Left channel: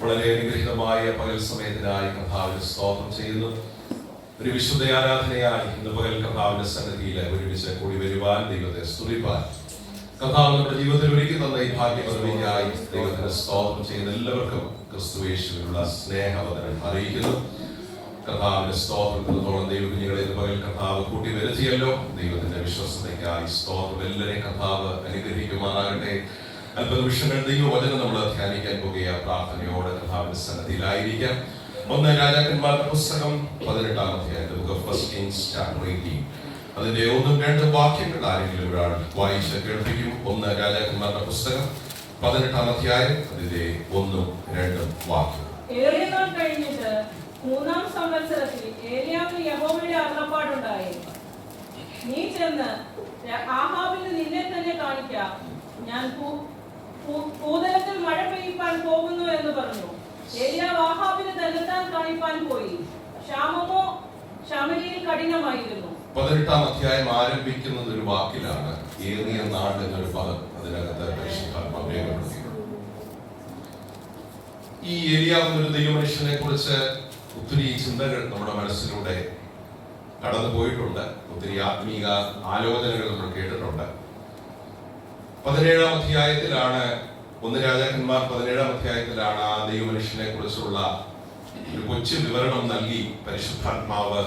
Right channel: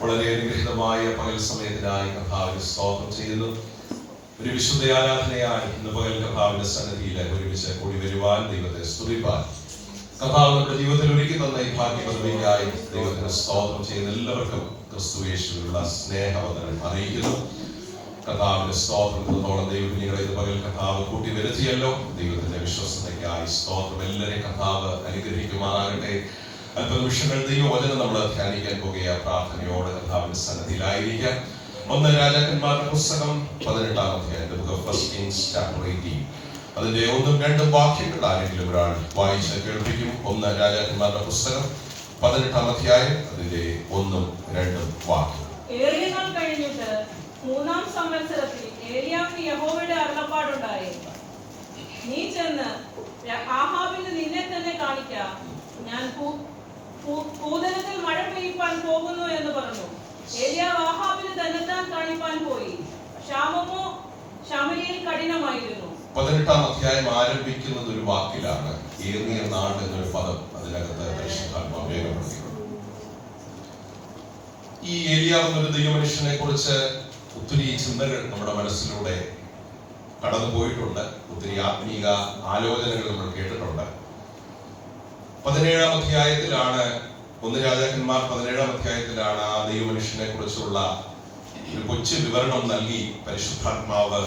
വളരെ അനുഗ്രഹീതമായ പകൽ സമയത്തിനായി കർത്താവിനെ സ്തോത്രം ചെയ്യുന്നു. ഒരു വിശുദ്ധ ആരാധനയായി ഇന്ന് പകൽ കർത്താവിന്റെ സന്നിധിയിൽ ഒരുമിച്ച് കൂടി വരുവാൻ ദൈവത്തെ സ്തുതിപ്പാൻ കർത്താവ് നമ്മുടെ ജീവിതത്തിൽ ഒരുക്കി തന്ന ഈ ഭാഗ്യപദവിക്കായി ദൈവത്തിന് സ്തോത്രം ചെയ്യുന്ന എല്ലാവർക്കും ക്രിസ്തുയേശുവിനുള്ള സ്നേഹവന്ദനം അറിയിക്കുന്നു. കർത്താവിന്റെ സ്തോത്രത്തോളം ദൈവത്തിനെ പകൽ കർത്താവ് കൂട്ടി വരുത്തിയല്ലോ. ദൈവത്തിന്റെ വിശ്വസതയ്ക്കായി സ്തോത്രം. എല്ലാവരെയും കർത്താവ് അനുഗ്രഹിക്കുമാറാകട്ടെ. അല്പനിമിഷങ്ങൾ ദൈവവചനം നമ്മൾ ധ്യാനിക്കാൻ പോകുക. പ്രാർത്ഥനയോടെ കർത്താവിന്റെ സന്നിധിയിലായിരിക്കാം. 1 രാജാക്കന്മാരുടെ പുസ്തകം 18-ാം അധ്യായം, book of first Kings chapter 18. അതിന്റെ 1-2 വാക്യങ്ങൾ ആരെങ്കിലും ഒരാൾ വായിച്ച് കേൾപ്പിക്കും. 1 രാജാക്കന്മാരുടെ പുസ്തകം 18-ാം അധ്യായം, അതിന്റെ 1-2 വാക്യം. ഏറിയനാൾ കഴിഞ്ഞിട്ട് 3-ാം സംവത്സരത്തിൽ ഏലിയാവിന് യഹോവയുടെ അരുളപ്പാടുണ്ടായി, നീ ചെന്ന് ആഹാബിന് നിന്നെ തന്നെ കാണിക്കാം, ഞാൻ ഭൂതലത്തിൽ മഴ പെയ്യിപ്പാൻ പോകുന്നു എന്ന് പറഞ്ഞു. ഏലിയാവ് ആഹാബിന് തന്നെത്താൻ കാണിപ്പാൻ പോയി. ക്ഷാമമോ ശമരിയിൽ കഠിനമായിരുന്നു. 18-ാം അധ്യായം ആരംഭിക്കുന്നത് ഒരു വാക്കിലാണ്, ഏറിയ നാൾ എന്നൊരു പദം അതിനകത്ത് രേഖപ്പെടുത്തിയിട്ടുണ്ട്. ഈ ഏലിയാവ് എന്നൊരു ദൈവമനുഷ്യനെ കുറിച്ച് ഒത്തിരി ചിന്തകൾ നമ്മുടെ മനസ്സിലൂടെ കടന്നു പോയിട്ടുണ്ട്. ഒത്തിരി ആത്മീക ആലോചനകൾ നമ്മൾ കേട്ടിട്ടുണ്ട്. 17-ാം അധ്യായത്തിലാണ്, 1 രാജാക്കന്മാർ 17-ാം അധ്യായത്തിലാണ് ആ ദൈവമനുഷ്യനെ കുറിച്ചുള്ള ഒരു കൊച്ചു വിവരണം നൽകി പരിശുദ്ധാത്മാവ്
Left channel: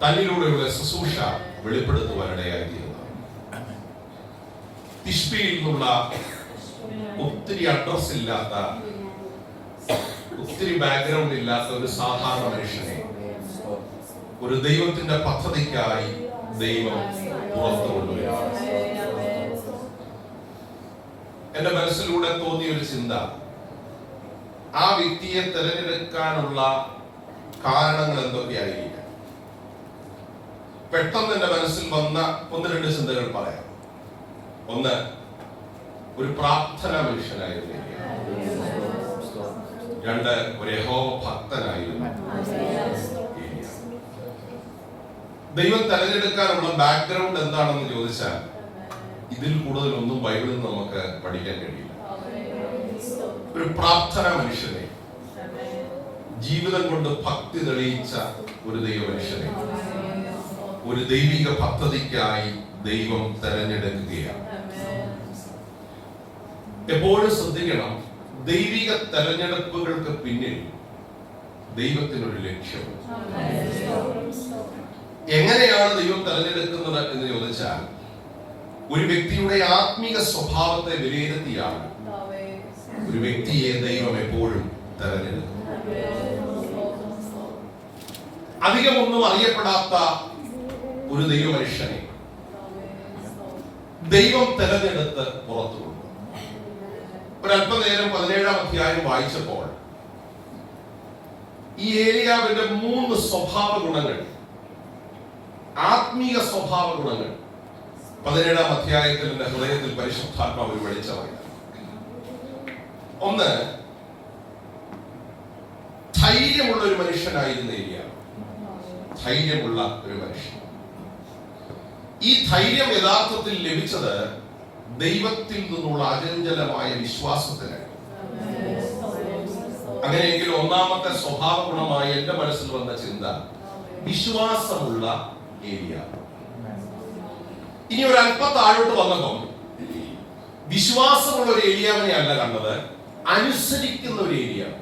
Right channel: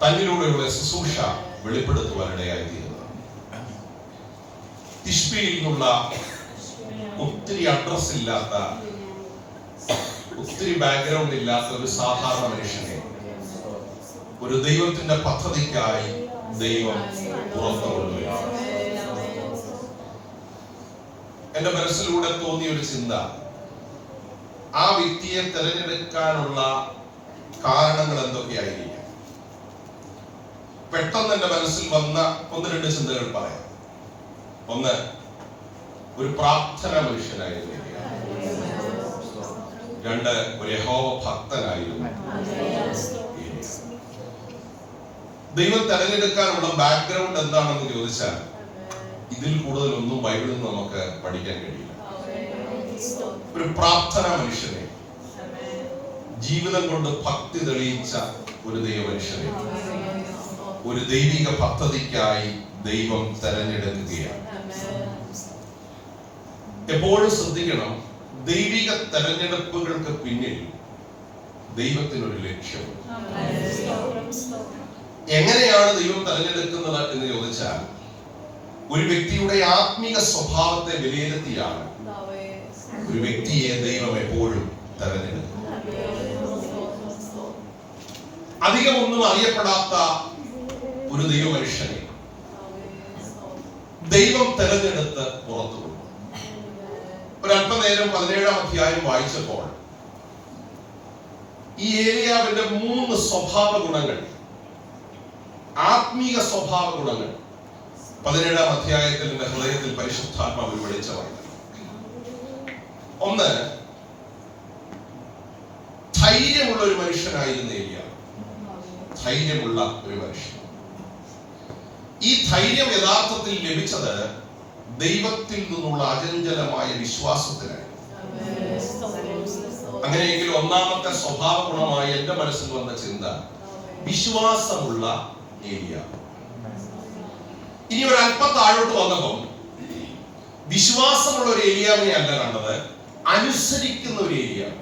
തന്നിലൂടെയുള്ള ശുശ്രൂഷ വെളിപ്പെടുത്തുവാനിടയായിത്തീരുന്നത്. തിഷ്ബിയിൽ നിന്നുള്ള ഒത്തിരി അഡ്രസ് ഇല്ലാത്ത, ഒത്തിരി ബാക്ക്ഗ്രൗണ്ട് ഇല്ലാത്ത ഒരു സാധാരണ മനുഷ്യനെ ഒരു ദൈവത്തിന്റെ പദ്ധതിക്കായി ദൈവം പുറത്തു കൊണ്ടുവരികയാണ്. എന്റെ മനസ്സിലൂടെ തോന്നിയ ഒരു ചിന്ത, ആ വ്യക്തിയെ തിരഞ്ഞെടുക്കാനുള്ള കാരണങ്ങൾ എന്തൊക്കെയായിരിക്കും? പെട്ടെന്ന് എന്റെ മനസ്സിൽ വന്ന 1-2 ചിന്തകൾ പറയാം. 1, ഒരു പ്രാർത്ഥന മനുഷ്യനായിരുന്നു. 2, ഒരു യഹോവ ഭക്തനായിരുന്നു. ദൈവം തെരഞ്ഞെടുക്കാനുള്ള ബാക്ക്ഗ്രൗണ്ട് എന്താണെന്ന് ചോദിച്ചാൽ ഇതിൽ കൂടുതലൊന്നും ബൈബിളിൽ നിന്ന് നമുക്ക് പഠിക്കാൻ കഴിയില്ല. ഒരു പ്രാർത്ഥന മനുഷ്യനെ, ജീവിതം കൊണ്ട് ഭക്തി തെളിയിച്ച ഒരു ദൈവ മനുഷ്യനെ ഒരു ദൈവിക പദ്ധതിക്കായി ദൈവം തെരഞ്ഞെടുക്കുകയാണ്. എപ്പോഴും ശ്രദ്ധിക്കണം, ദൈവിക തെരഞ്ഞെടുപ്പുകൾക്ക് പിന്നിൽ ദൈവത്തിനൊരു ലക്ഷ്യമുണ്ട്. എങ്ങനെയാണ് ദൈവം തെരഞ്ഞെടുക്കുന്നത് എന്ന് ചോദിച്ചാൽ, ഒരു വ്യക്തിയുടെ ആത്മീക സ്വഭാവത്തെ വിലയിരുത്തിയാണ് ഒരു വ്യക്തിയെ ദൈവം എപ്പോഴും തെരഞ്ഞെടുക്കുന്നത്. അധികമൊന്നും അറിയപ്പെടാത്ത ഒരു ദൈവമനുഷ്യനെ ദൈവം തെരഞ്ഞെടുത്ത് പുറത്തു കൊണ്ടു. ഒരല്പനേരം 17-ാം അധ്യായം വായിച്ചപ്പോൾ ഈ ഏലിയാവിന്റെ 3 സ്വഭാവ ഗുണങ്ങൾ, ആത്മീക സ്വഭാവ ഗുണങ്ങൾ 17-ാം അധ്യായത്തിൽ എന്റെ ഹൃദയത്തിൽ പരിശുദ്ധാത്മാവിൽ വെളിച്ചം വന്നു. 1, ധൈര്യമുള്ള ഒരു മനുഷ്യനായിരുന്നു ഏലിയാവ്. ധൈര്യമുള്ള ഒരു മനുഷ്യൻ. ഈ ധൈര്യം യഥാർത്ഥത്തിൽ ലഭിച്ചത് ദൈവത്തിൽ നിന്നുള്ള അചഞ്ചലമായ വിശ്വാസത്തിനായി. അങ്ങനെയെങ്കിൽ 1-ാമത്തെ സ്വഭാവ ഗുണമായി എന്റെ മനസ്സിൽ വന്ന ചിന്ത, വിശ്വാസമുള്ള ഏലിയാവ്. ഇനി ഒരു അല്പം താഴോട്ട് വന്നപ്പോൾ വിശ്വാസമുള്ള ഒരു ഏലിയാവിനെ അല്ല കണ്ടത്, അനുസരിക്കുന്ന ഒരു ഏലിയാവ്.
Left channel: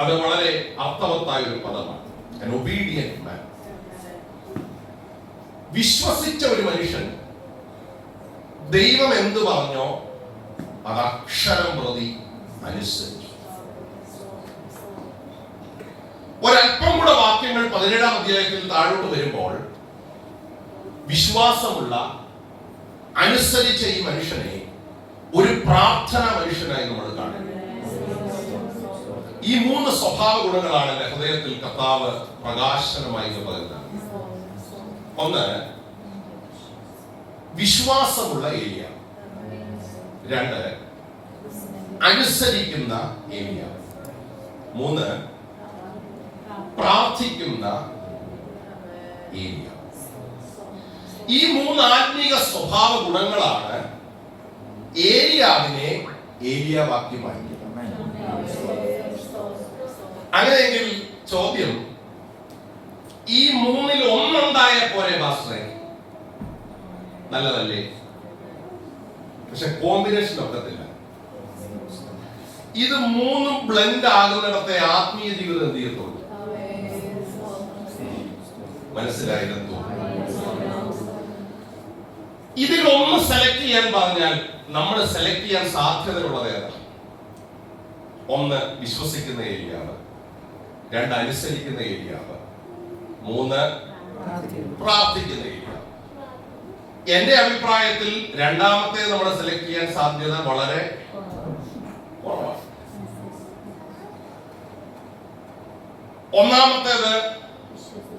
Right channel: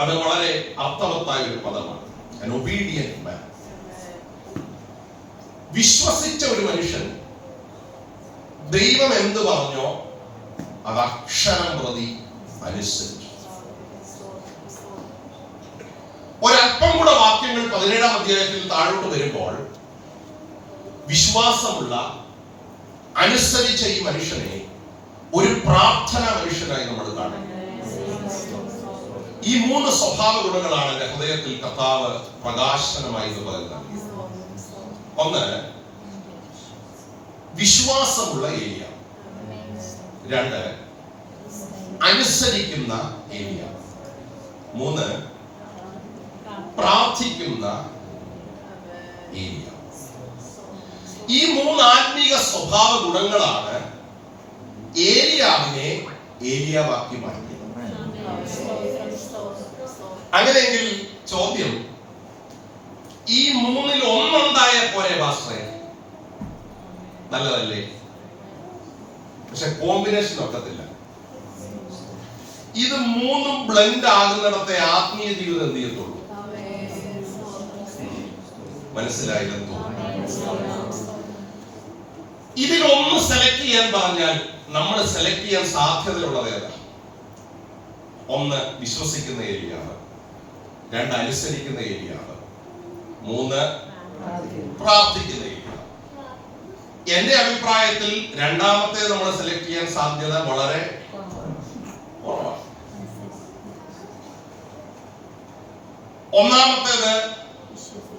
അത് വളരെ അർത്ഥവത്തായ ഒരു പദമാണ്, an obedient man. വിശ്വസിച്ച ഒരു മനുഷ്യൻ ദൈവം എന്ത് പറഞ്ഞോ അത് അക്ഷരം പ്രതി അനുസരിച്ചു. ഒരല്പം കൂടെ വാക്യങ്ങൾ 17-ാം അധ്യായത്തിൽ താഴോട്ട് വരുമ്പോൾ വിശ്വാസമുള്ള, അനുസരിച്ച ഈ മനുഷ്യനെ ഒരു പ്രാർത്ഥന മനുഷ്യനായി നമ്മൾ കാണുന്നു. ഈ 3 സ്വഭാവ ഗുണങ്ങളാണ് എന്റെ ഹൃദയത്തിൽ കർത്താവ് പ്രകാശനമായി പറയുന്നത്. 1, വിശ്വാസമുള്ള ഏലിയാവ്. 2, അനുസരിക്കുന്ന ഏലിയാവ്. 3, പ്രാർത്ഥിക്കുന്ന ഏലിയാവ്. ഈ 3 ആത്മീക സ്വഭാവ ഗുണങ്ങളാണ് ഏലിയാവിനെ ഏലിയാവാക്കി മാറ്റി. അങ്ങനെയെങ്കിൽ ചോദ്യം, ഈ മൂന്നിൽ ഒന്നുണ്ടായ പോലെ പാസ്റ്ററെ നല്ലതല്ലേ? പക്ഷെ കോമ്പിനേഷൻ ഒക്കത്തില്ല. ഇത് മൂന്നും ബ്ലെൻഡ് ആകുന്നിടത്തെ ആത്മീയ ജീവിതം എന്ത് ചെയ്യത്തുള്ളൂ? മനസ്സിലായില്ലെന്ന് തോന്നുന്നു. ഇതിലൊന്ന് സെലക്ട് ചെയ്യാൻ പറഞ്ഞാൽ നമ്മൾ സെലക്ട് ചെയ്യാൻ സാധ്യതയുള്ളത് ഏതാണ്? ഒന്ന്, വിശ്വസിക്കുന്ന ഏരിയാവ്. രണ്ട്, അനുസരിക്കുന്ന ഏരിയാവ്. മൂന്ന്, പ്രാർത്ഥിക്കുന്ന ഏരിയ. എന്റെ അഭിപ്രായത്തിൽ രണ്ടാമത്തെ നമ്മൾ സെലക്ട് ചെയ്യാൻ സാധ്യത വളരെ കുറവാണ്. ഒന്നാമത്തേത്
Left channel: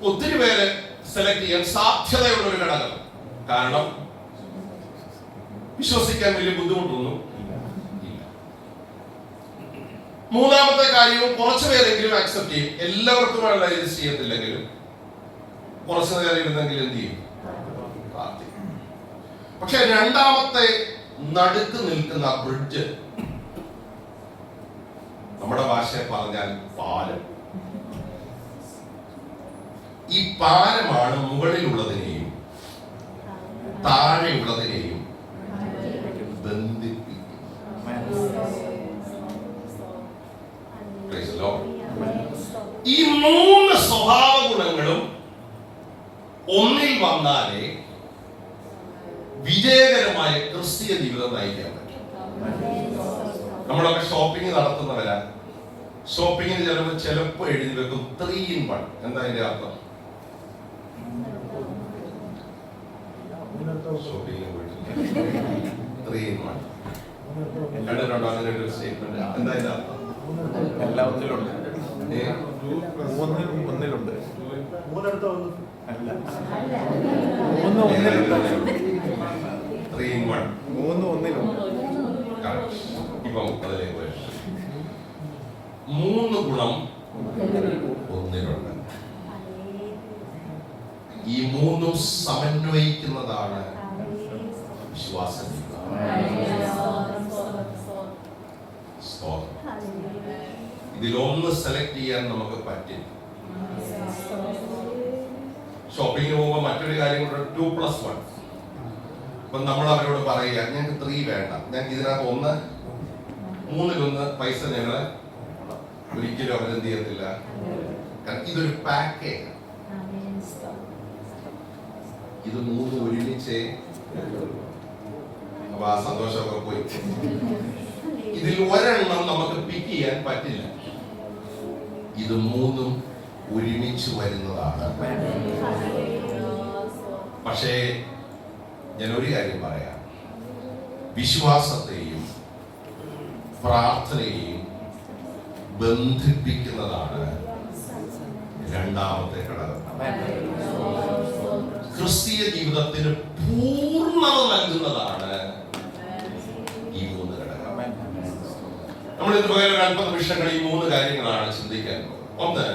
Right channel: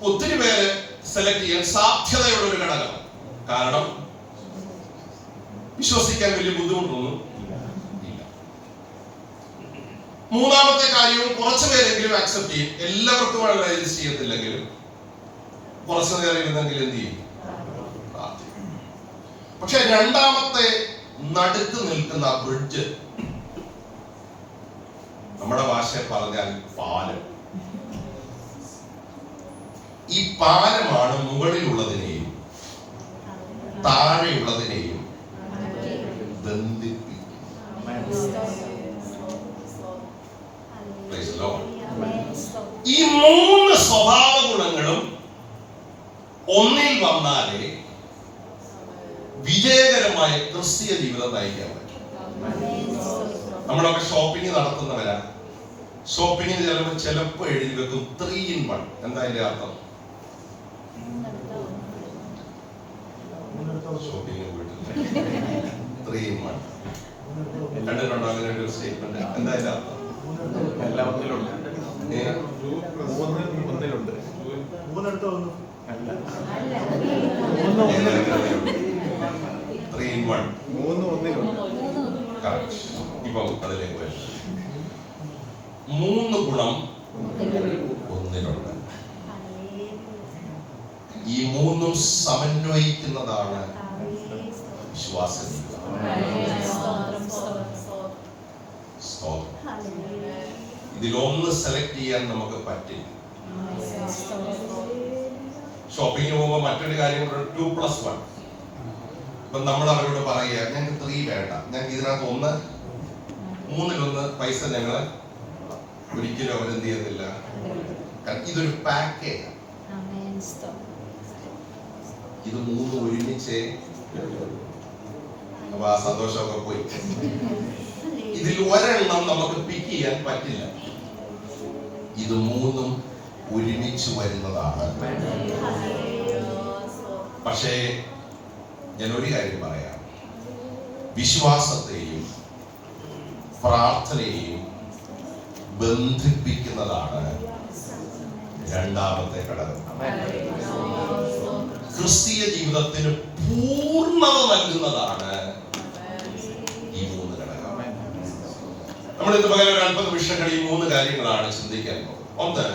ഒത്തിരി പേര് സെലക്ട് ചെയ്യാൻ സാധ്യതയുള്ള ഒരു ഘടകം. കാരണം വിശ്വസിക്കാൻ വലിയ ബുദ്ധിമുട്ടൊന്നും ഇല്ല. മൂന്നാമത്തെ കാര്യവും കുറച്ചു പേരെങ്കിലും ആക്സെപ്റ്റ് ചെയ്യും. എല്ലാവർക്കും ഇത് ചെയ്യത്തില്ലെങ്കിലും കുറച്ചു നേരം ഇരുന്നെങ്കിലും എന്ത് ചെയ്യും? പ്രാർത്ഥിക്കും. പക്ഷെ രണ്ടാമത്തെ നടുക്ക് നിൽക്കുന്ന ബ്രിഡ്ജ്, നമ്മുടെ ഭാഷയിൽ പറഞ്ഞാൽ പാലം. ഈ പാലമാണ് മുകളിലുള്ളതിനെയും താഴെയുള്ളതിനെയും ബന്ധിപ്പിക്കുന്നത്. ഈ മൂന്ന് സ്വഭാവ ഗുണങ്ങളും ഒന്നിൽ വന്നാലേ വിജയകരമായ ക്രിസ്തീയ ജീവിതം നയിക്കാൻ പറ്റും. നമ്മളൊക്കെ ഷോപ്പിംഗ് നടത്തുന്നവരാ. ഷോപ്പിങ്ങിന് ചിലപ്പോ എഴുതി വെക്കും 3 in 1. എന്താ അതിന്റെ അർത്ഥം? ഷോപ്പിംഗ് പോയിട്ടില്ല, 3 in 1 കണ്ടിട്ടുണ്ടോ? അങ്ങനെ ഒരു സ്റ്റേറ്റ്മെന്റ്. എന്താ അതിന്റെ അർത്ഥം? എല്ലാം ഒന്നിലുണ്ട്. 3 in 1. ഇപ്പൊ അതിലേക്ക് വരും. 3 ഗുണം ഒന്നിലുണ്ട്. ഈ മൂന്നും സമന്വയിക്കുന്നതാണ് വിശ്വാസം. ഇതിലൊന്ന് സെലക്ട് ചെയ്യാൻ നമുക്ക് പറ്റില്ല. ഷോപ്പിങ്ങിന് പോകുമ്പോൾ മറ്റൊരു കാര്യം കൂടെ, 2+1. ഇപ്പൊ നമ്മൾ അവരോട് പറയുക, ഞങ്ങൾക്ക് 3 വേണ്ട, ഞങ്ങൾക്ക് ഇതിനകത്ത് 1, 3-1 പൈസ ഞങ്ങള് ഒരിക്കലും അവരെന്ത് ചെയ്യത്തില്ല. കാരണം ഇതൊരു പാക്കേജ്. ഇത് 3 ഒരുമിച്ചേ. അപ്പൊ ആ സന്തോഷമൊക്കെ പോയി. ഇതിൽ ഒരെണ്ണം നമുക്ക് പിക്ക് ചെയ്യാൻ പറ്റില്ല. ഇത് 3ഉം ഒരുമിച്ച് വരുന്നതാണ്. പക്ഷേ ഞാൻ ഒരു കാര്യം പറയാം, വിശ്വാസത്തെയും പ്രാർത്ഥനയെയും ബന്ധിപ്പിക്കുന്നതാണ് രണ്ടാമത്തെ ഘടകം. ക്രിസ്തീയ ജീവിതത്തിന് പൂർണ്ണത നൽകുന്നതാണ് ഈ 3 ഘടകം. നമ്മൾ ഇന്ന് പകരം ഒരു 50 നിമിഷങ്ങൾ ഈ 3 കാര്യങ്ങളാണ് ചിന്തിക്കാൻ പോകുന്നത്. ഒന്ന്,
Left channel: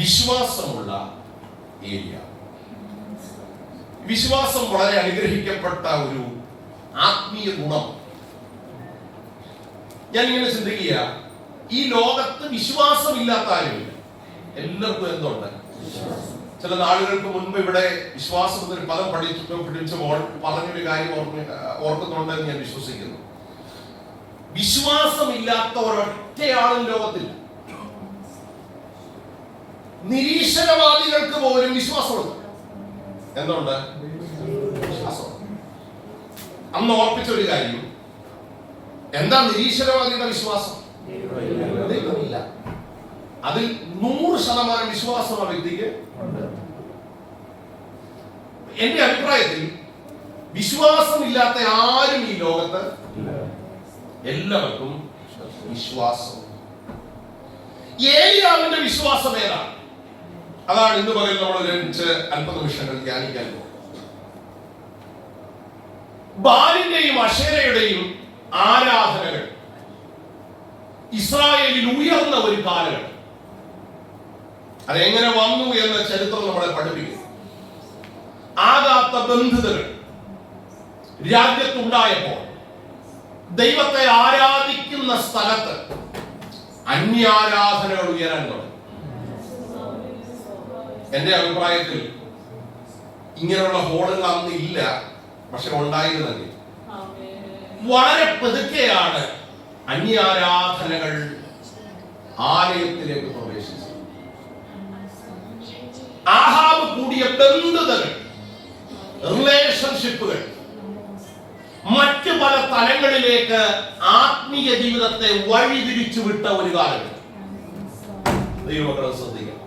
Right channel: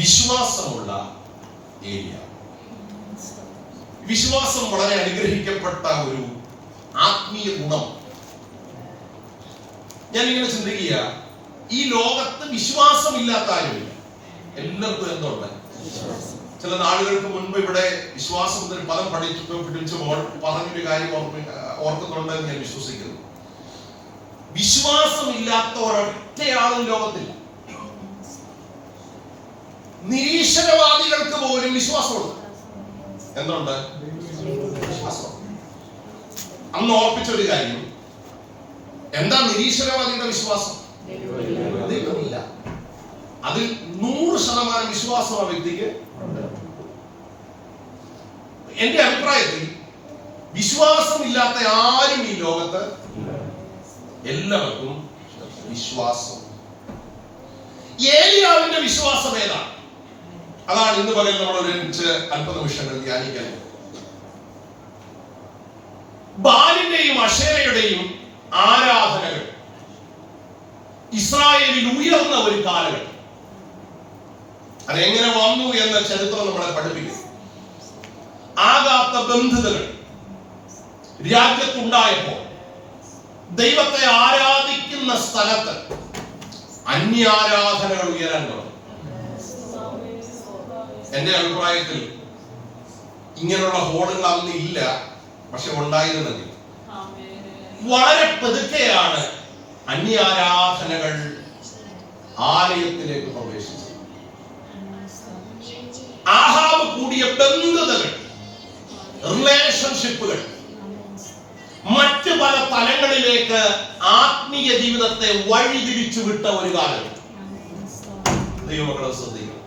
വിശ്വാസമുള്ള ഏരിയ. വിശ്വാസം വളരെ അനുഗ്രഹിക്കപ്പെട്ട ഒരു ആത്മീയ ഗുണം. ഞാൻ ഇങ്ങനെ ചിന്തിക്കുക, ഈ ലോകത്ത് വിശ്വാസമില്ലാത്ത ആരുമില്ല. എല്ലാവർക്കും എന്തുണ്ട്? ചില നാളുകൾക്ക് മുൻപ് ഇവിടെ വിശ്വാസം എന്നൊരു പദം പഠിച്ചപ്പോൾ പറഞ്ഞൊരു കാര്യം ഓർക്കുന്നുണ്ടെന്ന് ഞാൻ വിശ്വസിക്കുന്നു. വിശ്വാസമില്ലാത്ത ഒരൊറ്റയാളും ലോകത്തില്ല. നിരീശ്വരവാദികൾക്ക് പോലും വിശ്വാസമുണ്ട്. എന്തുണ്ട്? വിശ്വാസം. അന്ന് ഓർപ്പിച്ച ഒരു കാര്യം, എന്താ നിരീശ്വരവാദിയുടെ വിശ്വാസം? ദൈവമില്ല. അതിൽ 100% വിശ്വാസം ആ വ്യക്തിക്ക്. എന്റെ അഭിപ്രായത്തിൽ വിശ്വാസമില്ലാത്ത ആരും ഈ ലോകത്ത്, എല്ലാവർക്കും വിശ്വാസം. ഏലിയാവിന്റെ വിശ്വാസം ഏതാണ്? അതാണ് ഇന്ന് പകൽ നമ്മൾ ഒരുമിച്ച് 50 നിമിഷങ്ങൾ ധ്യാനിക്കാൻ പോകുന്നത്. ബാലിന്റെയും അശേരയുടെയും ആരാധനകൾ ഇസ്രായേലിൽ ഉയർന്ന ഒരു കാലഘട്ടം. അതെങ്ങനെ വന്നു എന്ന ചരിത്രം നമ്മളെ പഠിപ്പിക്കുന്നു. ആകാത്ത ബന്ധുതകൾ, രാജ്യത്തുണ്ടായപ്പോൾ ദൈവത്തെ ആരാധിക്കുന്ന സ്ഥലത്ത് അന്യാരാധനകൾ ഉയരാൻ തുടങ്ങി. എന്റെ അഭിപ്രായത്തിൽ ഇങ്ങനെയുള്ള ഹോളുകൾ അന്ന് ഇല്ല, പക്ഷെ ഉണ്ടായിരുന്നെങ്കിൽ വളരെ പതുക്കെയാണ് അന്യാരാധനകൾ ആലയത്തിലേക്ക് പ്രവേശിച്ചത്. ആഹാബ് കൂടിയ ബന്ധുതകൾ, റിലേഷൻഷിപ്പുകൾ മറ്റു പല തലങ്ങളിലേക്ക് ആത്മീയ ജീവിതത്തെ വഴിതിരിച്ചു വിട്ട ഒരു കാലം. ദൈവമക്കളെ ശ്രദ്ധിക്കണം.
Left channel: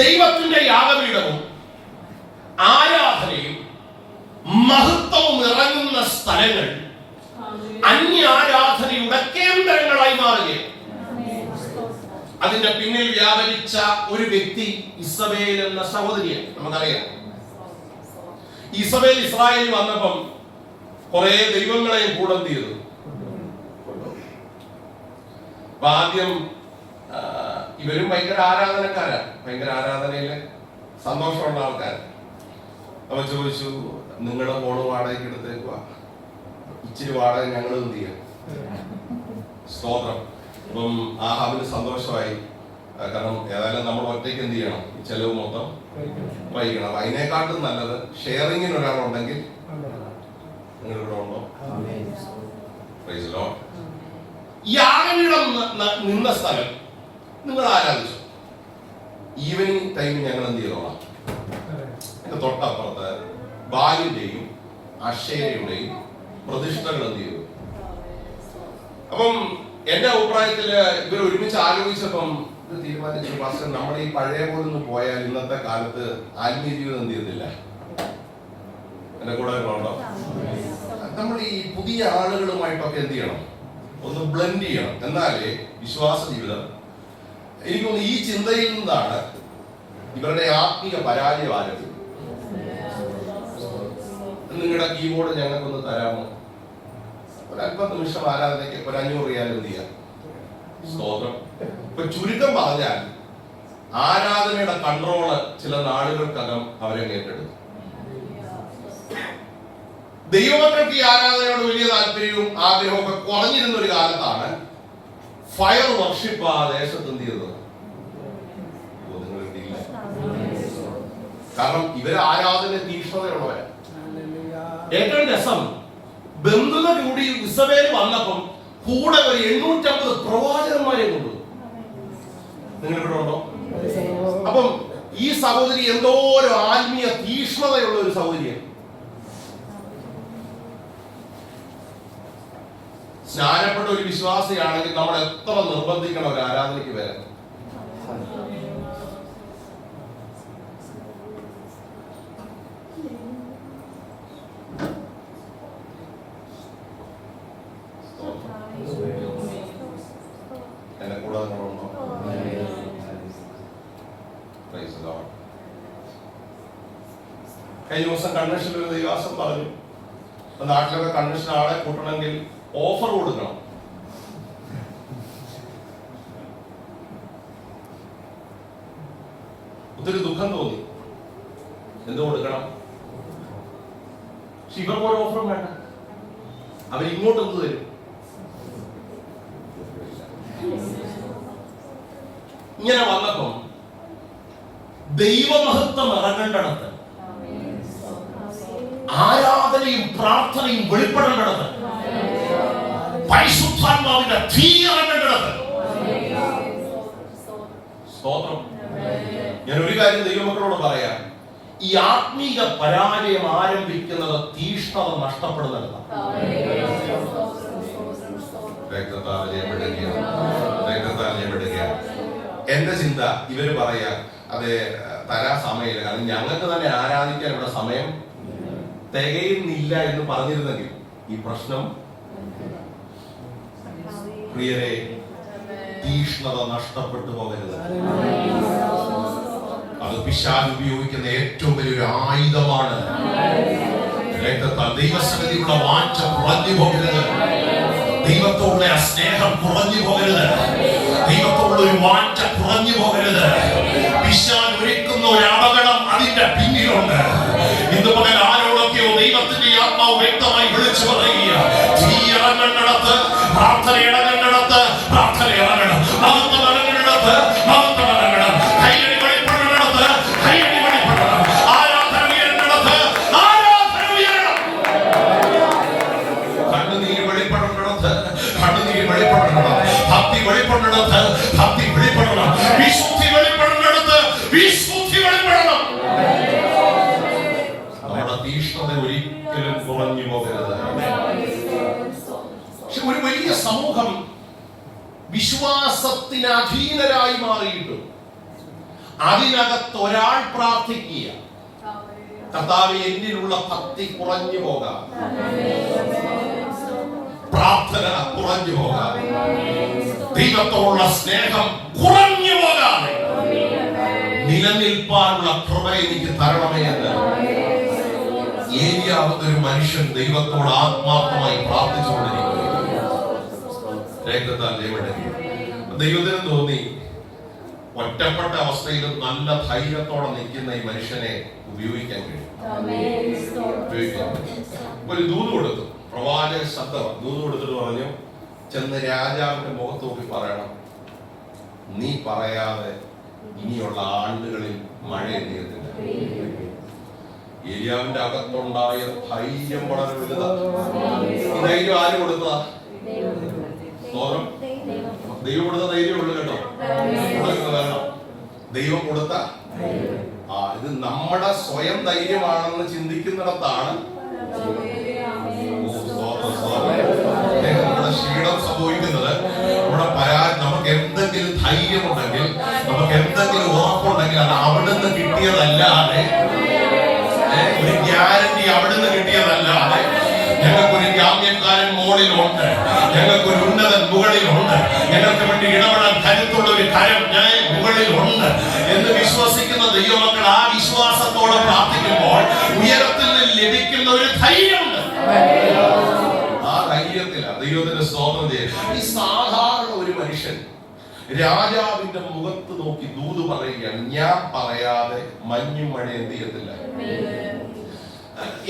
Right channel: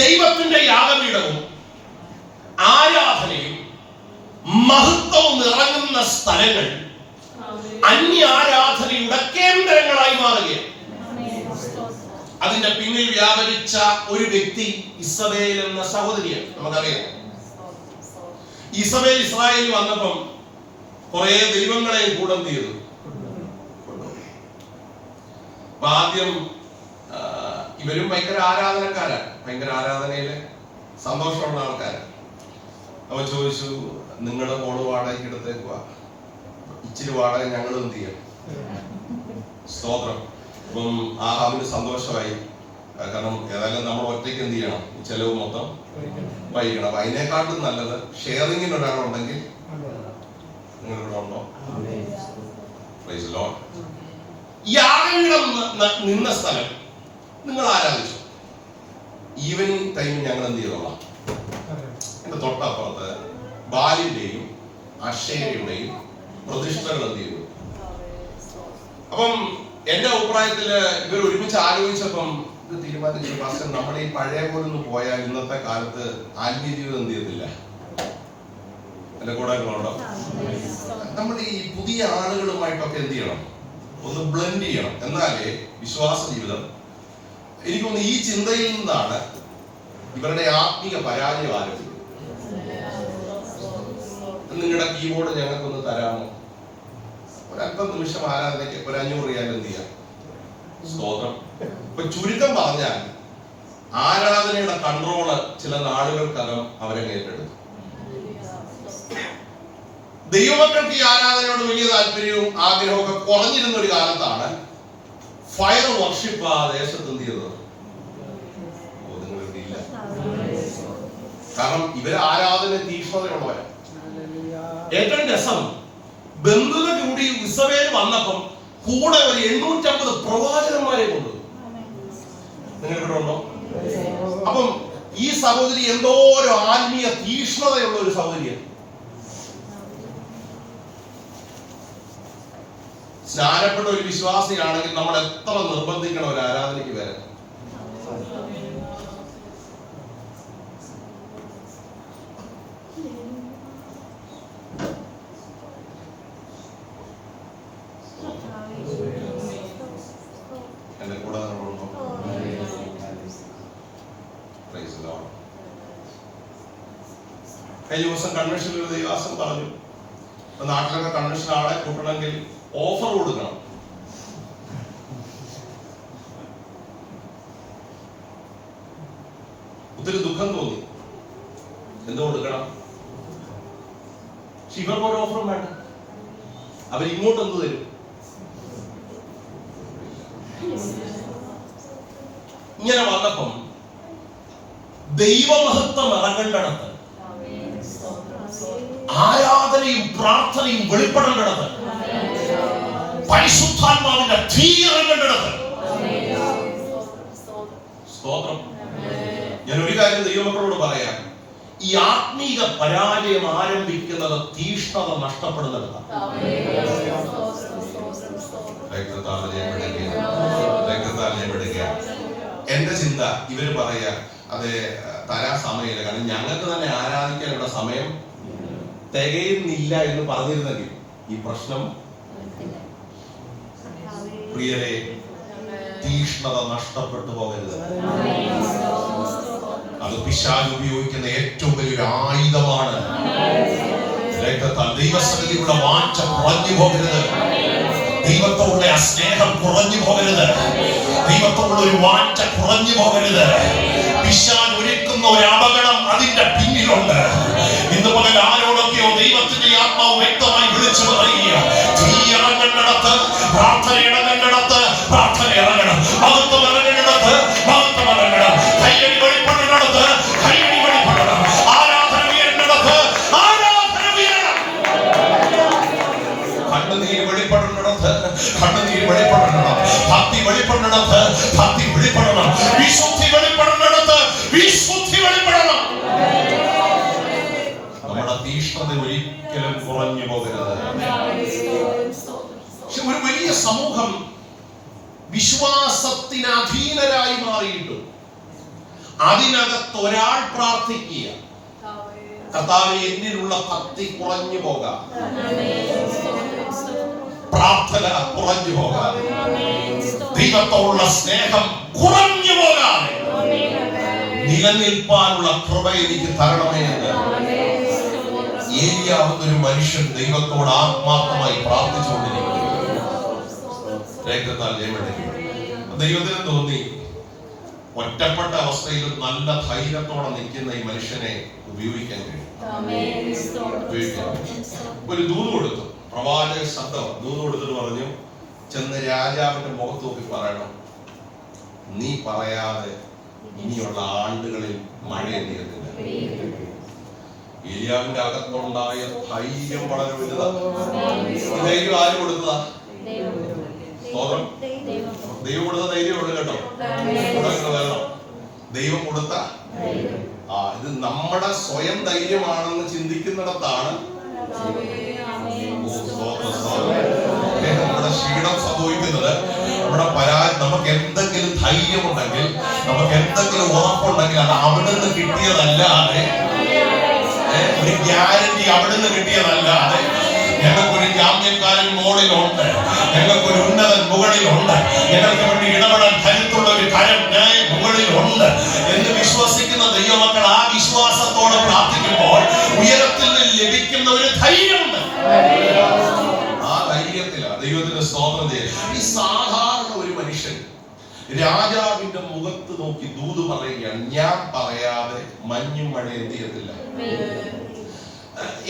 ദൈവത്തിന്റെ യാഗപീഠവും ആരാധനയും മഹത്വവും ഇറങ്ങുന്ന സ്ഥലങ്ങൾ അന്യാരാധനയുടെ കേന്ദ്രങ്ങളായി മാറുകയാണ്. അതിന്റെ പിന്നിൽ വ്യാപരിച്ച ഒരു വ്യക്തി ഇസബേൽ എന്ന സഹോദരിയാണ്. നമുക്കറിയാം, ഇസബേൽ ഇസ്രായേലിൽ വന്നപ്പം കുറെ ദൈവങ്ങളെയും കൂടം ചെയ്തു. ആദ്യം ഇവരും ഭയങ്കര ആരാധനക്കാരാണ്, ഭയങ്കര ആരാധനയില് സന്തോഷമുള്ള ആൾക്കാരാണ്. അവൻ ചോദിച്ചു, നിങ്ങളുടെ ഹോള് വാടകയ്ക്ക് എടുത്തേക്കുക, ഇച്ചിരി വാടക ഞങ്ങളും എന്ത് ചെയ്യും? സ്തോത്രം. അപ്പം ആഹാബിന് സന്തോഷമായി. കാരണം ഏതായാലും നമ്മൾ ഒറ്റയ്ക്ക് എന്ത് ചെയ്യണം? ചെലവ് മൊത്തം വഹിക്കണം. അതിനെക്കാട്ടും നല്ലത് ഷെയറിങ്ങിന് ഒരാളുണ്ടെങ്കിൽ. നിങ്ങളിവിടെ ഉണ്ടോ? യാഗപീഠം നിന്ന സ്ഥലം നിങ്ങൾ ആരാധിച്ചു. ഈവനിങ് ടൈം ഞങ്ങൾ എന്ത് ചെയ്തോളാം? എന്റെ തൊട്ടപ്പുറത്ത് ബാലിന്റെയും അക്ഷയയുടെയും പ്രതിഷ്ഠകൾ എന്ത് ചെയ്തു. അപ്പം എന്റെ അഭിപ്രായത്തില് ഇവർ ഒരുമിച്ച് ആലോചിച്ചപ്പം ഇത് തീരുമാനിച്ചു, പാസ്റ്റർ നമ്മുടെ ഈ പഴയ പോലെ ഒന്ന് പോയാൽ ഇന്നത്തെ കാലത്ത് ആത്മീയ ജീവിതം എന്ത് ചെയ്യത്തില്ല. എന്റെ കൂടെ ഉണ്ടോ? നമ്മൾ ഈ പുതിയ ആളുകളുമായിട്ടൊക്കെ എന്ത് ചെയ്യണം? ഒന്ന് ബ്ലെൻഡ് ചെയ്യണം. എന്നാലേ വിശ്വാസ ജീവിതം. എനിക്ക് തോന്നുന്നു ഈ ചിന്തയിൽ നിന്നാണ് ഇവരുടെ ആത്മീയ പരാജയം ആരംഭിക്കുന്നത്. നിങ്ങളുടെ കീബോർഡ് ഞങ്ങൾക്കൊന്ന് തരാമോ? ഒരല്പം നിമിഷം ആരാധനയ്ക്ക് ഒരു 500 റിയാൽ എന്ത് ചെയ്യാം? സ്തോത്രം. ഇപ്പൊ ചുരുക്കം പറഞ്ഞാൽ ആരാധനയുടെ കൺട്രോള് ചില നാളുകൾക്കകം അവരെ ഏറ്റെടുത്തു. ദൈവമക്കൾക്ക് ഈ ആരാധനയോട് വലിയ താല്പര്യവും ആഗ്രഹമൊക്കെ കുറഞ്ഞിരുന്ന ഒരു കാലത്താണ് ഫയർ വർഷിപ്പ് ആ ദേശത്ത് എന്ത് ചെയ്തത്. കാരണം ഇവര് ആരാധന തീക്ഷ്ണതയുള്ളവരാണ്. ഏറ്റവും രസം, ബന്ധുക്കൾ കൂടി ഇസബേൽ വന്നപ്പം കൂടെ ഒരു 850 പ്രവാചകന്മാരെ കൊണ്ടുവന്നു. നിങ്ങൾ ഇവിടെ ഉണ്ടോ? അപ്പം ഈ സഹോദരി എന്തോ ഒരു ആത്മീയ തീക്ഷ്ണതയുള്ള ഒരു സഹോദരിയാണ്. സ്നാനപ്പെട്ട ഒരു വിശ്വാസിയാണെങ്കിൽ നമ്മൾ എത്ര നിർബന്ധിക്കണം ഒരു ആരാധനയ്ക്ക് വരാൻ? എന്റെ കൂടെ കഴിഞ്ഞ ദിവസം കൺവെൻഷനിൽ ഒരു ദൈവാസം പറഞ്ഞു, നാട്ടിലൊക്കെ കൺവെൻഷൻ ആളെ കൂട്ടണമെങ്കിൽ ഓഫർ കൊടുക്കണം. ഒത്തിരി ദുഃഖം തോന്നി. എന്തോ കൊടുക്കണം? ഇവർക്ക് ഒരു ഓഫറും വേണ്ട. അവരിങ്ങോട്ട് എന്ത് തരും? ഇങ്ങനെ വന്നപ്പം ദൈവമഹത്വം ഇറങ്ങേണ്ടടത്ത്, ആരാധനയും പ്രാർത്ഥനയും വെളിപ്പെടേണ്ടടത്ത്, പരിശുദ്ധാത്മാവിന്റെ തീ ഇറങ്ങേണ്ടടത്ത്. സ്തോത്രം. ഞാൻ ഒരു കാര്യം ദൈവമക്കളോട് പറയാം, ഈ ആത്മീക പരാജയം ആരംഭിക്കുന്നത് തീഷ്ണത നഷ്ടപ്പെടുന്നിടത്താണ്. എന്റെ ചിന്ത ഇവര് പറയാ, അതെ തരാൻ സമയമില്ല, കാരണം ഞങ്ങൾക്ക് തന്നെ ആരാധിക്കാനുള്ള സമയം തികയുന്നില്ല എന്ന് പറഞ്ഞിരുന്നെങ്കിൽ ഈ പ്രശ്നം, പ്രിയരെ, തീഷ്ണത നഷ്ടപ്പെട്ടു പോകരുത്. അത് പിശാച് ഉപയോഗിക്കുന്ന ഏറ്റവും വലിയൊരു ആയുധമാണ്. ദൈവസന്നിധിയുള്ള വാഞ്ച കുറഞ്ഞു പോകരുത്. ദൈവത്തോടുള്ള ആ സ്നേഹം കുറഞ്ഞു പോകരുത്. ദൈവത്തോടുള്ള ഒരു വാഞ്ച കുറഞ്ഞു പോകരുത്. പിശാച് ഒരുക്കുന്ന ഒരു അപകടം അതിന്റെ പിന്നിലുണ്ട്. ഇന്ന് മുതൽ ആരോടും സമൂഹം വിശ്വാസത്തിന് അധീനരായി മാറിയിട്ടും അതിനകത്ത് ഒരാൾ പ്രാർത്ഥിക്കുക, കർത്താവേ എന്നിലുള്ള ഭക്തി കുറഞ്ഞു പോകാം, പ്രാർത്ഥന കുറഞ്ഞു പോകാം, ദൈവത്തോടുള്ള സ്നേഹം കുറഞ്ഞു പോകാതെ നിലനിൽപ്പാനുള്ള കൃപ എനിക്ക് തരണമേ എന്ന് ഏലിയാവ് ഒരു മനുഷ്യൻ ദൈവത്തോട് ആത്മാർത്ഥമായി പ്രാർത്ഥിച്ചുകൊണ്ടിരിക്കുന്നു. ദൈവത്തിന് തോന്നി ഒറ്റപ്പെട്ട അവസ്ഥയിലും നല്ല ധൈര്യത്തോടെ നിൽക്കുന്ന ഈ മനുഷ്യനെ ഉപയോഗിക്കാൻ കഴിയും. ഒരു ദൂത് കൊടുത്തു, പ്രവാചക ശബ്ദം ദൂത് കൊടുത്തിട്ട് പറഞ്ഞു, ചെന്ന് രാജാവിന്റെ മുഖത്ത് നോക്കി പറയണം, നീ പറയാതെ ഇനിയുള്ള ആണ്ടുകളിൽ മഴ എത്തിയതില്ല. ഏലിയാവിന്റെ അകത്തുണ്ടായ ധൈര്യം വളരെ വലുതാണ്. ധൈര്യം ആര് കൊടുത്തതാ? സ്തോത്രം. ദൈവം കൊടുത്ത ധൈര്യമുള്ളൂ കേട്ടോ. വരണം, ദൈവം കൊടുത്ത ഇത് നമ്മുടെ സ്വയം ധൈര്യമാണെന്ന് ചിന്തിക്കുന്നിടത്താണ് നമ്മുടെ ക്ഷീണം സംഭവിക്കുന്നത്. നമുക്ക് എന്തെങ്കിലും ധൈര്യമുണ്ടെങ്കിൽ, നമുക്ക് എന്തെങ്കിലും ഉറപ്പുണ്ടെങ്കിൽ അത് അവിടെ നിന്ന് കിട്ടിയതല്ലാതെ, ഒരു ഗ്യാരണ്ടി അവിടെ നിന്ന് കിട്ടിയതല്ലാതെ, ഞങ്ങൾക്കൊരു ജാമ്യക്കാരൻ മുകളിലുണ്ട്, ഞങ്ങൾക്കൊരു ഉന്നതൻ മുകളിലുണ്ട്, ഞങ്ങൾക്ക് വേണ്ടി ഇടപെടാൻ കരുത്തുള്ള ഒരു കരം മുകളിലുണ്ട് എന്ന് വിശ്വസിക്കുന്ന ദൈവമക്കൾ ആ വിശ്വാസത്തോടെ പ്രാർത്ഥിക്കുമ്പോൾ ഉയരത്തിൽ നിന്ന് ലഭിക്കുന്ന ഒരു ധൈര്യമുണ്ട്. ആ ധൈര്യത്തിലാണ് ദൈവത്തിന്റെ സ്തോത്രം ചെയ്യുന്നത്. ഈ സാധാരണ ഒരു മനുഷ്യൻ രാജാവിന്റെ മുഖത്ത് നോക്കി ദൂത് പറയുകയാണ്, ഞാൻ പറയാതെ മഞ്ഞും മഴ എന്ത് ചെയ്യത്തില്ല.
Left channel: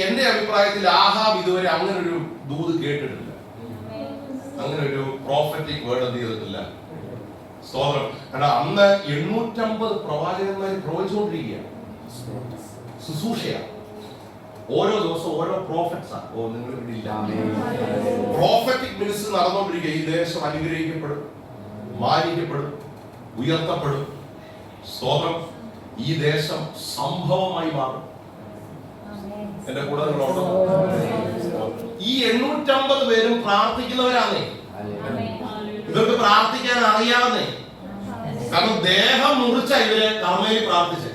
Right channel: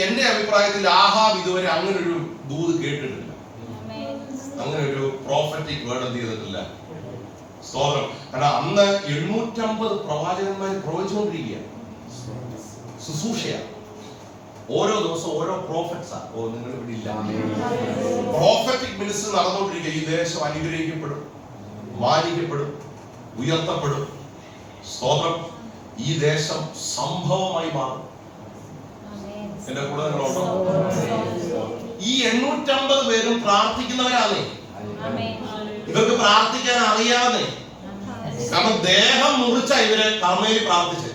എന്റെ അഭിപ്രായത്തിൽ ആഹാബ് ഇതുവരെ അങ്ങനെ ഒരു ദൂത് കേട്ടിട്ടില്ല, അങ്ങനെ ഒരു പ്രോഫറ്റിക് വേർഡ് എന്ത് ചെയ്തിട്ടില്ല. സ്തോത്രം. കാരണം അന്ന് 850 പ്രവാചകന്മാർ പ്രവചിച്ചുകൊണ്ടിരിക്കുകയാണ്, ശുശ്രൂഷയാണ്. ഓരോ ദിവസം ഓരോ പ്രോഫറ്റ്സാ. നിങ്ങൾ ഇവിടെ ഇല്ല, പ്രോഫറ്റിക് മിനിസ്റ്ററി നടന്നുകൊണ്ടിരിക്കുക. ഈ ദേശം അനുഗ്രഹിക്കപ്പെടും, മാനിക്കപ്പെടും, ഉയർത്തപ്പെടും. സ്തോത്രം. ഈ ദേശം സംഭവമായി മാറും. എന്റെ കൂടെ നിങ്ങളുണ്ടോ? ഈ 850 പേരും പ്രാർത്ഥിക്കുന്നവരാണേ. ഇവർക്ക് പ്രാർത്ഥിക്കാൻ അറിയാതെ, കാരണം ദേഹം മുറിച്ച ഇവര് കർമ്മയിൽ പ്രാർത്ഥിച്ച്.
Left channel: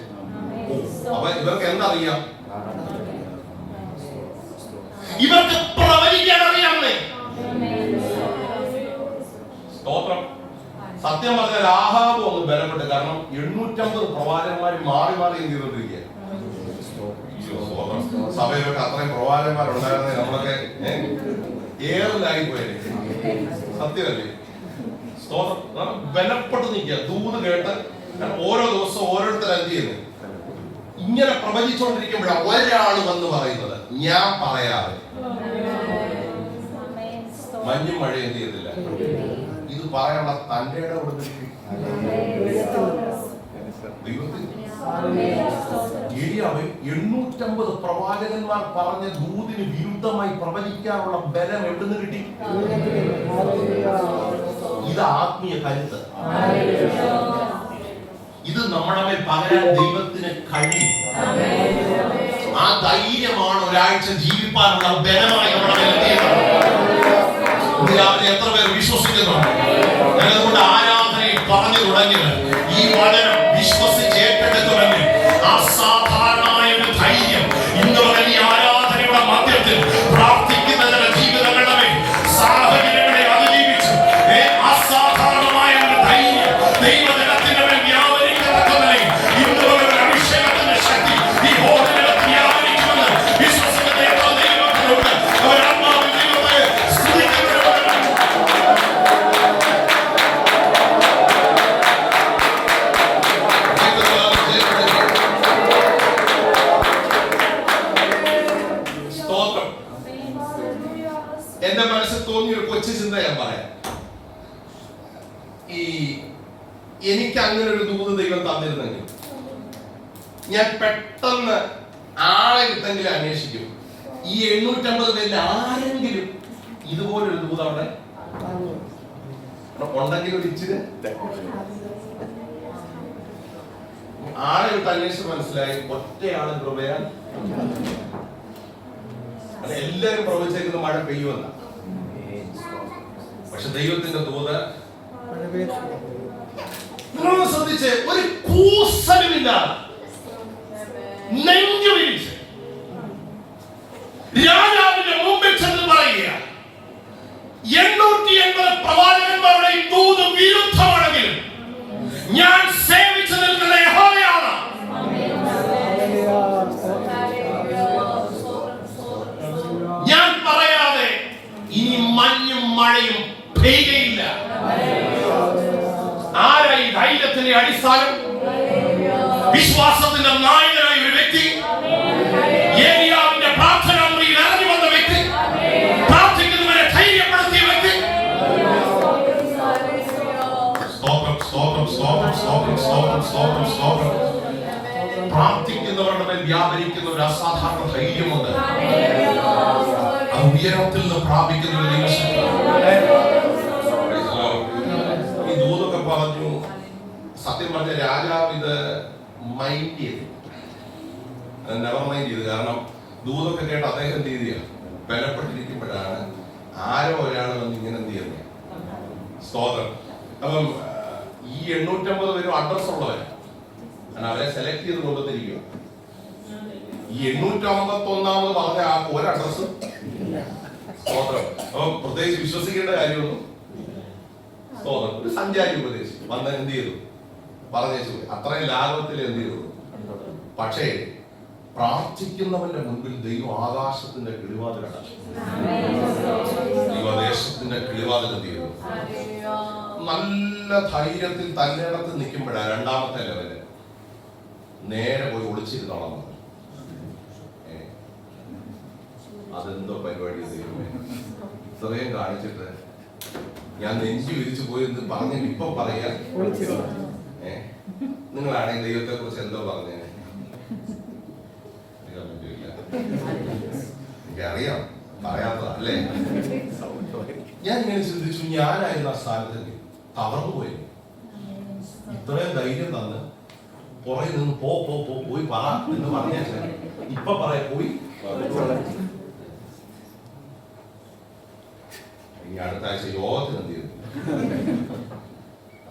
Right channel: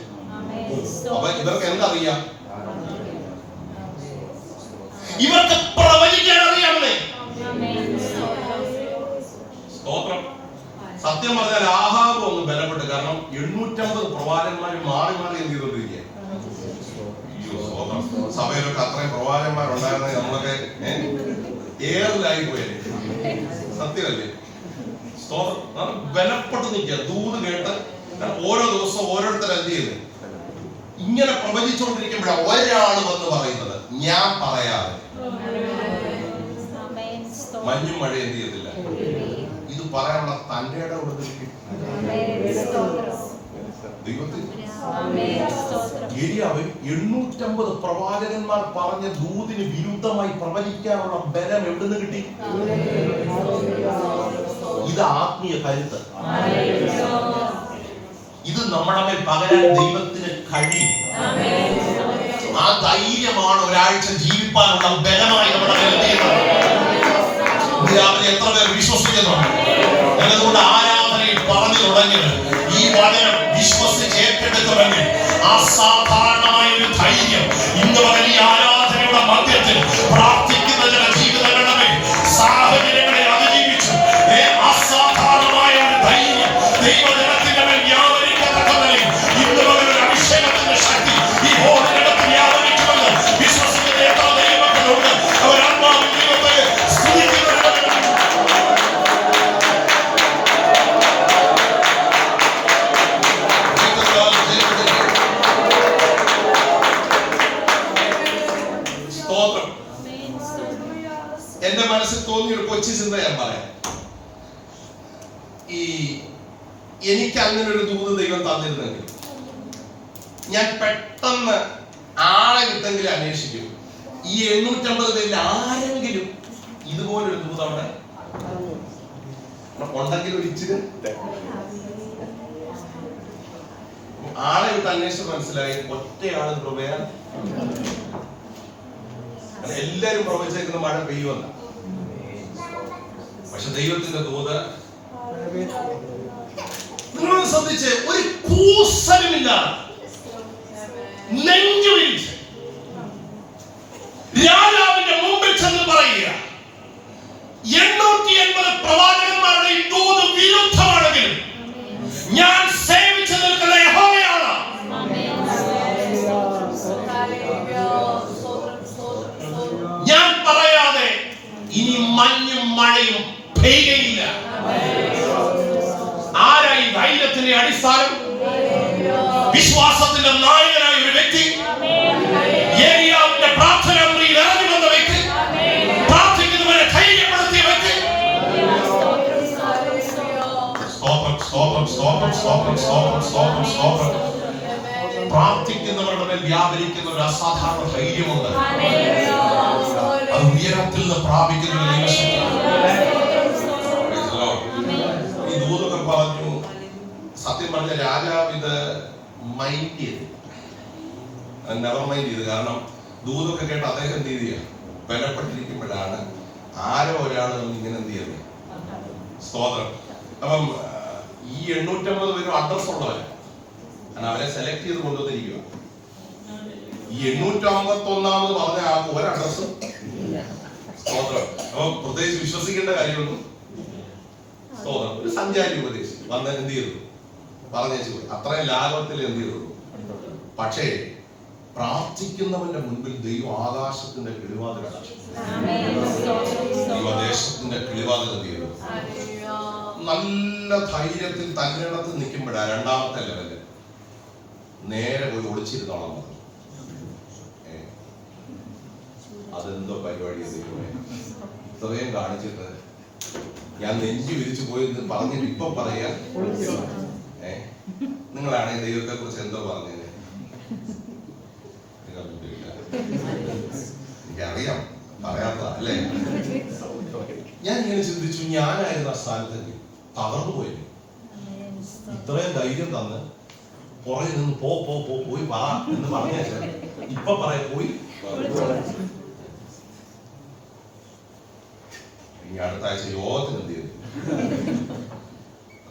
അപ്പൊ ഇവർക്ക് എന്തറിയാം? ഇവർക്ക് പ്രവചിക്കാൻ അറിയാമേ. സ്തോത്രം. സത്യം പറഞ്ഞാൽ ആഹാബ് ഒന്ന് ബലപ്പെട്ട്, കാരണം 850 പ്രവാചകന്മാർ മാറി മാറി എന്ത് ചെയ്തോണ്ടിരിക്കുക. സഭയിലൊക്കെ അത്രയും പ്രവാചകന്മാരുണ്ടായിരുന്നെ നമ്മളൊക്കെ ഏറിലായി പോയത്. സത്യമല്ലേ? സ്തോത്രം. ബലപ്പെട്ട് നിൽക്കുക, ദൂത് കേട്ട്. ഓരോ ദിവസവും ഓരോരുത്തർ എന്ത് ചെയ്യുന്നത്, ഇങ്ങനെ പ്രവചിച്ചുകൊണ്ടിരിക്കുമ്പോഴാണ് ഒരാൾ വന്ന് പറയുന്നത്, ഞാൻ പറയാതെ മഞ്ഞും മഴ എന്ത് ചെയ്തില്ല. ഇത് പറയാനുള്ള തന്റെ ഇടം കൊടുത്തിരിക്കും ദൈവത്തിൽ. 850 പ്രവാചകന്മാർ പറഞ്ഞ ദൂതിന് വിരുദ്ധമായി പ്രവചിക്കാനുള്ള ബലം എവിടുന്ന് കിട്ടി? ഇത് ആത്മീയ കരുത്ത്. ഇത് നമ്മുടെ മേൽ പകരാൻ ദൈവത്തിന് കഴിയും. ആ ധൈര്യമാണ് ഒരാഴ്ച ജീവിപ്പാനുള്ള ബലമായി നമ്മുടെ രാവിലെ എത്ര പേർ വിശ്വസിക്കുന്നു? ഞങ്ങളുടെ ആരാധനയിൽ പറഞ്ഞു തുടങ്ങിയത് ഈ വചനം വിശ്വസിച്ച് ഏറ്റെടുത്ത് തുടങ്ങി. അസാധാരണമായ ഒരു ധൈര്യം ഇന്ന് വലിയ ആരാധനയുടെ മധ്യത്തിൽ പ്രാർത്ഥിക്കുന്ന ചില ജീവിതങ്ങളുടെ സാഹചര്യങ്ങളെ അതിജീവിച്ചു. അസാധാരണമായ ഒരു ധൈര്യം ദൈവജനത്തിന്റെ മേൽ വ്യാപരിക്കുന്നതിൽ ഇന്ന് ഒരു അഭിഷേകത്തിന്റെ ശക്തി ഈ ഹോളിനകത്ത് വ്യാപരിക്കുമെന്ന് വിശ്വസിക്കുന്ന എത്ര ദൈവങ്ങളുണ്ട്. അവരാത്മാവിൽ ദൈവത്തെ എന്റെ മനസ്സിൽ തോന്നിയ ഒരു കൊച്ചു ചിന്ത ഞാൻ പറയാം. എനിക്ക് അങ്ങനെ ഒരു ദൂത് ദൈവം തന്നിരുന്നെങ്കിൽ ഞാൻ പെട്ടെന്ന് ആളെ കിട്ടെങ്കിലും അന്വേഷിക്കും. ഈ 850 പേരിൽ ആരെങ്കിലും ഇതുപോലൊരു ദൂത് അവിടെ ഉണ്ടെങ്കിൽ ഒരു ഇച്ചിരി ആളെ വിട്ട് അന്വേഷിച്ച് മനസ്സിലായി ഒറ്റയാള് കൃപയാൽ എല്ലാരും പ്രവചിച്ചിരിക്കുന്ന മഴ പെയ്യുമെന്ന. പക്ഷെ ദൈവത്തിന്റെ ദൂത് നിങ്ങളൊന്ന് ശ്രദ്ധിച്ച്, ഒരു കൂസലുമില്ല, നെഞ്ചുവിരിച്ച് രാജാവിന്റെ മുമ്പിൽ ചെന്ന് പറയുക, 880 പ്രവാചകന്മാരുടെ ഈ ദൂത് വിരുദ്ധമാണെങ്കിൽ ഞാൻ സേവിച്ചു നിൽക്കുന്ന യഹോവയാണ്. ഞാൻ പറയാതെ ഇനി മഞ്ഞും മഴയും പെയ്യുകയില്ല. ആരായി ധൈര്യത്തിന്റെ അടിസ്ഥാനം? വിശ്വാസത്തിന്റെ നായകനായ ഒരു വ്യക്തി, ഏലിയാവിന്റെ പ്രാർത്ഥന മുറിയിൽ ഇറങ്ങി വന്ന വ്യക്തി, പ്രാർത്ഥിക്കുന്നവരെ ധൈര്യപ്പെടുത്തിയ വ്യക്തി. പ്രാർത്ഥിക്കുന്നവരുടെ മേൽ വ്യാപരിക്കുന്ന ഒരു അസാധാരണ ധൈര്യമുണ്ട്. അത് ഉയരത്തിൽ നിന്ന് പ്രാപിക്കുന്ന ഒരു ഈ ദൂതൊക്കെ പറഞ്ഞു. സത്യം പറഞ്ഞ രാജാവ് ഇത് മൈൻഡ് ചെയ്തു, നെവർ മൈൻഡ് ചെയ്തു. കാരണം ദൂതൊക്കെ കേട്ട് അദ്ദേഹം എന്ത് ചെയ്തില്ല, ബലപ്പെട്ടിരിക്കുമ്പോഴാണ് ആരോ ഒരാൾ ഇങ്ങനെ എന്ത് ചെയ്യുന്നത്. സ്തോത്രം. അപ്പം ഈ 850 പേരും അഡ്രസ് ഉള്ളവരാണ്, കാരണം അവരെ സെലക്ട് ചെയ്ത് കൊണ്ടുവന്നിരിക്കുക. ഈ 851 പറഞ്ഞ ആ ഒരു അഡ്രസ്സും സ്തോത്രം. അപ്പം പ്രത്യേകിച്ച് വിശ്വസിക്കേണ്ട കാര്യമൊന്നും. സ്തോത്രം. ഒരു സഞ്ചാരി ഉപദേശി വന്ന് എന്ത് ചെയ്തു, പറഞ്ഞേച്ചു പോയി. അത്രയും ലാഘവത്തിൽ എന്ത് ചെയ്തു. പക്ഷേ പ്രാർത്ഥിക്കുന്നവന്റെ മുൻപിൽ ദൈവം ആകാശത്തിന്റെ കിളിവാതിലാണ്, ദൈവദേശത്തിന്റെ കിളിവാതിൽ എന്ത് ചെയ്തു. നല്ല ധൈര്യത്തിൽ തന്നിടത്ത് നിൽക്കുമ്പോഴാണ് രണ്ടാമത്തെ ലെവല് നേരെ പോയി ഒളിച്ചിരുന്നോളാം. അതെന്തോ പരിപാടി ദൈവമേ, ഇത്രയും കാണിച്ചിട്ട് ഞാൻ നെഞ്ചു വിരിച്ചു പോയെന്ന് പറഞ്ഞിട്ട് ഇപ്പം പറയാ. നിങ്ങളാണെങ്കിൽ ദൈവത്തെ കുറിച്ച് എന്തോ പറഞ്ഞേ? എനിക്കറിയാം, പറയാത്ത അല്ലേ? ഞാൻ ഇങ്ങനെ ചിന്തിച്ചു, ഞാനായിരുന്നു ആ സ്ഥാനത്ത് തകർന്നു പോയി. ഇത്രയും ധൈര്യം തന്ന് കുറെ നിന്ന് പോയി പറ എന്ന് പറഞ്ഞ ഇപ്പൊ പറയാ പോയി. ഇനി അടുത്ത ആഴ്ച യോഗത്തിന് എന്ത് ചെയ്തു?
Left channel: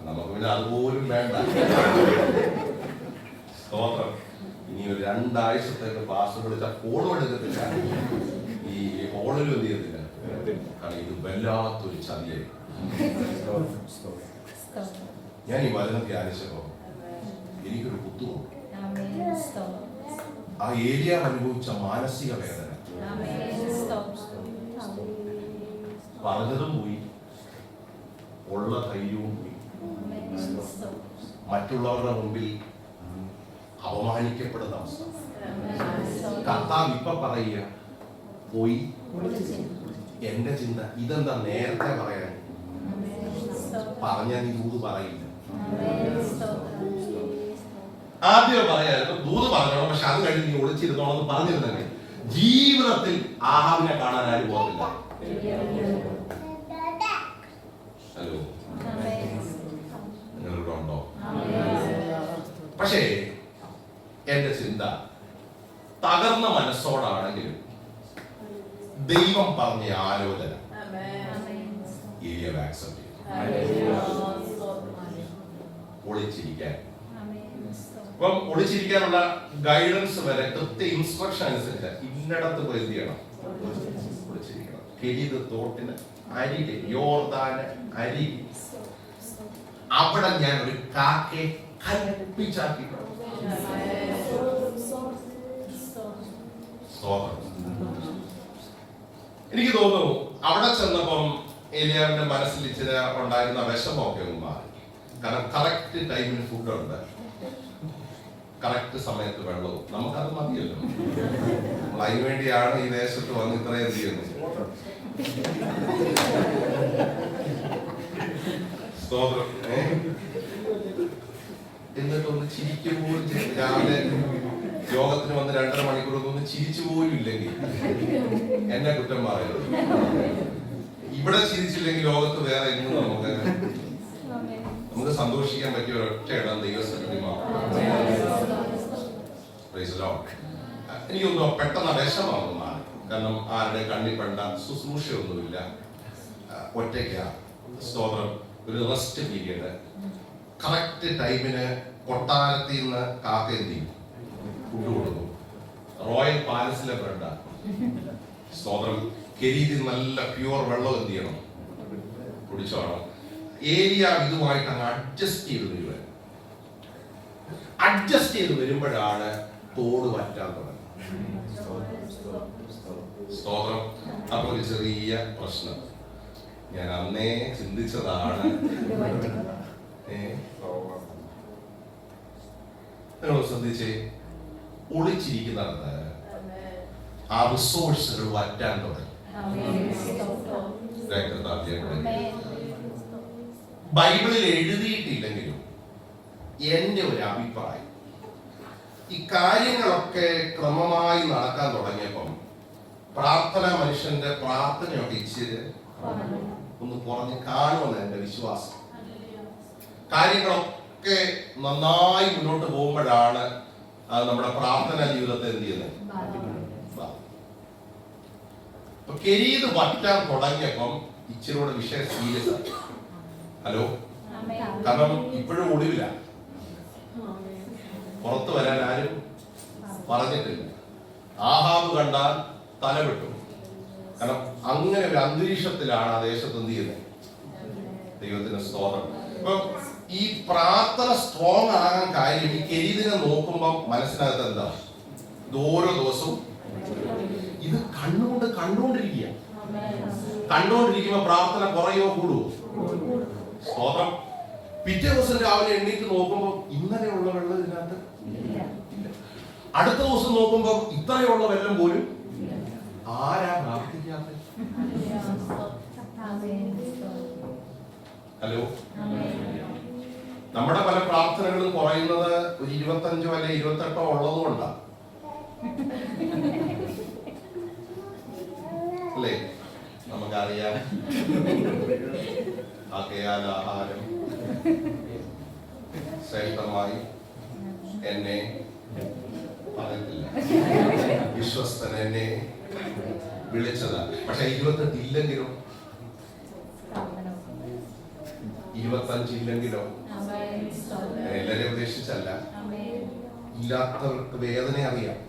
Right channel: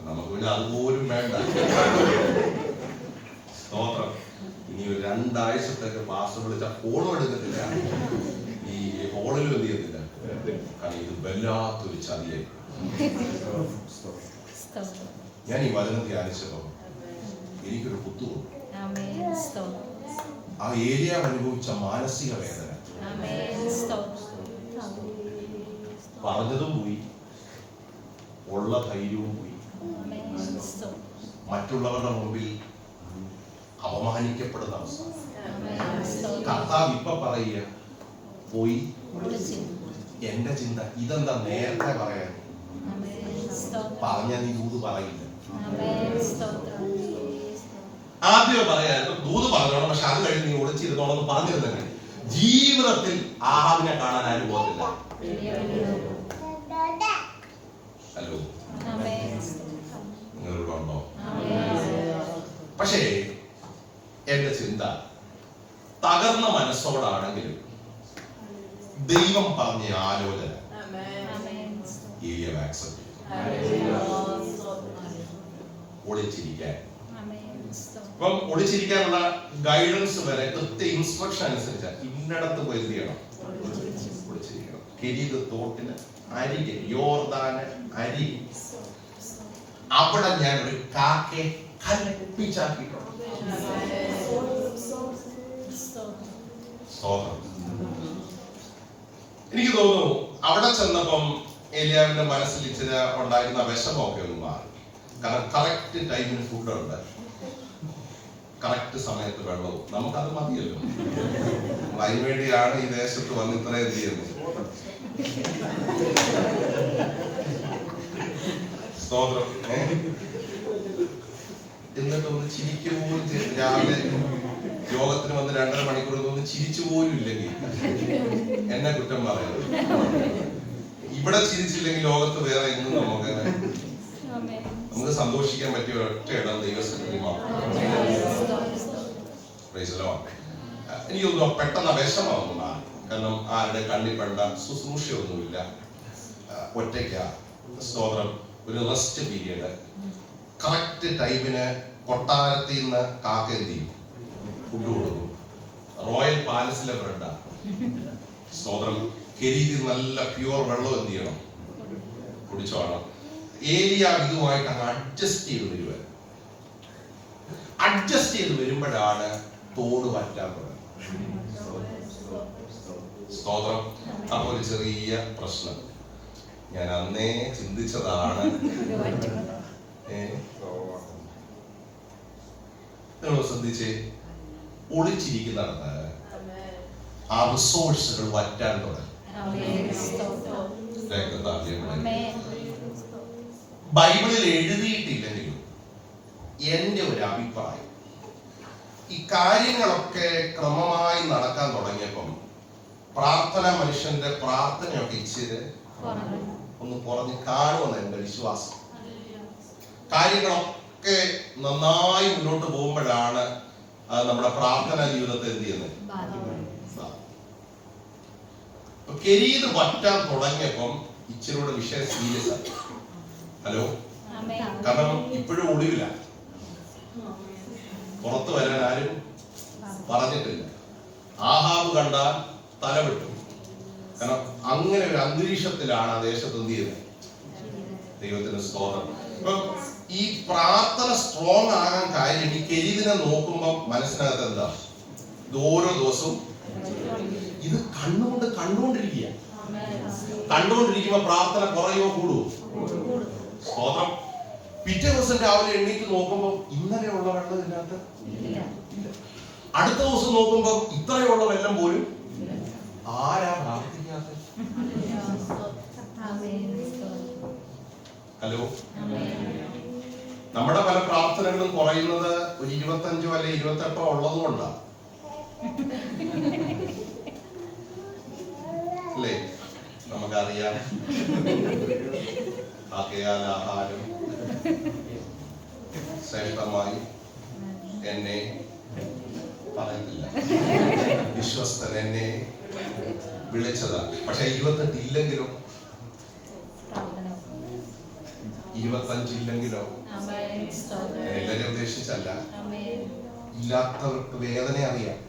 നമുക്ക് പിന്നെ അതുപോലും വേണ്ട. സ്തോത്രം. ഇനി ഒരു 2 ആഴ്ചത്തേക്ക് പാസ്റ്റർ വിളിച്ച ഫോണും എടുക്കത്തില്ല, ഈ ഫോണിലും എന്ത് ചെയ്യത്തില്ല. കാരണം ഇത് വല്ലാത്തൊരു ചതിയായി. ഞാൻ ഈ വചനം ധ്യാനിച്ചപ്പോ എനിക്കൊരു കുത്തുവന്നു. ആ ഏലിയാവ് അനുഭവിച്ച മാനസിക വേദന പറഞ്ഞതും പോയി, ഉള്ള ധൈര്യവും പോയി, മറ്റുള്ളവരുടെ മുമ്പിൽ അപമാനിക്കപ്പെടുന്ന അവസ്ഥ. കർത്താവ് ഇപ്പൊ പറയുക, പോയി. എന്റെ ചിന്ത ഇതെന്താ നേരത്തെ പറയാൻ പറഞ്ഞ നീ ദൂത് പറയില്ല. ആദ്യം പറയായിരുന്നു ദൂത് പറഞ്ഞോളാം, പക്ഷെ അത് കഴിഞ്ഞ് നീ ഒളിച്ചിരുന്നോളെന്ന് പറഞ്ഞിരുന്നെങ്കിൽ ജീവിതത്തിൽ ആഹാബിനെ കാണാൻ ആരും പോകത്തില്ല. ഹലോ, നിങ്ങളിവിടെ ഉണ്ടോ? പക്ഷേ എന്റെ ചിന്ത തകർന്ന മനസ്സോടാണെങ്കിലും ദൈവം പറഞ്ഞ ആലോചന ഏലിയാവ് ആക്സെപ്റ്റ് ചെയ്തു. ഒളിച്ചിരിക്കാൻ. അപ്പം ഒളിച്ചിരിക്കാനുള്ള ഗൈഡൻസ് വരെ കൃത്യ ഇൻസ്ട്രക്ഷൻ അനുസരിച്ച് ഇന്നടത്ത് പോയി എന്ത് ചെയ്യണം, ഒളിച്ചിരിക്കണം. കെരീത് തോട്ടിന് അരികെ, യോർദാന് അരികെ, അവിടെ ഞാൻ ഒരു കാക്കയെ കൽപ്പിച്ചാക്കിയിട്ടുണ്ട്. എനിക്ക് തോന്നുന്നു അവിടെ ചെന്നപ്പം ഏലിയാവിന്റെ മനസ്സിൽ ഇച്ചിരി ഉണ്ടായിരുന്ന വിഷമമൊക്കെ ഒന്ന് മാറി. കാരണം കറക്റ്റ് ടൈമിന് ഫുഡുണ്ട്, കറക്റ്റ് സമയത്ത് വെള്ളവും. നമുക്കത് മതിയല്ലോ. നമ്മൾ അതിനുവേണ്ടിയാണ് ഈ ദേശത്ത് വന്ന് ഇത്രയും എന്ത് ചെയ്യുന്നത്. സ്തോത്രം. എന്നിട്ട് ഒന്ന് ചിരിക്കുക പോലും ചെയ്യും. രാവിലെ യോഗത്തിന് വന്ന് 2.5 മണിക്കൂർ ഒന്ന് ചിരിച്ചു പോലും ഇല്ലെങ്കിൽ എന്നെ കുറ്റം പറയുന്നത്. ഇവിടെ ചിരിച്ചില്ലെങ്കിൽ ലോകത്ത് വേറെ ഇന്നും നമുക്ക് സന്തോഷിക്കാൻ പറ്റിയ ഒരൊറ്റ ഇടം ദൈവസന്നിധി മാത്രം. എനിക്ക് തോന്നുന്നു പെട്ടെന്ന് വിഷമാവുന്ന, കാരണം ആരുടെ കണ്ണിൽ പെണ്ട ശുശ്രൂഷയൊന്നുമില്ല, ഒറ്റയ്ക്ക. സ്തോത്രം, ഒരു റെസ്റ്റ് പീരിയഡ്. കറക്റ്റ് ടൈമിന് കൊട്ടാരത്തിൽ നിന്ന് കാക്ക എന്ത് ചെയ്യും? ഫുഡ് കൊടുക്കും. റോയൽ പാലസിലെ ബ്രെഡാണ്. സ്തോത്രം, കെരീതി നല്ല പ്യുവർ വെള്ളം എന്ത് ചെയ്യണം? കുടിച്ചോണം. ഏലിയ ഇതുമായിട്ട് അങ്ങ് അഡ്ജസ്റ്റ് ചെയ്ത് വരുവാൻ. അഡ്ജസ്റ്റ് ചെയ്ത് വരുമ്പോഴാണ് തോട് വറ്റാൻ തുടങ്ങി. സ്തോത്രം. അപ്പോൾ ഒരു ചെറിയ പ്രശ്നം ഞാൻ അന്നേ ചിന്തിച്ചതാണ്. നിങ്ങൾ ശ്രദ്ധിച്ചേ, ഒളിച്ചിരിക്കുന്നിടത്ത് ആ റിസോഴ്സുകൾ വറ്റാൻ തുടങ്ങി. ബൈബിളിൽ എഴുതിയിട്ടില്ലെങ്കിലും എന്റെ ഒരു അഭിപ്രായം, ഈ കാര്യങ്ങളൊക്കെ ക്രമമായി നടക്കാൻ തുടങ്ങിയപ്പം പ്രാർത്ഥന, മനുഷ്യന്റെ പ്രാർത്ഥനയൊക്കെ ഇച്ചിരി ഒന്ന് കുറഞ്ഞ് കാണുമെന്ന് എന്റെ വിശ്വാസം. കാര്യങ്ങളൊക്കെ നന്നായി മുന്നോട്ട് പോകുമ്പോഴാണ് നമ്മുടെ പ്രാർത്ഥനാ ജീവിതത്തെ എന്ത് ചെയ്യുന്നത്? കെരീത് വറ്റാൻ തുടങ്ങിയപ്പം ഇച്ചിരിയുടെ വിഷയം സീരിയസ് ആയി. ഹലോ, കാരണം ഇപ്പോഴും ഒടുവില്ല, പുറത്തു വരാൻ ആരും പറഞ്ഞിട്ടില്ല. ആഹാബ് കണ്ടാൽ തലവിട്ടു. കാരണം അങ്ങനെ ഒരു അന്തരീക്ഷത്തിലാണ് ആ ദേശത്ത് എന്ത് ചെയ്യുന്നത്. ദൈവത്തിന് സ്തോത്രം. ഇപ്പൊ ഈ പ്രാർത്ഥന സ്ട്രോങ് ആകാൻ കാര്യം, ഈ കെരീതിനെ നോക്കുമ്പോൾ മനസ്സിനകത്ത് എന്താ, ഇത് ഓരോ ദിവസവും ഇത് കണ്ടുകൊണ്ടിരിക്കുമ്പോ പ്രാർത്ഥന കുറയോ കൂടുവോ? സ്തോത്രം. പിറ്റേ ദിവസം രാവിലെ എണ്ണീറ്റ് നോക്കുമ്പോൾ ഇന്നലെയുള്ള വെള്ളം ഇതിനകത്ത് ഇല്ല. അടുത്ത ദിവസം നോക്കുമ്പോൾ ഇത്രയുള്ള വെള്ളം പോലും. ആരാ പ്രാർത്ഥിക്കാത്ത? ഹലോ, നമ്മുടെ പല പ്രാർത്ഥനകളും കുറയുന്നത് ഒരു 25 അല്ലെ 28 ഉള്ളത് കൊണ്ടാണ് അല്ലേ? നമുക്കറിയാം. ആകയാൽ ആഹാരം ശ്രേഷ്ഠമായി എന്നെ പറയത്തില്ല, വിശ്വസ്തൻ എന്നെ വിളിച്ചതാണ്. പക്ഷെ 28 ഇല്ലെങ്കിലോ, 25 ഇല്ലെങ്കിലോ, എല്ലാരെയും ഉദ്ദേശിച്ചല്ല, ഇല്ലാത്തവർക്ക് വേദന അറിയാം.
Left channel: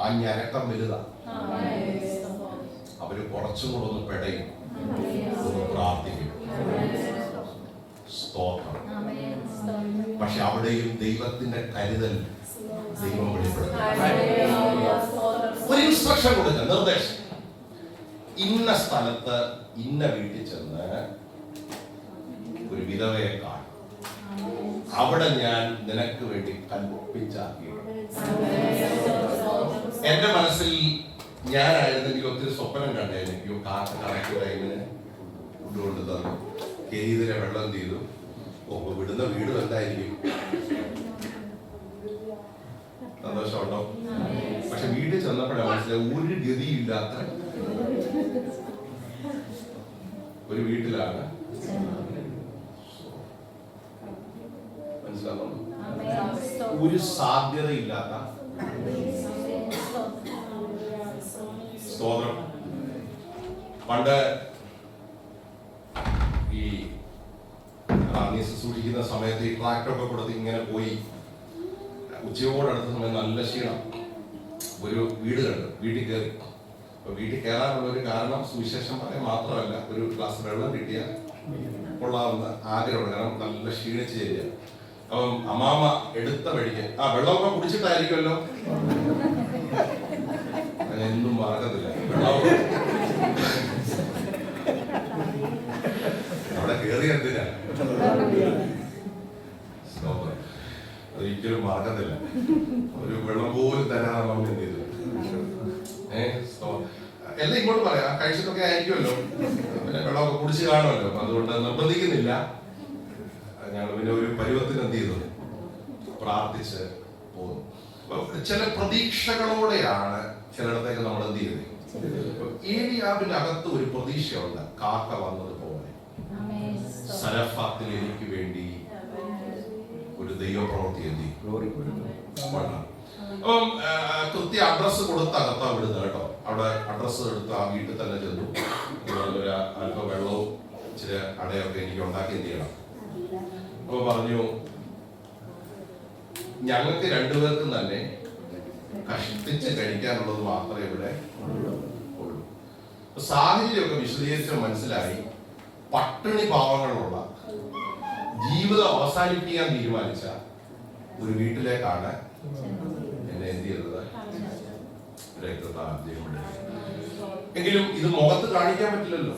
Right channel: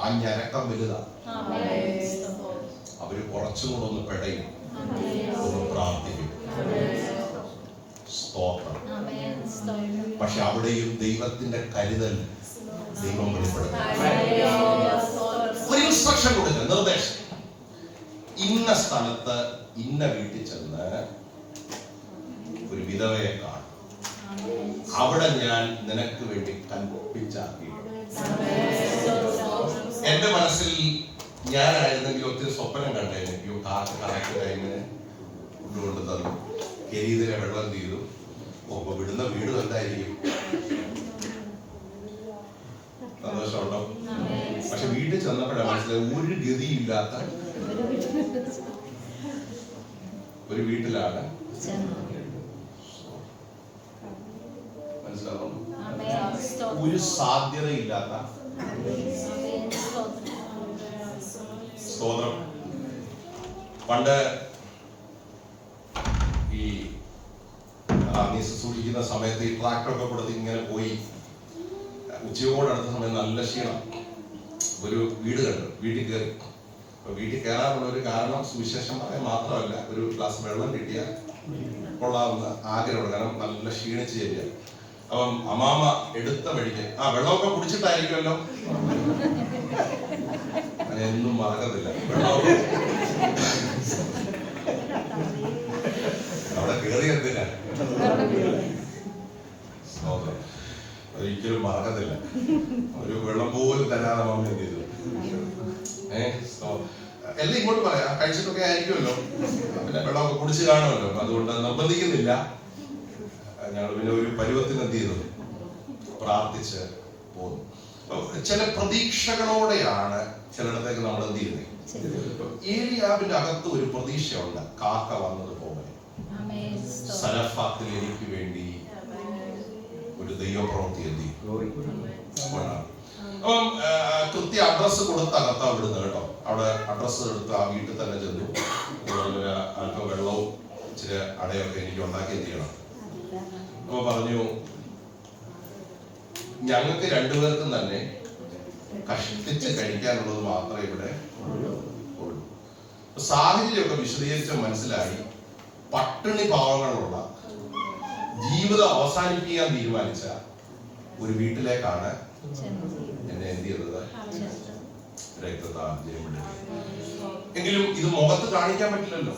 ആ ഞരക്കം വലുതാ. അവര് കുറച്ചും കൂടെ ഒന്ന് പെടയും, ഒന്ന് പ്രാർത്ഥിക്കും. സ്തോത്രം. പക്ഷെ അവിടെയും ദൈവത്തിന്റെ കരുതൽ ദൈവം വെളിപ്പെടുത്തും. ഒരു ഇൻസ്ട്രക്ഷൻ കൊടുക്കുക, നിർദ്ദേശം. ഇന്ന സ്ഥലത്ത് ഇന്ന വീട്ടിൽ ചെന്ന് ഒരു വിധവയെ കാണും, അവിടെ ഞാൻ നിനക്ക് വേണ്ടി കൽപ്പിച്ചാക്കി. എന്റെ മനസ്സിൽ ഞാനായിരുന്നെങ്കിൽ ഒത്തിരി സ്വപ്നം കണ്ടായിരുന്നു. അയ്യോ, കാക്ക കറക്റ്റ് ടൈമിന് കൊണ്ടു തന്നു, കെരീതിനെ വെള്ളം ചെയ്തു. ഓ, വിടുന്ന വീട് എന്തായിരിക്കും? സന്തോഷമുണ്ടോ? പക്ഷെ വീട്ടിൽ ചെന്നപ്പോഴാണ് മനസ്സിലായി, ഒരു ഗതിയില്ലാത്ത ഒരു വീട്ടിലാണ്. മനസ്സിലാവുന്നു? ഒരു സാധ്യതയില്ലാത്ത. സ്തോത്രം. പണ്ട് ഈ സൂക്ഷിക്കുന്ന സമയത്ത് ഈ ട്രാക്ടറൊക്കെ കൊടുത്ത് ഇങ്ങനെ പോയി ഉച്ചയോടടുത്ത സമയം നല്ല ക്ഷീണം. ഒരു വീട് കണ്ടു, വീട്ടിൽ കയറി. അപ്പൊ വീട്ടിൽ കയറാനുള്ള ഒരു കാരണം സുവിശേഷം പറയാൻ മാത്രമല്ല, ഒരു ഗ്ലാസ് വെള്ളം കിട്ടിയ കൊള്ളാവുന്ന ആഗ്രഹമുണ്ട്. കാരണം നല്ല ക്ഷീണിച്ച് ചേരുക. അപ്പം അമ്മാമ എടുത്ത വഴിക്ക് ആ വെള്ളമൊക്കെ കുടിച്ചിട്ടായിരിക്കുമല്ലോ, എന്നും മറക്കത്തില്ല. വെള്ളമൊക്കെ അവിടെ കയറി എന്തിനാ, ഒരിക്കലും മറക്കത്തില്ല. ഒരു വെള്ളം പോലും തരാതെ മമ്മി എന്ത് ചെയ്തു? എല്ലാം ഇങ്ങോട്ട് പറയാം, കഴിച്ചിട്ടൊക്കെ ആയിരിക്കുമല്ലോ, പിന്നെ വെള്ളമൊക്കെ കുടിച്ച് കാണുമല്ലോ. അതുകൊണ്ട് നിർബന്ധിക്കുന്നില്ല. ഞങ്ങൾ പിന്നെ ഒരു പരുവത്തിന് എന്ത് ചെയ്തു? പ്രാർത്ഥിച്ച് പോകുന്നു. ചില പ്രതീക്ഷകളോടെയാണ് ചിലയിടത്തേക്ക് നമ്മൾ എന്ത് ചെയ്യുന്നത്. ഏലിയാവിന്റെ അകത്ത് ഒരു പ്രതീക്ഷയുണ്ട്, കാക്ക വന്നതുപോലെ സരഫാത്തിൽ എനിക്ക് വേണ്ടി ഒരു ദൈവപ്രവൃത്തി എന്ത് ചെയ്യും. അപ്പം കൃത്യ അഡ്രസ്സ് കൊടുത്ത് അകത്താ വിടുന്നത് കേട്ടോ. അവിടെ അഡ്രസ്സ് എടുത്ത് ആ വീട്ടിൽ തന്നെ ചെന്നു. അല്പം വെള്ളവും ഇച്ചിരി അടയൊക്കെ എനിക്ക് ഉണ്ടാക്കി ചെയ്യണം. അപ്പൊ പറഞ്ഞു, ഞങ്ങൾക്ക് രണ്ടുപേർക്കും തന്നെ കഷ്ടിച്ച് കഴിക്കാനുള്ളത് മാത്രമേ ഇവിടെ ഉള്ളൂ. സാഹചര്യമൊക്കെ വിശദീകരിച്ച് മനസ്സിലായി. പട്ടിണി പാവങ്ങളുള്ള ജീവിതം അവസാനിപ്പിക്കാൻ തീരുമാനിച്ച ഒരു വീട്ടിലേക്കാണ് എന്നെ എന്ത് ചെയ്തത്, എങ്കിലും ഇത് മുഖത്ത് കാണിക്കാൻ പറ്റില്ലല്ലോ,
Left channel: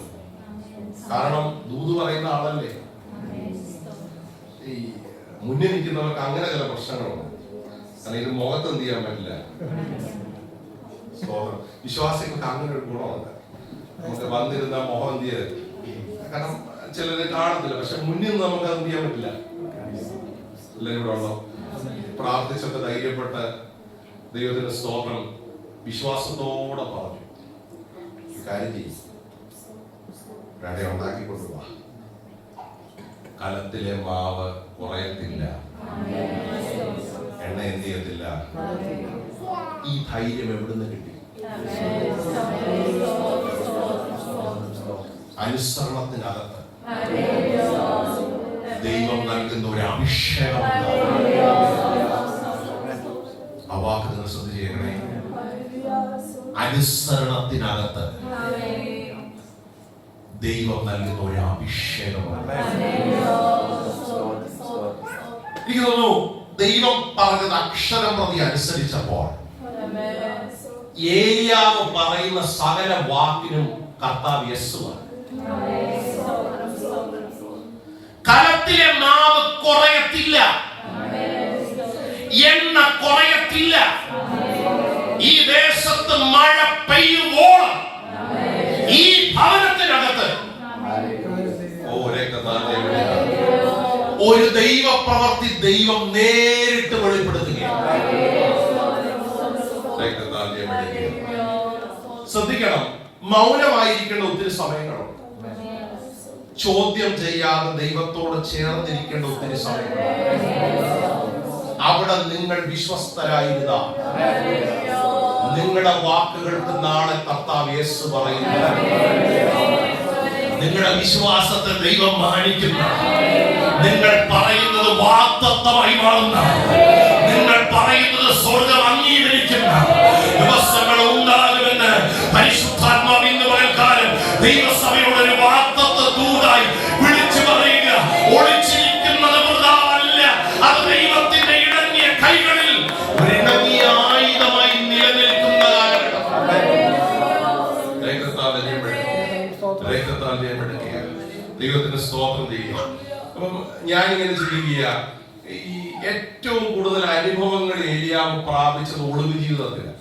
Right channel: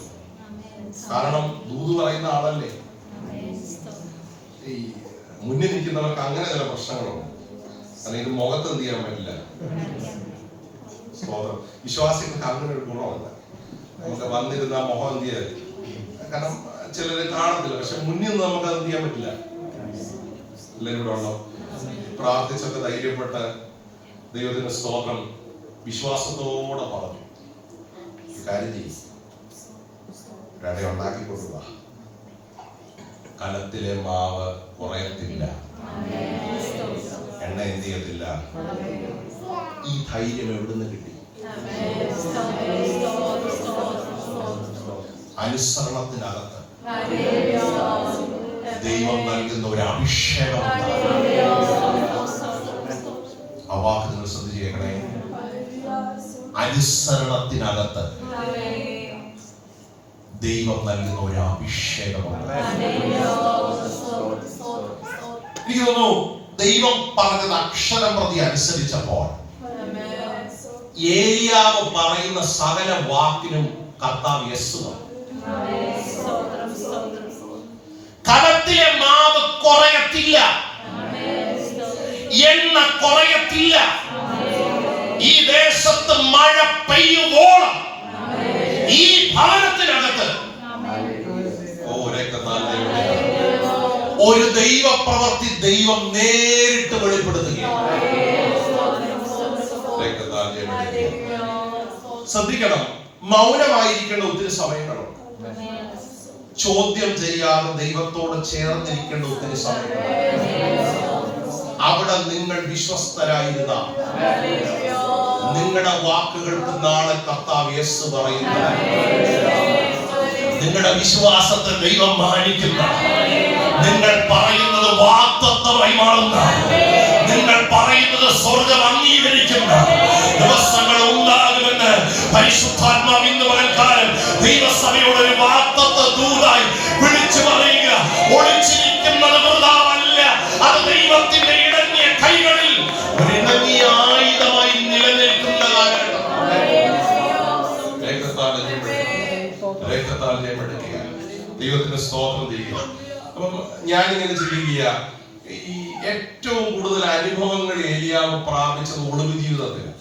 കാരണം ദൂത് പറയുന്ന ആളല്ലേ. ഈ മുന്നിൽ നിൽക്കുന്നവർക്ക് അങ്ങനെ ചില പ്രശ്നങ്ങളുണ്ട്. കാരണം ഇത് മുഖത്ത് എന്ത് ചെയ്യാൻ പറ്റില്ല. വിശ്വാസികൾക്ക് അങ്ങനെ ഒരു ഗുണമുണ്ട്. നമുക്ക് വന്നിരുന്ന മുഖം എന്ത് ചെയ്ത്, കാരണം ചിലര് കാണത്തില്ല, പക്ഷെ മുന്നിൽ നിന്ന് നമുക്ക് അത് എന്ത് ചെയ്യാൻ പറ്റില്ല. എല്ലാവരും ഇവിടെ ഉണ്ടോ? പ്രാർത്ഥിച്ചൊക്കെ ധൈര്യപ്പെട്ട് ദൈവത്തിന് സ്തോത്രം വിശ്വാസത്തോടെ പറഞ്ഞു, കാര്യം ചെയ്യും, ഒരട ഉണ്ടാക്കിക്കൊണ്ടുവാ, കലത്തിലെ മാവ് കുറയത്തില്ല, എണ്ണ എന്ത് ചെയ്യത്തില്ല. ഈ ധൈര്യം എവിടുന്ന് കിട്ടി? അനുസരണത്തിനകത്ത് ദൈവം നൽകുന്ന ഒരു അഭിഷേകം. ആ വാക്ക് നിങ്ങൾ ശ്രദ്ധിക്കണേ. അനുസരണത്തിനകത്ത് ദൈവം നൽകുന്ന ഒരു അഭിഷേകമാണ്. എനിക്ക് തോന്നുന്നു ദൈവം പറഞ്ഞത് അക്ഷരം പ്രതി അനുസരിച്ചപ്പോൾ ഏലിയാവ് പറയുന്ന സകല വാക്കിനും കർത്താവ് യെസ് പറഞ്ഞു. കലത്തിലെ മാവ് കുറയത്തില്ല, എണ്ണ കുറയത്തില്ല, ഈ ദേശത്ത് മഴ പെയ്യുവോളം ഈ ഭവനത്തിനകത്ത് ഒരു ദൈവ പ്രവൃത്തി ദൈവം നേരിട്ട് വെളിപ്പെടുത്തുകയാണ്. ശ്രദ്ധിക്കണം, മൗനമായിരിക്കേണ്ട ഒത്തിരി സമയങ്ങളുണ്ട്. ചോദ്യം ചെയ്യാതെ ദൈവത്തോട് ചേർന്നിരിക്കേണ്ട ഒത്തിരി സമയങ്ങളുണ്ട്. അവിടെ നിങ്ങൾ വിശ്വസ്തരായിരുന്ന നിങ്ങളുടെ വാക്കുകൾക്ക് നാളെ കർത്താവ് യേശു പറയുന്നു. നിങ്ങളുടെ വിശ്വാസത്തെ ദൈവം മാനിക്കുന്ന, നിങ്ങൾ പറയുന്നത് വാഗ്ദത്തമായി മാറുന്ന, നിങ്ങൾ പറയുന്നത് സ്വർഗ്ഗം അംഗീകരിക്കുന്ന ദിവസങ്ങൾ ഉണ്ടാകുമെന്ന് പരിശുദ്ധാത്മാവ് ഇന്ന് പകൽക്കാലം ദൈവസഭയോട് ഒരു വാഗ്ദത്ത ദൂതായി വിളിച്ചു പറയുക. ഒളിച്ചിരിക്കുന്നത് വൃഥാവല്ല, അത് ദൈവത്തിന്റെ ഇടങ്ങിയ കൈകളിൽ ഒരു ഇണങ്ങിയ ആയുധമായി നിലനിൽക്കുന്ന കാലഘട്ടം. ദൈവത്തിന് സ്തോത്രം ചെയ്യുക. അപ്പം ഞാനിങ്ങനെ ചിന്തിക്കുക, ഈ ഏറ്റവും കൂടുതൽ അനുഭവങ്ങൾ ഏലിയാവ് പ്രാപിച്ചത് ഒളിവ് ജീവിതത്തിലാണ്.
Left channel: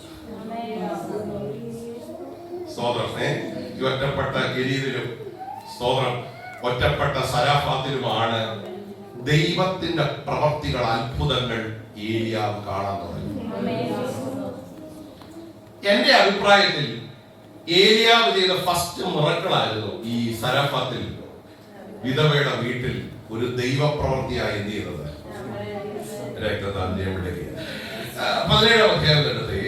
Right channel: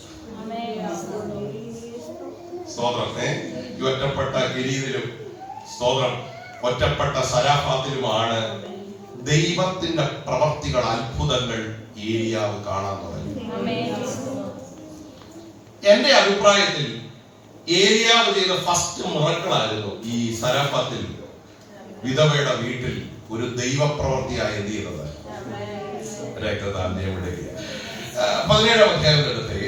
സ്തോത്രം. ഈ ഒറ്റപ്പെട്ട ഗലീലിലും സ്തോത്രം ഒറ്റപ്പെട്ട സരാഫാത്തിലുമാണ് ദൈവത്തിന്റെ പ്രവർത്തികൾ, അത്ഭുതങ്ങൾ ഏലിയാവ് കാണാൻ തുടങ്ങി. എന്റെ അഭിപ്രായത്തിൽ ഏലിയാവ് ചെയ്ത ഫസ്റ്റ് മിറക്കിളായിരുന്നു ഈ സരാഫാത്തിൽ വിധവയുടെ വീട്ടിൽ ഒരു ദൈവപ്രവൃത്തിയായി എന്ത് ചെയ്യുന്നത്. 17 അധ്യായത്തിനടുത്ത്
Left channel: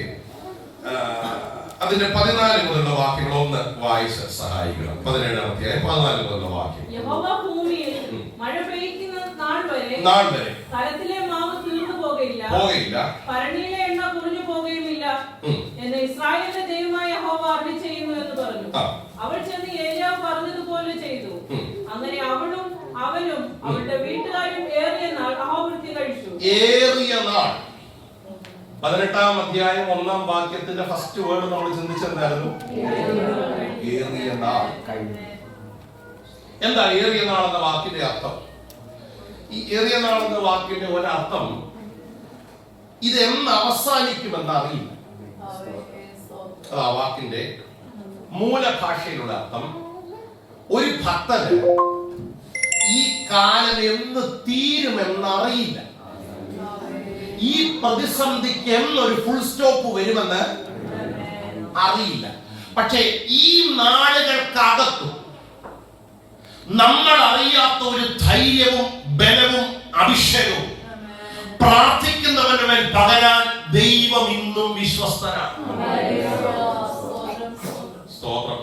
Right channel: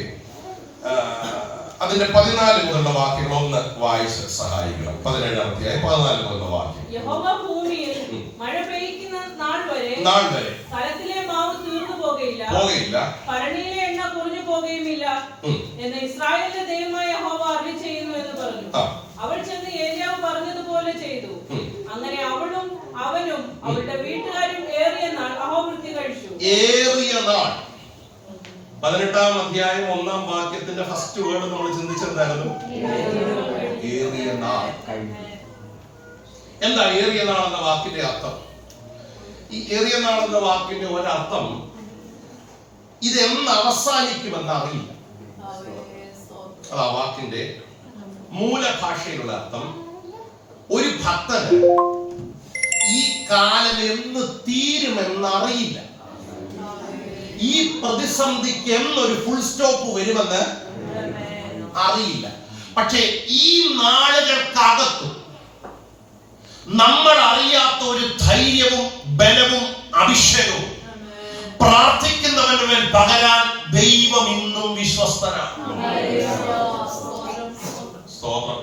അതിന്റെ 14 മുതലുള്ള വാക്യങ്ങൾ ഒന്ന് വായിച്ച് സഹായിക്കണം. 17 അധ്യായം 14 മുതലുള്ള വാക്യം. യഹോവ ഭൂമിയിൽ മഴ പെയ്യുന്ന നാൾ വരെ കലത്തിലെ മാവ് തീർന്നു പോകയില്ല, ഭരണിയിലെ എണ്ണ കുറഞ്ഞു പോകുകയുമില്ല എന്ന് ഇസ്രായേലിന്റെ ദൈവമായ യഹോവ അരുളി ചെയ്യുന്നു എന്ന് പറഞ്ഞു. അവൾ ചെന്ന് ഏലിയാവ് പറഞ്ഞതുപോലെ ചെയ്തു. അങ്ങനെ അവളും അവനും അവളുടെ വീട്ടുകാരും ഏറിയ നാൾ അഹോവൃത്തി കഴിച്ചു. 18 അധ്യായം 1 വാക്യത്തിന്റെ ഫസ്റ്റ് വേർഡ് നമ്മൾ ചിന്തിച്ചെന്തായിരുന്നു? ഏറിയ നാൾ. എന്താ ഏറിയ നാൾ എന്ന വാക്കിന്റെ അർത്ഥം? ഈ ഏറിയ നാൾ എന്ന വാക്കിന്റെ ഒരർത്ഥം ഇതെന്ന് അവസാനിക്കുമെന്ന് അറിയില്ല. അതാ വാക്കിന്റെ മൂലഭാഷയിലുള്ള അർത്ഥം. ഒരു ഭക്തന് ഈ കാലം എന്ന് തീരുമെന്ന് അറിയില്ല. ഈ പ്രതിസന്ധിക്ക് എന്നൊരു ഫുൾ സ്റ്റോപ്പ് വരുമെന്ന് അറിയില്ല. പക്ഷേ ഈ നാളുകൾക്കകത്തും നമ്മൾ അറിയാത്ത ഒരു ധൈര്യവും ബലവും അഭിഷേകവും പ്രാർത്ഥിക്കുന്നവരുടെ മേൽ പകരാൻ ദൈവം ഇന്നും വിശ്വസ്തനാണ്. സ്തോത്രം.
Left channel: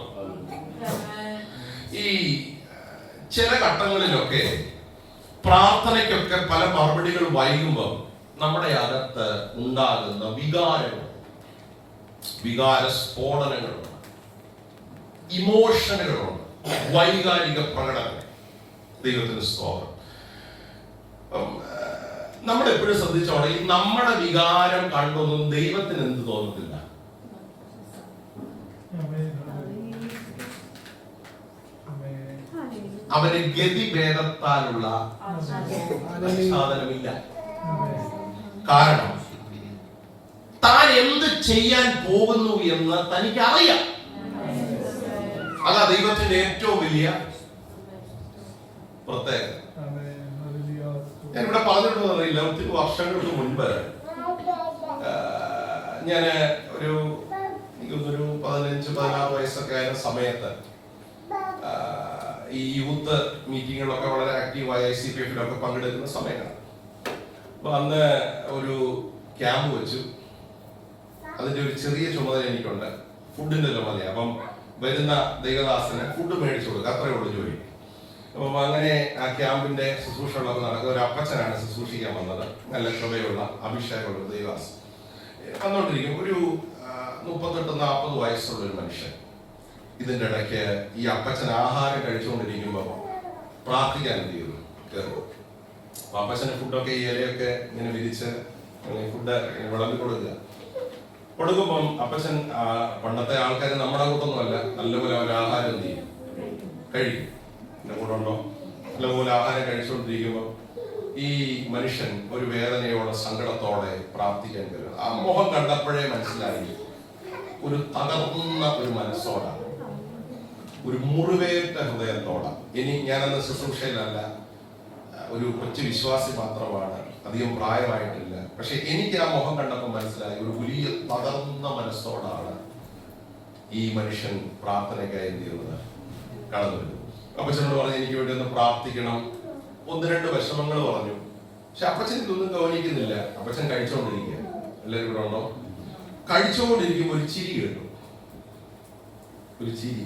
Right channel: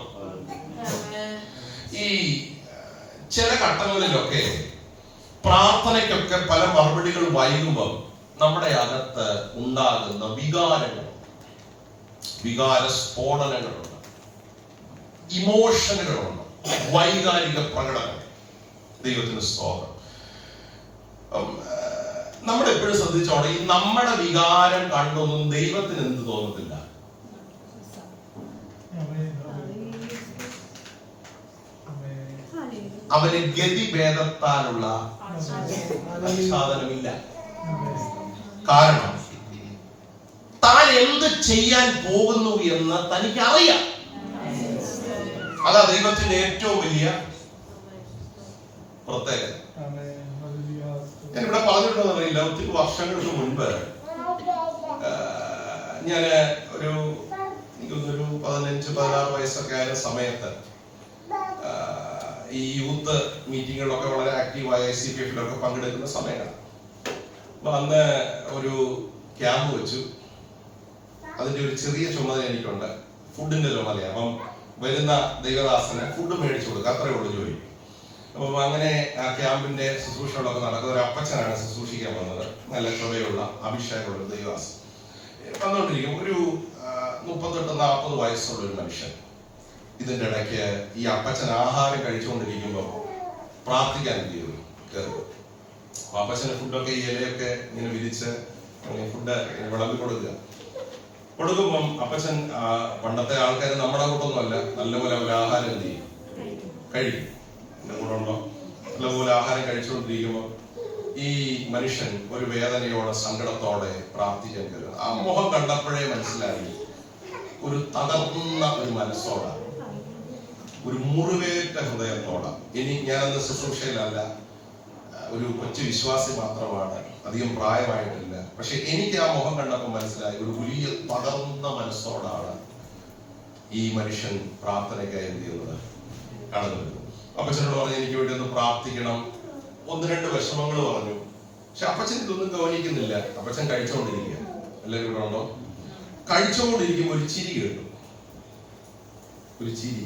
ചില ഘട്ടങ്ങളിലൊക്കെ പ്രാർത്ഥനയ്ക്കൊക്കെ പല മറുപടികൾ വൈകുമ്പോൾ നമ്മുടെ അകത്ത് ഉണ്ടാകുന്ന വികാര സ്ഫോടനങ്ങളുണ്ട്, ഇമോഷനുകളുണ്ട്, വൈകാരിക പ്രകടനം. ദൈവത്തിന് സ്തോത്രം. നമ്മൾ എപ്പോഴും ശ്രദ്ധിച്ചോണം, ഈ നമ്മുടെ വികാരം കണ്ടൊന്നും ദൈവത്തിന് എന്ത് തോന്നത്തില്ല. അവന് ഗതിഭേദത്താലുള്ള ആച്ഛാദനമില്ല. കാരണം താൻ എന്ത് ചെയ്യാൻ പോകുന്നു എന്ന് തനിക്ക് അറിയാം. അതാ ദൈവത്തിന്റെ ഏറ്റവും വലിയ പ്രത്യേകത. ഞാൻ ഇവിടെ പറഞ്ഞിട്ടുണ്ടെന്ന് അറിയില്ല, ഒത്തിരി വർഷങ്ങൾക്ക് മുൻപ് ഞാന് ഒരു 15-16 വയസ്സൊക്കെ ആയ സമയത്ത് ഈ യൂത്ത് മീറ്റിങ്ങുകളൊക്കെ വളരെ ആക്റ്റീവായ ICPF-ലൊക്കെ പങ്കെടുക്കുന്ന സമയമാണ്. അപ്പൊ അന്ന് ഒരു ക്യാമ്പ് വെച്ചു. അതിന്റെ ഒരു ചെറിയ ചുമതല എനിക്കുണ്ട്, ഫുഡിന്റെ ചുമതല. അപ്പം വരുന്ന ദൈവദാസന് ഫുഡ് മേടിച്ചു കൊടുക്കുക, അത്രയേ ഉള്ളൂ ജോലി. അപ്പം അങ്ങനെ ആ ക്യാമ്പിന്റെ ശുശ്രൂഷകളൊക്കെ നടക്കുന്ന ഒരു അപ്പച്ചനാണ് ശുശ്രൂഷിക്കാൻ വന്നത്. നല്ല ചുമയുള്ള അഭിഷേകമുള്ള ദൈവദാസൻ വന്നുകൊണ്ടിരിക്കും. ഒരു 38-40 വയസ്സുള്ള ഒരു മനുഷ്യൻ. ഇതിന്റെ ഇടയ്ക്ക് ഈ അപ്പച്ചൻ ആഹാരം കഴിച്ചുകൊണ്ടിരിക്കുമ്പോൾ പ്രാർത്ഥിക്കാൻ എന്ത് ചെയ്തു, കയറി. അപ്പച്ചന് ഫുഡൊക്കെ ഈ ഇലയൊക്കെ ഇങ്ങനെ വിരിച്ച് ഫുഡ് വിളമ്പി കൊടുക്കുമ്പം അപ്പച്ചൻ പണ്ടത്തെ ആൾക്കാർ നമ്മുടെ കൂട്ടൊന്നുമല്ല, നല്ലപോലെ അവർ ആഹാരം എന്ത് ചെയ്യും, കഴിക്കും. എന്റെ കൂടെ ഉണ്ടോ? നല്ലപോലെ ആഹാരം കഴിച്ചുകൊണ്ടിരിക്കുമ്പോൾ ഈ മനുഷ്യൻ ഒരു വേദനയോടെ സങ്കടത്തോടെ പ്രാർത്ഥിക്കാൻ കയറുക. ആ മുഖം കണ്ടപ്പോഴേ മനസ്സിലായി ഒരു തകർന്ന ഒരു മനസ്സോടാ, ഒരു മുറിവേറ്റ ഹൃദയത്തോടാ. ഇനി ഞാനന്ന് ശുശ്രൂഷയിലല്ല, ഒരു കൊച്ചു വിശ്വാസി മാത്രമാണ്, അധികം പ്രായമായിട്ടില്ല. പക്ഷെ എനിക്ക് ആ മുഖം കണ്ടപ്പോൾ മനസ്സിലായി ഒരു വലിയ തകർന്ന മനസ്സോടാണ് ഈ മനുഷ്യൻ പ്രാർത്ഥനയ്ക്കായി എന്ത് ചെയ്യുന്നത്, കടന്നു വരുന്നത്. അപ്പച്ചനോട് പറഞ്ഞു എനിക്ക് വേണ്ടി ഒന്ന് പ്രാർത്ഥിക്കണം. 1-2 വിഷമങ്ങൾ പറഞ്ഞു. പക്ഷെ അപ്പച്ചൻ ഇതൊന്നും ഗവനിക്കുന്നില്ല. അപ്പച്ചൻ കഴിച്ചുകൊണ്ടിരിക്കുക. എല്ലാവരും ഇവിടെ ഉണ്ടോ? കഴിച്ചുകൊണ്ടിരിക്കുമ്പോൾ ഒരു ചിരി കേട്ടു, ഒരു ചിരി.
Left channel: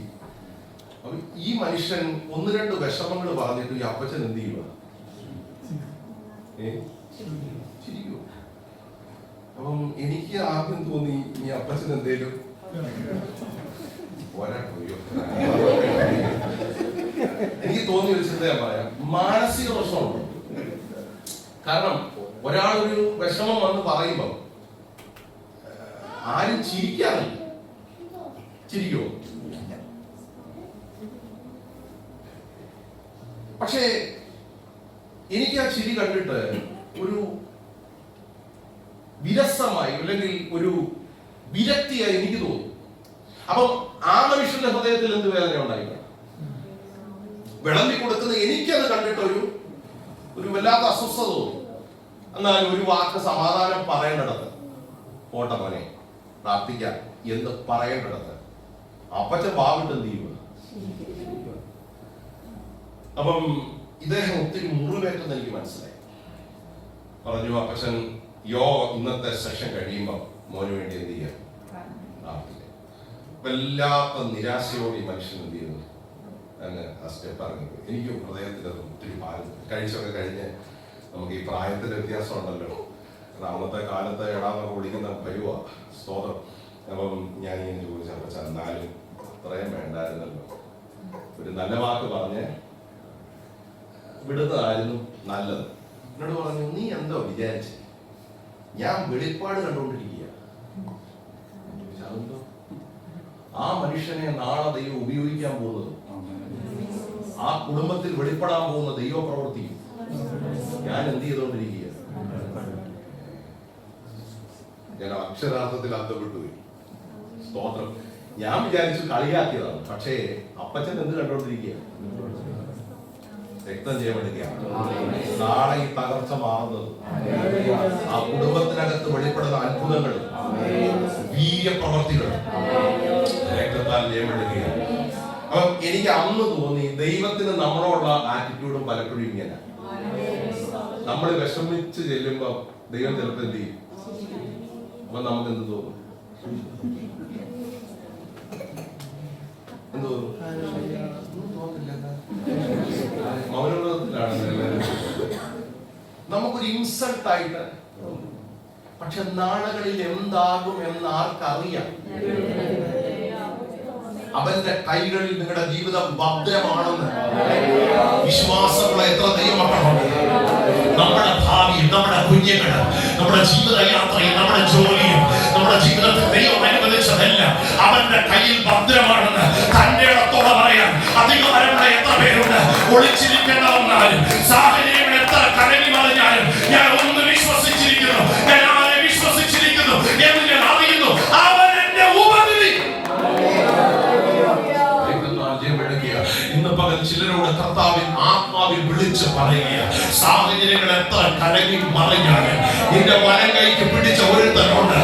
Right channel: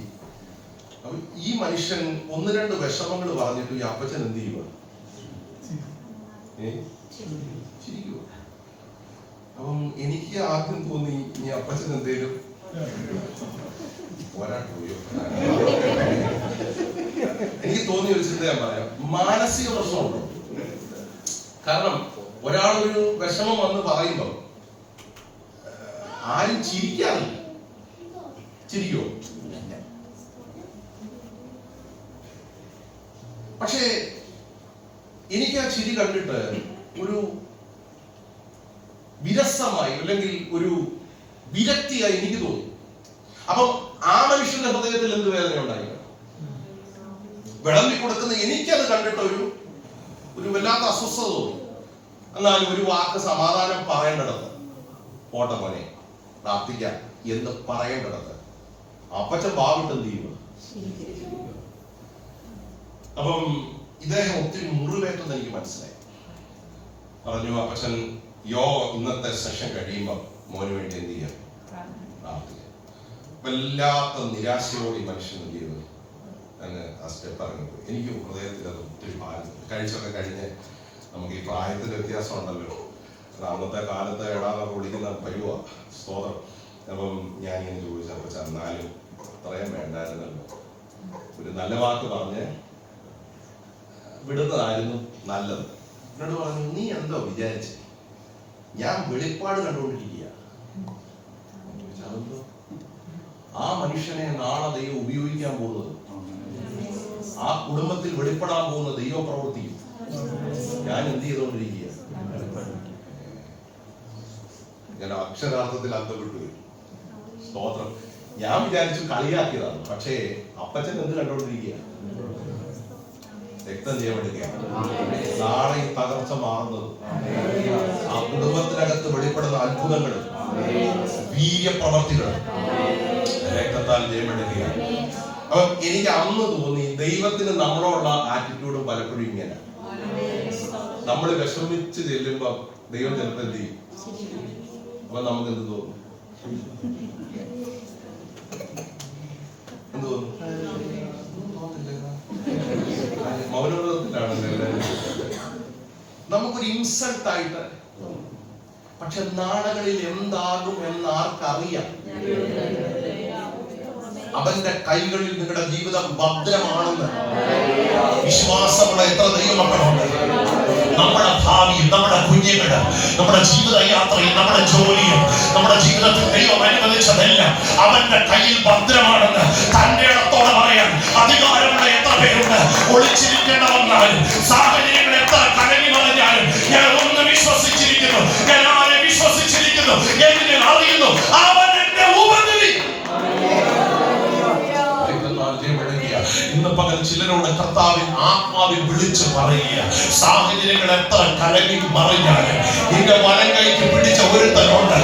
അപ്പൊ ഈ മനുഷ്യൻ 1-2 വിഷമങ്ങൾ പറഞ്ഞിട്ട് ഈ അപ്പച്ചൻ എന്ത് ചെയ്യുക, ചിരിക്കുവോ? അപ്പം എനിക്ക് ആദ്യം തോന്നി ഈ അപ്പച്ചൻ എന്തേലും എനിക്ക് തോന്നിയ ഒരു ചിന്ത ഞാൻ പറയാം. മാനസിക പ്രശ്നമുണ്ടോ? കാരണം ഒരാളൊരു വിഷമം വന്ന് പറയുമ്പോ ആരും ചിരിക്കാറില്ല. ചിരിക്കുമോ? പക്ഷേ എനിക്ക് ആ ചിരി കണ്ടിട്ട് ഒരു വിരസമായി അല്ലെങ്കിൽ ഒരു വിരക്തിയായി എനിക്ക് തോന്നി. അപ്പം ആ മനുഷ്യന്റെ ഹൃദയത്തിൽ എന്ത് വേദന ഉണ്ടായില്ല? വിളമ്പി കൊടുക്കുന്ന എനിക്കത് കണ്ടിട്ട് ഒരു വല്ലാത്ത അസ്വസ്ഥത തോന്നി. എന്നാലും ഒരു വാക്ക് സമാധാനം പറയേണ്ടിടത്ത്, പോട്ടെ മോനെ പ്രാർത്ഥിക്കാം എന്ന് പറയേണ്ടിടത്ത് അപ്പച്ചൻ ഭാവിട്ട് എന്ത് ചെയ്യുക? അപ്പം ഇദ്ദേഹം ഒത്തിരി മുറിവേറ്റെന്ന് എനിക്ക് മനസ്സിലായി. പറഞ്ഞു അപ്പച്ചൻ ഇന്നത്തെ സെഷൻ കഴിയുമ്പോൾ മോന് വേണ്ടി എന്ത് ചെയ്യാം, പ്രാർത്ഥിക്കാം. വല്ലാത്ത നിരാശയോടെ ഈ മനുഷ്യൻ എന്ത് ചെയ്യുന്നു, അങ്ങ് ആ സ്റ്റെപ്പ് ഇറങ്ങിപ്പോയി. എനിക്കും ഹൃദയത്തിൽ അത് ഒത്തിരി ഭാരം. കഴിച്ചൊക്കെ കഴിഞ്ഞ് നമുക്ക് ഈ പ്രായത്തിന്റെ വ്യത്യാസം ഉണ്ടല്ലോ. അന്നത്തെ കാലത്ത് എടാന്നൊക്കെ വിളിക്കുന്ന പരുവ സ്തോത്രം. അപ്പം ഞാനിങ്ങനെ ചോദിച്ചപ്പോൾ ചെന്നാലും അത്രയും വേണ്ടായിരുന്നല്ലോ, ഒരു നല്ല വാക്ക് പറഞ്ഞ് വിടുന്നതായിരുന്നു നല്ലത്. എന്നോട് പറഞ്ഞു നീ എന്തോ വിചാരിച്ചു, ഞാൻ വെളിപ്പാട് കണ്ടുകൊണ്ടിരിക്കുക. ആ മനുഷ്യനെ നാളെ ദൈവം ഉപയോഗിക്കാൻ പോകുന്നത്, ആ കുടുംബത്തിൽ വെളിപ്പെടാൻ പോകുന്ന ദൈവ പ്രവൃത്തിയും ഞാൻ എന്ത് ചെയ്തുകൊണ്ടിരിക്കുക. ഞാൻ അക്ഷരാർത്ഥത്തിൽ അന്തപ്പെട്ടു പോയി. സ്തോത്രം. ഞാൻ വിചാരിച്ചു കളിയാക്കിയതാണ്. പക്ഷേ അപ്പച്ചൻ എന്ത് കണ്ടോണ്ടിരിക്കുക, രക്തം ചെയ്യാമെടുക്കുകയാണ്. നാളെ ഈ തകർച്ച മാറുന്നത്, ആ കുടുംബത്തിനകത്ത് വെളിപ്പെടുന്ന അത്ഭുതങ്ങളും വീര്യപ്രവർത്തികളും രക്തത്താൽ ജയമെടുക്കുകയാണ്. അപ്പൊ എനിക്ക് അന്ന് തോന്നി ദൈവത്തിന് നമ്മളോടുള്ള ആറ്റിറ്റ്യൂഡും പലപ്പോഴും ഇങ്ങനെ. നമ്മൾ വിഷമിച്ച് ചെല്ലുമ്പോ ദൈവം ചിലപ്പോൾ എന്ത് ചെയ്യും? അപ്പൊ നമുക്ക് എന്ത് തോന്നും? എന്ത് തോന്നും? തോന്നില്ല. മൗനവ്രതത്തിലാണല്ലോ എല്ലാവരും. നമുക്കൊരു ഇൻസൾട്ടായിട്ട്, പക്ഷെ നാളുകളിൽ എന്താകും എന്ന് ആർക്കറിയാം? അവന്റെ കൈകളിൽ നിങ്ങളുടെ ജീവിതം ഭദ്രമാണെന്ന് വിശ്വാസമുള്ള എത്ര ദൈവമക്കളുണ്ട്? നമ്മുടെ ഭാവി, നമ്മുടെ കുഞ്ഞുങ്ങള്, നമ്മുടെ ജീവിത യാത്രയിൽ, നമ്മുടെ ജോലിയും, നമ്മുടെ ജീവിതത്തിൽ ദൈവം അനുവദിച്ചതെല്ലാം അവന്റെ കയ്യിൽ ഭദ്രമാണെന്ന് തന്റെ ഇടത്തോടെ പറയാൻ അധികാരമുള്ള എത്ര പേരുണ്ട്? ഒളിച്ചിരിക്കേണ്ട വന്നാലും, സാഹചര്യങ്ങൾ എത്ര കലങ്ങി മറിഞ്ഞാലും, ഞാൻ ഒന്ന് വിശ്വസിച്ചിരിക്കുന്നു, ഞാൻ ആരെ വിശ്വസിച്ചിരിക്കുന്നു എന്ന് ഞാൻ അറിയുന്നു. അവൻ എന്റെ ഉപനിധി. ഇന്ന് പകൽ ചിലരോട് കർത്താവിൻ ആത്മാവിൽ വിളിച്ച് പറയുക, സാഹചര്യങ്ങൾ എത്ര കലങ്ങി മറിഞ്ഞാലും നിന്റെ വലം കൈക്ക് പിടിച്ച ഒരുത്തനുണ്ട്.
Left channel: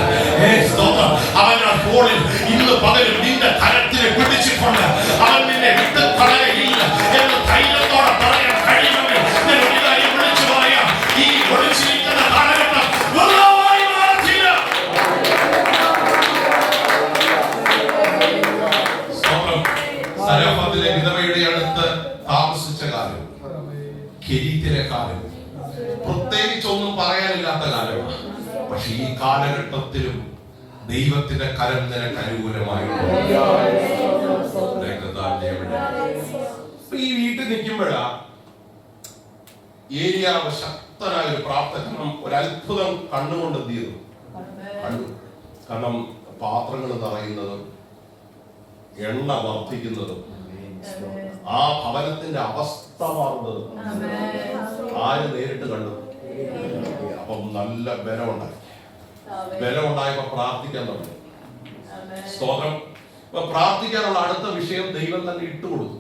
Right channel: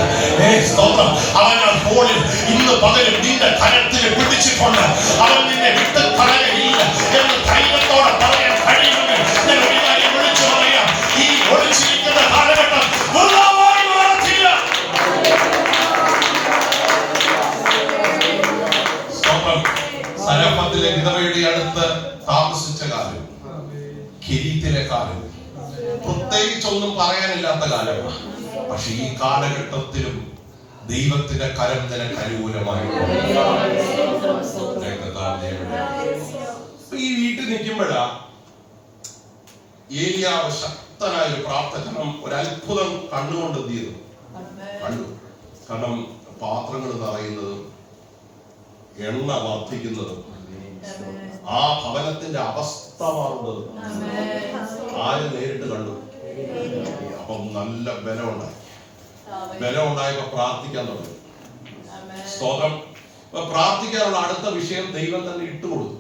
അവന്റെ ഫോണിൽ ഇന്ന് പകലും നിന്റെ കരത്തിൽ പിടിച്ചിട്ടുണ്ട്. അവൻ നിന്നെ വിട്ട് കളയുകയില്ല എന്ന് ധൈര്യത്തോടെ പറയാൻ കഴിയുമെങ്കിൽ ഞാൻ ഒരു കാര്യം വിളിച്ചു പറയാം, ഈ ഒളിച്ചിരിക്കുന്ന കാലഘട്ടം വൃഥാവായി മാറത്തില്ല. സരഫത്തിലെ വിധവയുടെ അടുത്ത് താമസിച്ച കാലം, കെരീത്തിലെ കാലം, പ്രത്യേകിച്ചൊന്നും പറയാനില്ലാത്ത കാലമാണ്. പക്ഷെ ഈ കാലഘട്ടത്തിലും ദൈവത്തിന്റെ കരം നിനക്ക് അനുകൂലമായിട്ടുണ്ട്. ഈ വീട്ടിൽ നിൽക്കുമ്പോഴാ ഏലിയാവ് ശക്തനായ ഒരു പ്രാർത്ഥന, ഒരു അത്ഭുതം കണ്ണുകൊണ്ട് എന്ത് ചെയ്തു? കണ്ടു. കാരണം പാത്രങ്ങൾ നിറയുന്നതും എണ്ണ വർദ്ധിക്കുന്നതും ആ ഭവനത്തിന്റെ അവസ്ഥ മാറുന്നതും ആര് നേരിട്ട് കണ്ടു? അപ്പം നല്ല ബലമുണ്ടായി. ബലമുണ്ടായപ്പോ പ്രാർത്ഥിക്കാൻ തുടങ്ങി. സ്തോത്രം. പ്രാർത്ഥിക്കാനുള്ള അടുത്ത വിഷയം ദൈവം തന്നെ ഇട്ടുകൊടുത്തു.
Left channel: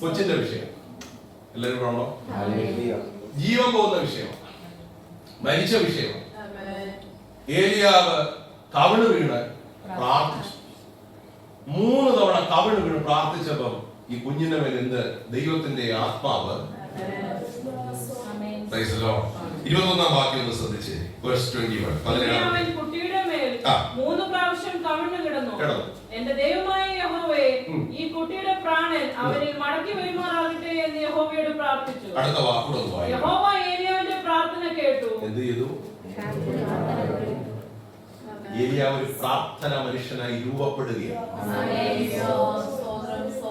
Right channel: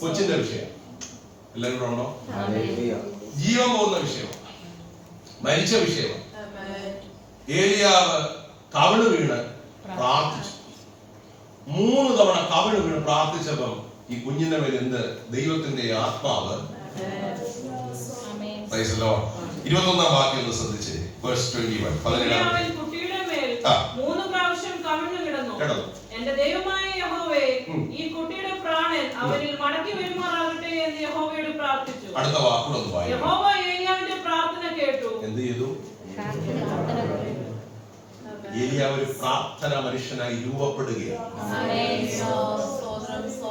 കൊച്ചിന്റെ വിഷയം എല്ലാവരും ഉണ്ടോ? ജീവൻ പോകുന്ന വിഷയമാണ്, മരിച്ച വിഷയമാണ്. ഏലിയാവ് കവിണ് വീണ് പ്രാർത്ഥിച്ചു. 3 തവണ കവിണ് വീണ് പ്രാർത്ഥിച്ചപ്പം ഈ കുഞ്ഞിന്റെ മേൽ എന്ത്? ദൈവത്തിന്റെ ആത്മാവ്. 21-ാം വാക്യം ഒന്ന് ശ്രദ്ധിച്ച്, verse 21. കുട്ടിയുടെ മേൽ 3 പ്രാവശ്യം കവിണ്ണു കിടന്നു. എന്റെ ദൈവമായ യഹോവേ, ഈ കുട്ടിയുടെ പ്രാണൻ അവനിൽ മടക്കി വരുമാറാകട്ടെ എന്ന് യഹോവയോട് പ്രാർത്ഥിച്ചു. അടുത്ത വാക്കുകളൊന്ന് വായിക്കാം. യഹോവ ഏലിയാവിന്റെ പ്രാർത്ഥന കേട്ടു. എന്ത് ചെയ്തു? ഏലിയാവ് ഒരു പ്രാർത്ഥന മനുഷ്യനായി രൂപപ്പെടുകയാണ്.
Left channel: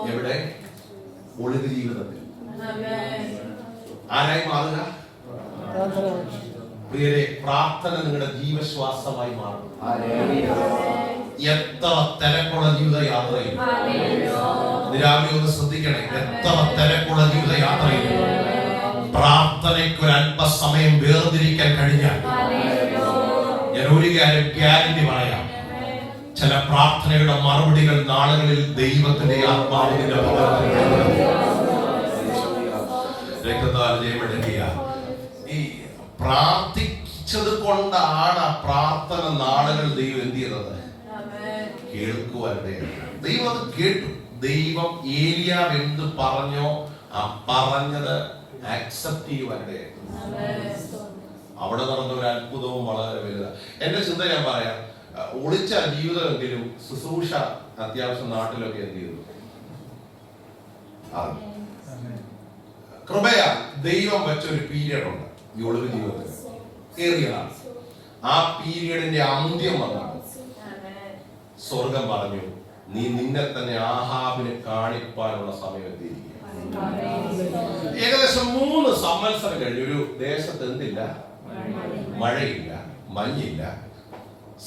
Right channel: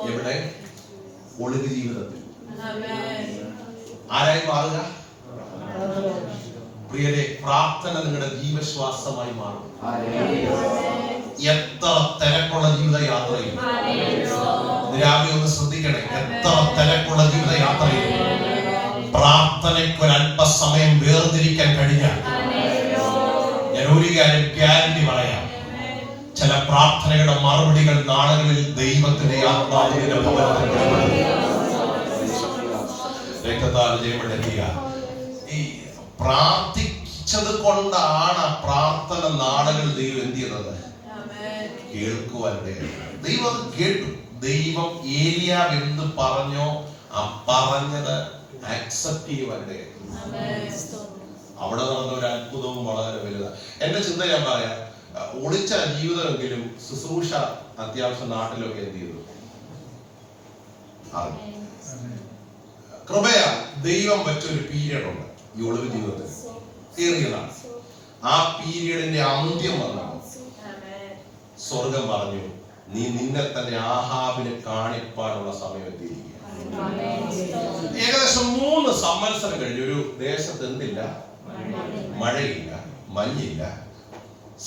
എവിടെ? ഒളിവ് ജീവിതത്തിൽ. ആരായി മാറുക? പ്രിയരെ, പ്രാർത്ഥന നിങ്ങളുടെ ജീവശ്വാസമായി മാറും. എത്ര തിരക്കുള്ള ജീവിതയാത്രയിൽ രാവിലെ ഒന്ന് ശ്രദ്ധിക്കണേ, എത്ര തിരക്കുള്ള ജീവിതയാത്രയിൽ പ്രാർത്ഥനയ്ക്ക് ഒരു അല്പസമയം വേർതിരിക്കാൻ കഴിഞ്ഞാൽ ഞാൻ ഒരു കാര്യം ഗ്യാരണ്ടി പറയാം, ചില പ്രാർത്ഥനയുടെ മറുപടികൾ നാളുകളിൽ ദൈവത്തിന്റെ ആത്മാവിന്റെ രക്തത്താൽ ജയമെടുക്കുക. ഈ പ്രാർത്ഥിച്ചത് കൊണ്ടാണ് ആ പ്രാർത്ഥന നാളുകൾ ദൈവം എന്ത് ചെയ്യുന്നത്? കേൾക്കുവാനിടെ ദൈവം അത് കേട്ടു. ദൈവം ഏലിയാവ് എന്ത് പറഞ്ഞോ ആ പറഞ്ഞത് ആക്സെപ്റ്റ് ചെയ്യുവാനിടെ അവിടെ നടന്ന ഒരു അത്ഭുതവും വളരെ വലുതാണ്. എന്റെ ചിന്ത ഞാൻ പറയാം, ഒളിച്ച ജീവിതമെങ്കിലും ശുശ്രൂഷ അത്യാവശ്യം നാട്ടിലൊക്കെ എന്ത് ചെയ്തു? കൃപയാ ദൈവം വെച്ചൊരു പീരിയഡ് ഉണ്ട് ഈ ഒളിവ് ജീവിതത്തിൽ, ഏറിയതാണ്. ആ പീരിയഡിന്റെ അന്ത്യം വന്നപ്പോൾ സ്വർഗം പറഞ്ഞു, നീ നിന്നെ തന്നെ ആഹാബിനെ കാണിപ്പാനുള്ള സമയം എത്തിയിരിക്കുക. ഏകദേശം 3 സംവത്സരം കഴിഞ്ഞ് ഒരു ദേശത്ത് എന്തില്ല? മഴയില്ല, മഞ്ഞില്ല,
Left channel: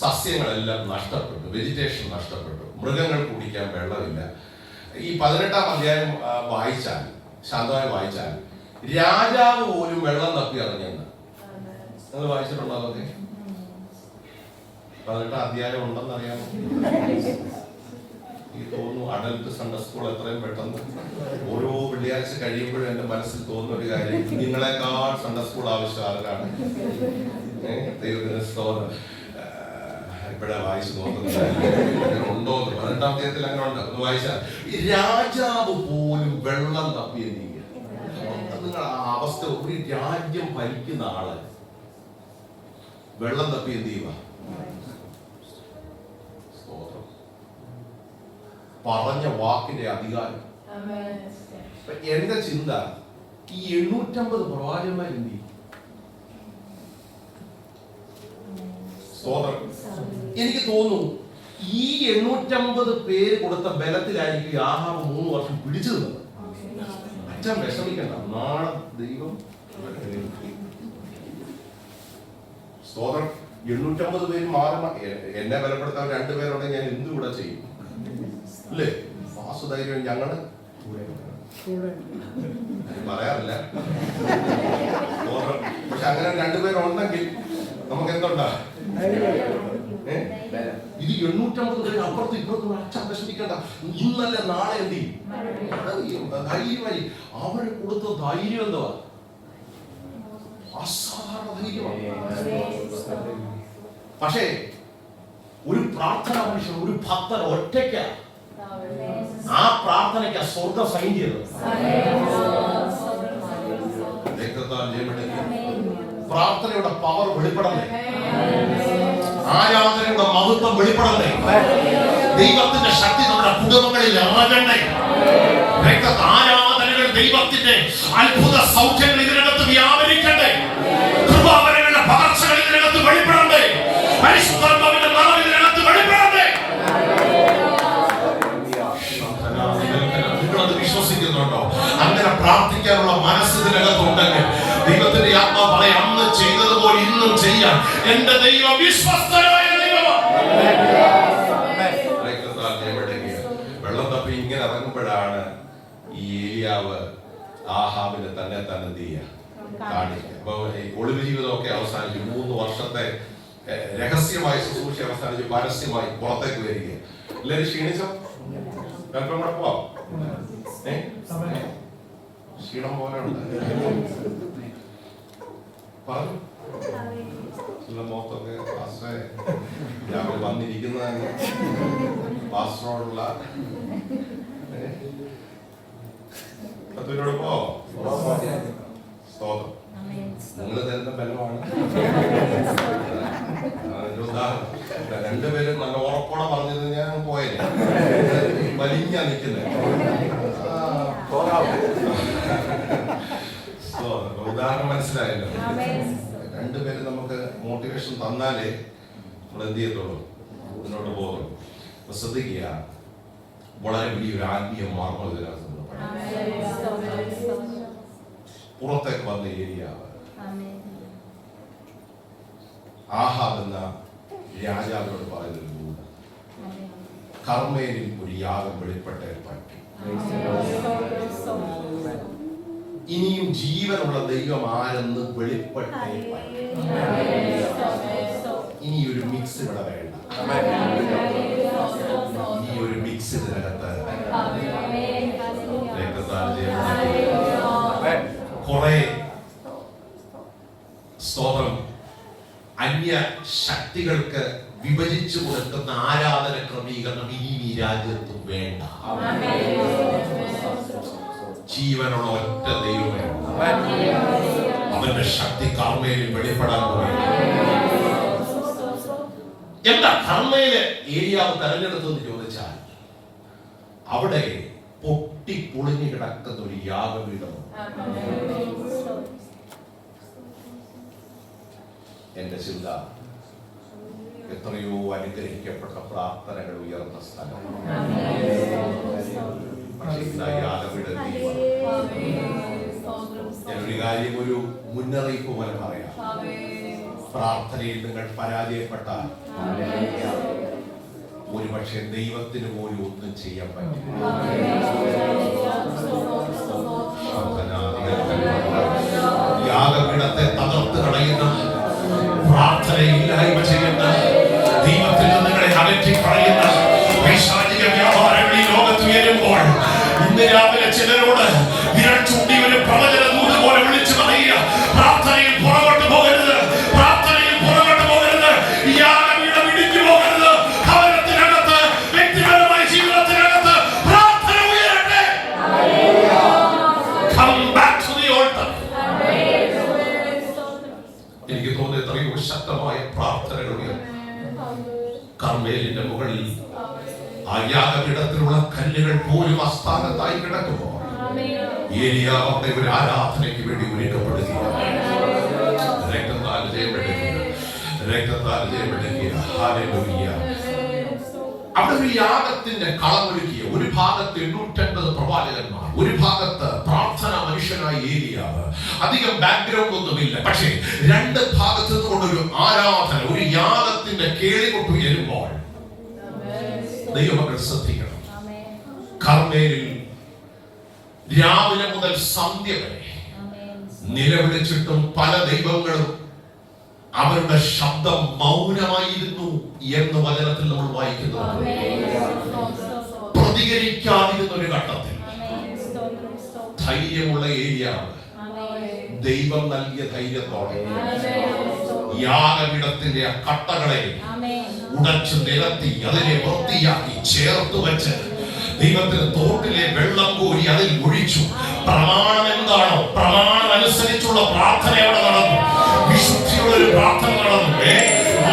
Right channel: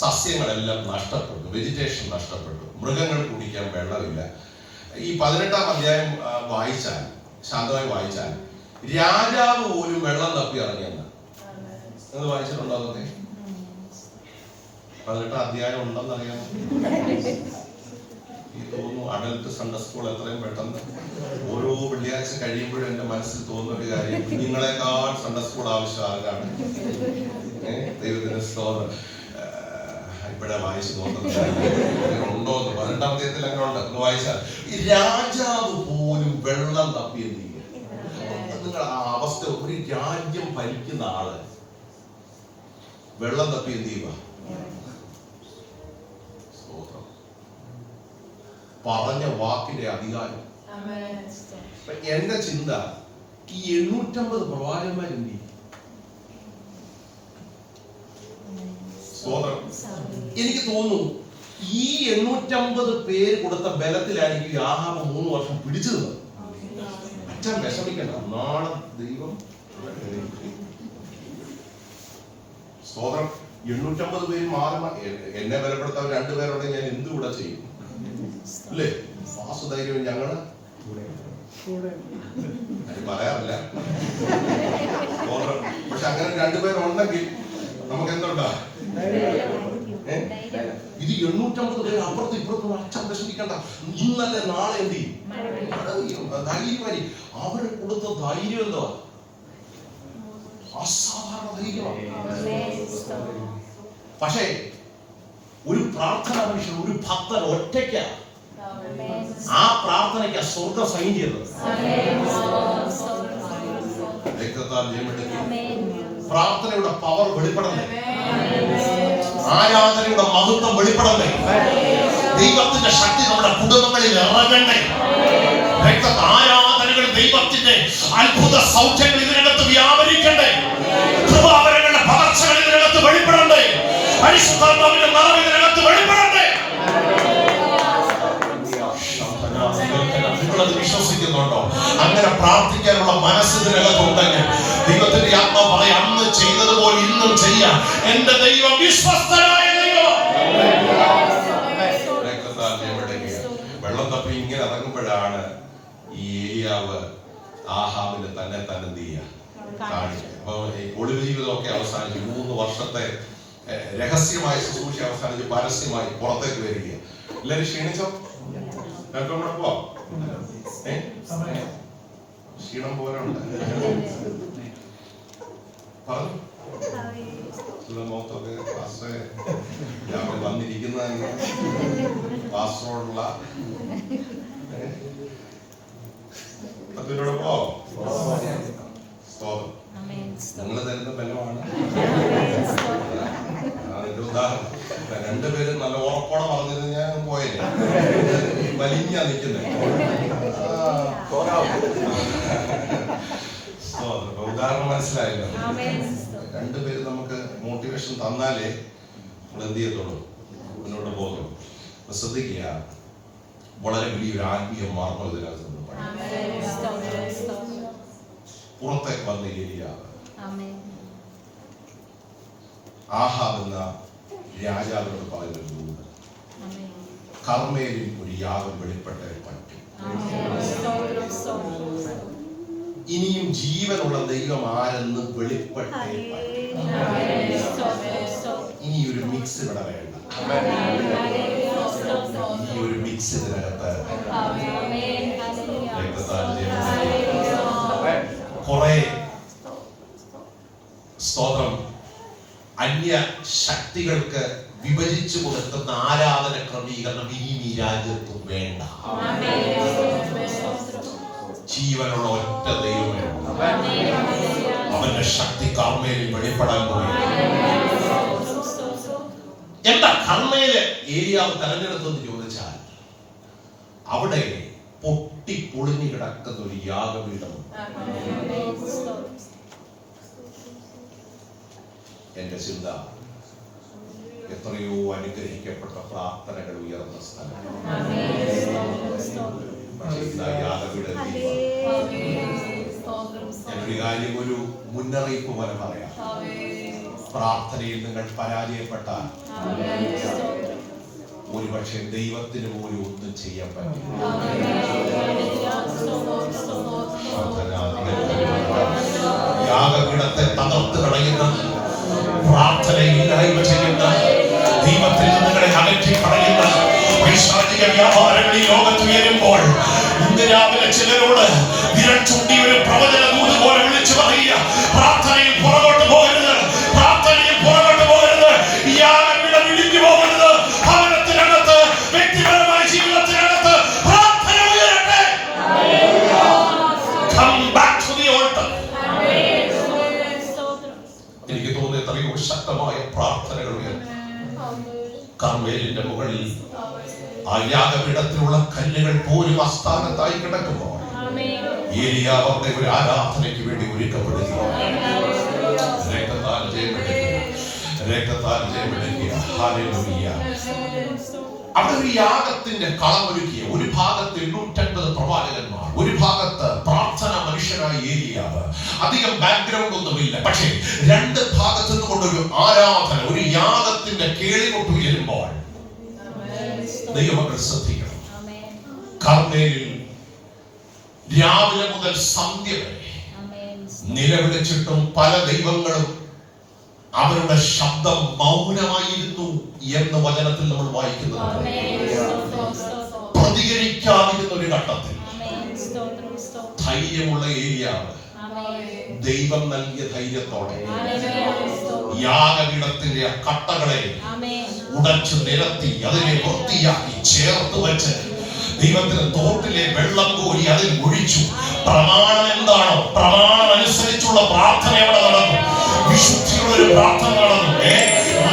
സസ്യങ്ങളെല്ലാം നഷ്ടപ്പെട്ടു, വെജിറ്റേഷൻ നഷ്ടപ്പെട്ടു, മൃഗങ്ങൾ കുടിക്കാൻ വെള്ളമില്ല. ഈ 18-ാം അധ്യായം വായിച്ചാൽ, ശാന്തമായി വായിച്ചാൽ, രാജാവ് പോലും വെള്ളം തപ്പി ഇറങ്ങിയെന്ന് നിങ്ങൾ വായിച്ചിട്ടുണ്ടോ? അതൊക്കെ 18-ാം അധ്യായം ഉണ്ടെന്നറിയാമോ? ഈ തോന്നുന്നു അഡൽട്ട് സൺഡേ സ്കൂൾ എത്രയും പെട്ടെന്ന് ഓരോ വെള്ളിയാഴ്ച കഴിയുമ്പോഴും എന്റെ മനസ്സിൽ തോന്നുന്ന ഒരു കാര്യം, നിങ്ങളെക്കാൾ സൺഡേ സ്കൂൾ ആവശ്യം ആരാണ്? ദൈവത്തിന് സ്തോത്രം. ഇപ്പോഴാ വായിച്ചു നോക്കുന്നത് ഉണ്ടോ? 18-ാം അധ്യായത്തിൽ അങ്ങനെ ഉണ്ട്, ഒന്ന് വായിച്ചാൽ. ഈ രാജാവ് പോലും വെള്ളം തപ്പി എന്ത് ചെയ്യുക? നിങ്ങൾ ആ അവസ്ഥ, ഒരു രാജ്യം ഭരിക്കുന്ന ആള് വെള്ളം തപ്പി എന്ത് ചെയ്യുക? പറഞ്ഞ വാക്കിന്റെ അധികാരം. എന്റെ ചിന്ത, ഈ 850 പ്രവാചകന്മാരെന്ത് ചെയ്യും? സ്തോത്രം. എനിക്ക് തോന്നുന്നു ഈ 850 പേര് കൊടുത്ത ബലത്തിലായിരിക്കും ആഹാബ് 3 വർഷം പിടിച്ചു നിന്നത്. അച്ഛൻ വിഷമിക്കണ്ട, നാളെ ദൈവം. സ്തോത്രം. 850 പേര് മാറി എന്നെ ബലപ്പെടുത്താൻ 2 പേരോടെ ഞാൻ എന്തുകൂടെ ചെയ്യും അല്ലേ? വാസുധൈര്യം ഞങ്ങള് പറയാറില്ല. പക്ഷെ അങ്ങനെ 2 പേരുണ്ടെങ്കിൽ നമുക്ക് എന്തുണ്ടാ? ഇത് 850 പേര് അപ്പുറത്തും ഇപ്പുറത്തും. അച്ഛൻ വിഷമിക്കണ്ട, ഇന്നല്ലേ നാളെ എന്ത് ചെയ്യും? ധൈര്യമായി. അവര് കൊടുത്ത ധൈര്യം എന്തുവാ? അസാധാരണ ധൈര്യമാണ്. പക്ഷേ ഒരു പ്രാർത്ഥന മനുഷ്യൻ, ഒരു ഭക്തൻ ഒറ്റയ്ക്ക ആ പ്രാർത്ഥനയ്ക്ക് സ്വർഗം സൈൻ ചെയ്തത്. പ്രാർത്ഥനയുടെ പവർ വെളിപ്പെടണ്ടേ? ആരാധനയുടെ മഹത്വം വെളിപ്പെടണ്ടേ? ദൈവത്തിന്റെ ശക്തി നമ്മുടെ കുടുംബങ്ങളിൽ ഇറങ്ങണ്ടേ? ആരാധനകൾ ദൈവത്തിന്റെ അത്ഭുത സൗഖ്യങ്ങൾ ഇതിനകത്ത് വ്യാപരിക്കണ്ടേ? കൃപാവരങ്ങളുടെ പകർച്ചകൾ ഇതിനകത്ത് വെളിപ്പെടണ്ടേ? പരിശുദ്ധാത്മാവിന്റെ നാമം ഇതിനകത്ത് വെളിപ്പെടണ്ടേ? നിങ്ങളത് വിശ്വസിക്കുന്നുണ്ടോ? അങ്ങനെ പ്രാർത്ഥിക്കാനുള്ള മനസ്സ് ഇതിനകത്തുണ്ടെങ്കിൽ ദൈവത്തിന്റെ ആത്മാവായ അന്ന് ചെയ്തതുപോലെ ഇന്നും ചെയ്യാം. എന്റെ ദൈവം വിശ്വസ്തനായ ദൈവമാണ്. വെള്ളം തപ്പി ഇങ്ങനെ ഇറങ്ങുമ്പോഴാണ് ഈ ഏലിയാവ് ആഹാബിനെ തന്നെ എന്ത് ചെയ്യുക കാണിക്കുക. അപ്പൊ ഒളിവ് ജീവിതമൊക്കെ അവസാനിച്ച് 3 വർഷത്തെ രഹസ്യമായ ശുശ്രൂഷ അവസാനിച്ച് പരസ്യമായി പുറത്തേക്ക് വരിക. എല്ലാവരും ക്ഷീണിച്ചോ? പോവാം. ക്ഷീണം പോലെ ഉണ്ട്. പറഞ്ഞു മുഖത്തൊക്കെ വന്നിരിക്കുന്ന പാസ്റ്ററോടുള്ള നിങ്ങൾ തരുന്ന ബലമാണ്. അതിന്റെ ഉദാഹരണം 2 പേരും നല്ല ഉറപ്പോടെ പറഞ്ഞത് ഞാൻ പോയല്ലേ, വലിഞ്ഞാ നിൽക്കുന്നത്. ഉദാഹരണം മനസ്സിലായല്ലോ. 2 പേരും നമുക്ക് മോട്ടിവേഷൻ തന്നാലേ നമ്മൾ എന്ത് ചെയ്യത്തുള്ളൂ, മുന്നോട്ട് പോകുന്നു. ശ്രദ്ധിക്കുക, വളരെ വലിയൊരു ആത്മീയ മാർഗം ഇതിനകത്ത് പുറത്തേക്ക് വന്ന ഏലിയാവ് ആഹാബ് എന്ന രാജാവിനോട് പറയുന്നു, കർമ്മേലിൽ ഒരു യാഗം വെളിപ്പെട്ടേ പറ്റി. ഇനിയും ജീവനുള്ള ദൈവം ആരെന്ന് വെളിപ്പെട്ടേ പറ്റി. ഇനി ഒരു മിക്സ് ഇവിടെ വേണ്ട. ഇനി ഒരു മിക്സ് ഇതിനകത്ത് കുറെ സ്തോത്രം അന്യ ശക്തികൾക്ക് വിഭജിച്ചു കൊടുക്കുന്ന ആരാധന ക്രമീകരണം ഇനി ഈ രാജ്യത്ത് വേണ്ട. ജീവനുള്ള ഒറ്റ ദൈവമേ, അവന്റെ ശക്തി കർമ്മേലിൽ വെളിപ്പെടാൻ പോയി. എന്താ കർമ്മേല് ഏലിയാവ് തെരഞ്ഞെടുത്തെന്ന് ചോദിച്ചാൽ, അവിടെ പൊട്ടി പൊളിഞ്ഞു കിടക്കുന്ന ഒരു യാഗപീഠം. എന്റെ ചിന്ത, എത്രയോ അനുഗ്രഹിക്കപ്പെട്ട പ്രാർത്ഥനകൾ ഉയർന്ന സ്ഥലം. ഞാനൊരു കാര്യം, ഒരു മുന്നറിയിപ്പ് പോലെ പറയാം. പ്രാർത്ഥനയിൽ നിങ്ങൾ പരാജയപ്പെട്ടാൽ ഒരുപക്ഷെ ദൈവത്തിന് പോലും ഒന്നും ചെയ്യാൻ പറ്റില്ല. യാഗപീഠത്തെ തകർത്ത് കളയുന്ന, പ്രാർത്ഥനയിൽ ഇല്ലായ്മ ചെയ്യുന്ന, ദൈവത്തിൽ നിങ്ങളെ അകറ്റി കളയുന്ന പൈശാചിക വ്യാപാരങ്ങൾ ഈ ലോകത്ത് ഉയരുമ്പോൾ ഇന്ന് രാവിലെ ചിലരോട് വിരൽ ചൂണ്ടി ഒരു പ്രവചന ദൂത് പോലെ വിളിച്ചു പറയുക, പ്രാർത്ഥനയിൽ പുറകോട്ട് പോകരുത്, പ്രാർത്ഥനയിൽ പുറകോട്ട് പോകരുത്, യാഗപീഠം ഇടിഞ്ഞു പോകരുത്. ഭവനത്തിനകത്ത്, വ്യക്തിപരമായ ജീവിതത്തിനകത്ത് പ്രാർത്ഥന ഉയരട്ടെ. Come back to the altar. എനിക്ക് തോന്നുന്നു എത്രയോ ശക്തമായ പ്രാർത്ഥനകൾ കർമ്മേലിന്റെ മുകളിൽ ആ യാഗപീഠത്തിലുള്ള കല്ലുകൾ പോലും അസ്ഥാനത്തായി കിടക്കുമ്പോൾ ഏലിയാവ് അവിടെ ഒരു ആരാധനയ്ക്ക് വേണ്ടി ഒരുക്കപ്പെടുകയാണ്. രക്തത്താൽ ജയമെടുക്കുക. ഹല്ലേലൂയ. അവിടെ ഒരു യാഗത്തിന്റെ കളമൊരുക്കിയ, ഒരു ഭാഗത്ത് 850 പ്രവാചകന്മാർ, ഒരു ഭാഗത്ത് പ്രാർത്ഥന മനുഷ്യനായ ഏലിയാവ്. അധികം ബാക്ക്ഗ്രൗണ്ട് ഒന്നുമില്ല, പക്ഷേ രണ്ട് ഭാഗത്ത് നിന്നുകൊണ്ടൊരു ആരാധന, ഒരു യാഗത്തിന്റെ കേളികൊട്ട് ഉയരുമ്പോൾ ദൈവമക്കൾ ശ്രദ്ധിക്കണം. കർമ്മേലിൽ രാവിലെ മുതൽ സന്ധ്യ വരെ നിലവിളിച്ചിട്ടും പല ദൈവങ്ങളും അവരുടെ ശബ്ദം മൗനമായിരുന്നു എന്ന് വചനത്തിൽ നമ്മൾ വായിക്കുന്നത്. പ്രതികരിക്കാതിരുന്ന ഒരു ഘട്ടത്തിൽ ധൈര്യമുള്ള ഏലിയാവ് ദൈവം നൽകിയ ധൈര്യത്തോടെ യാഗപീഠത്തിന്റെ കട്ടകളെ ഉടച്ചു നിരത്തി അതിനെ വൃത്തിയാക്കി ചേർത്ത് വെച്ച് ദൈവത്തിന് തോട്ടിലെ വെള്ളം കോരി അതിൽ ഒഴിച്ചു. പ്രമാണം എന്താണോ, പ്രമാണം അനുസരിച്ചുള്ള പ്രാർത്ഥന അവിടെ നടന്നു. വിശുദ്ധിയുള്ള ഒരു പ്രാർത്ഥന നടന്നു.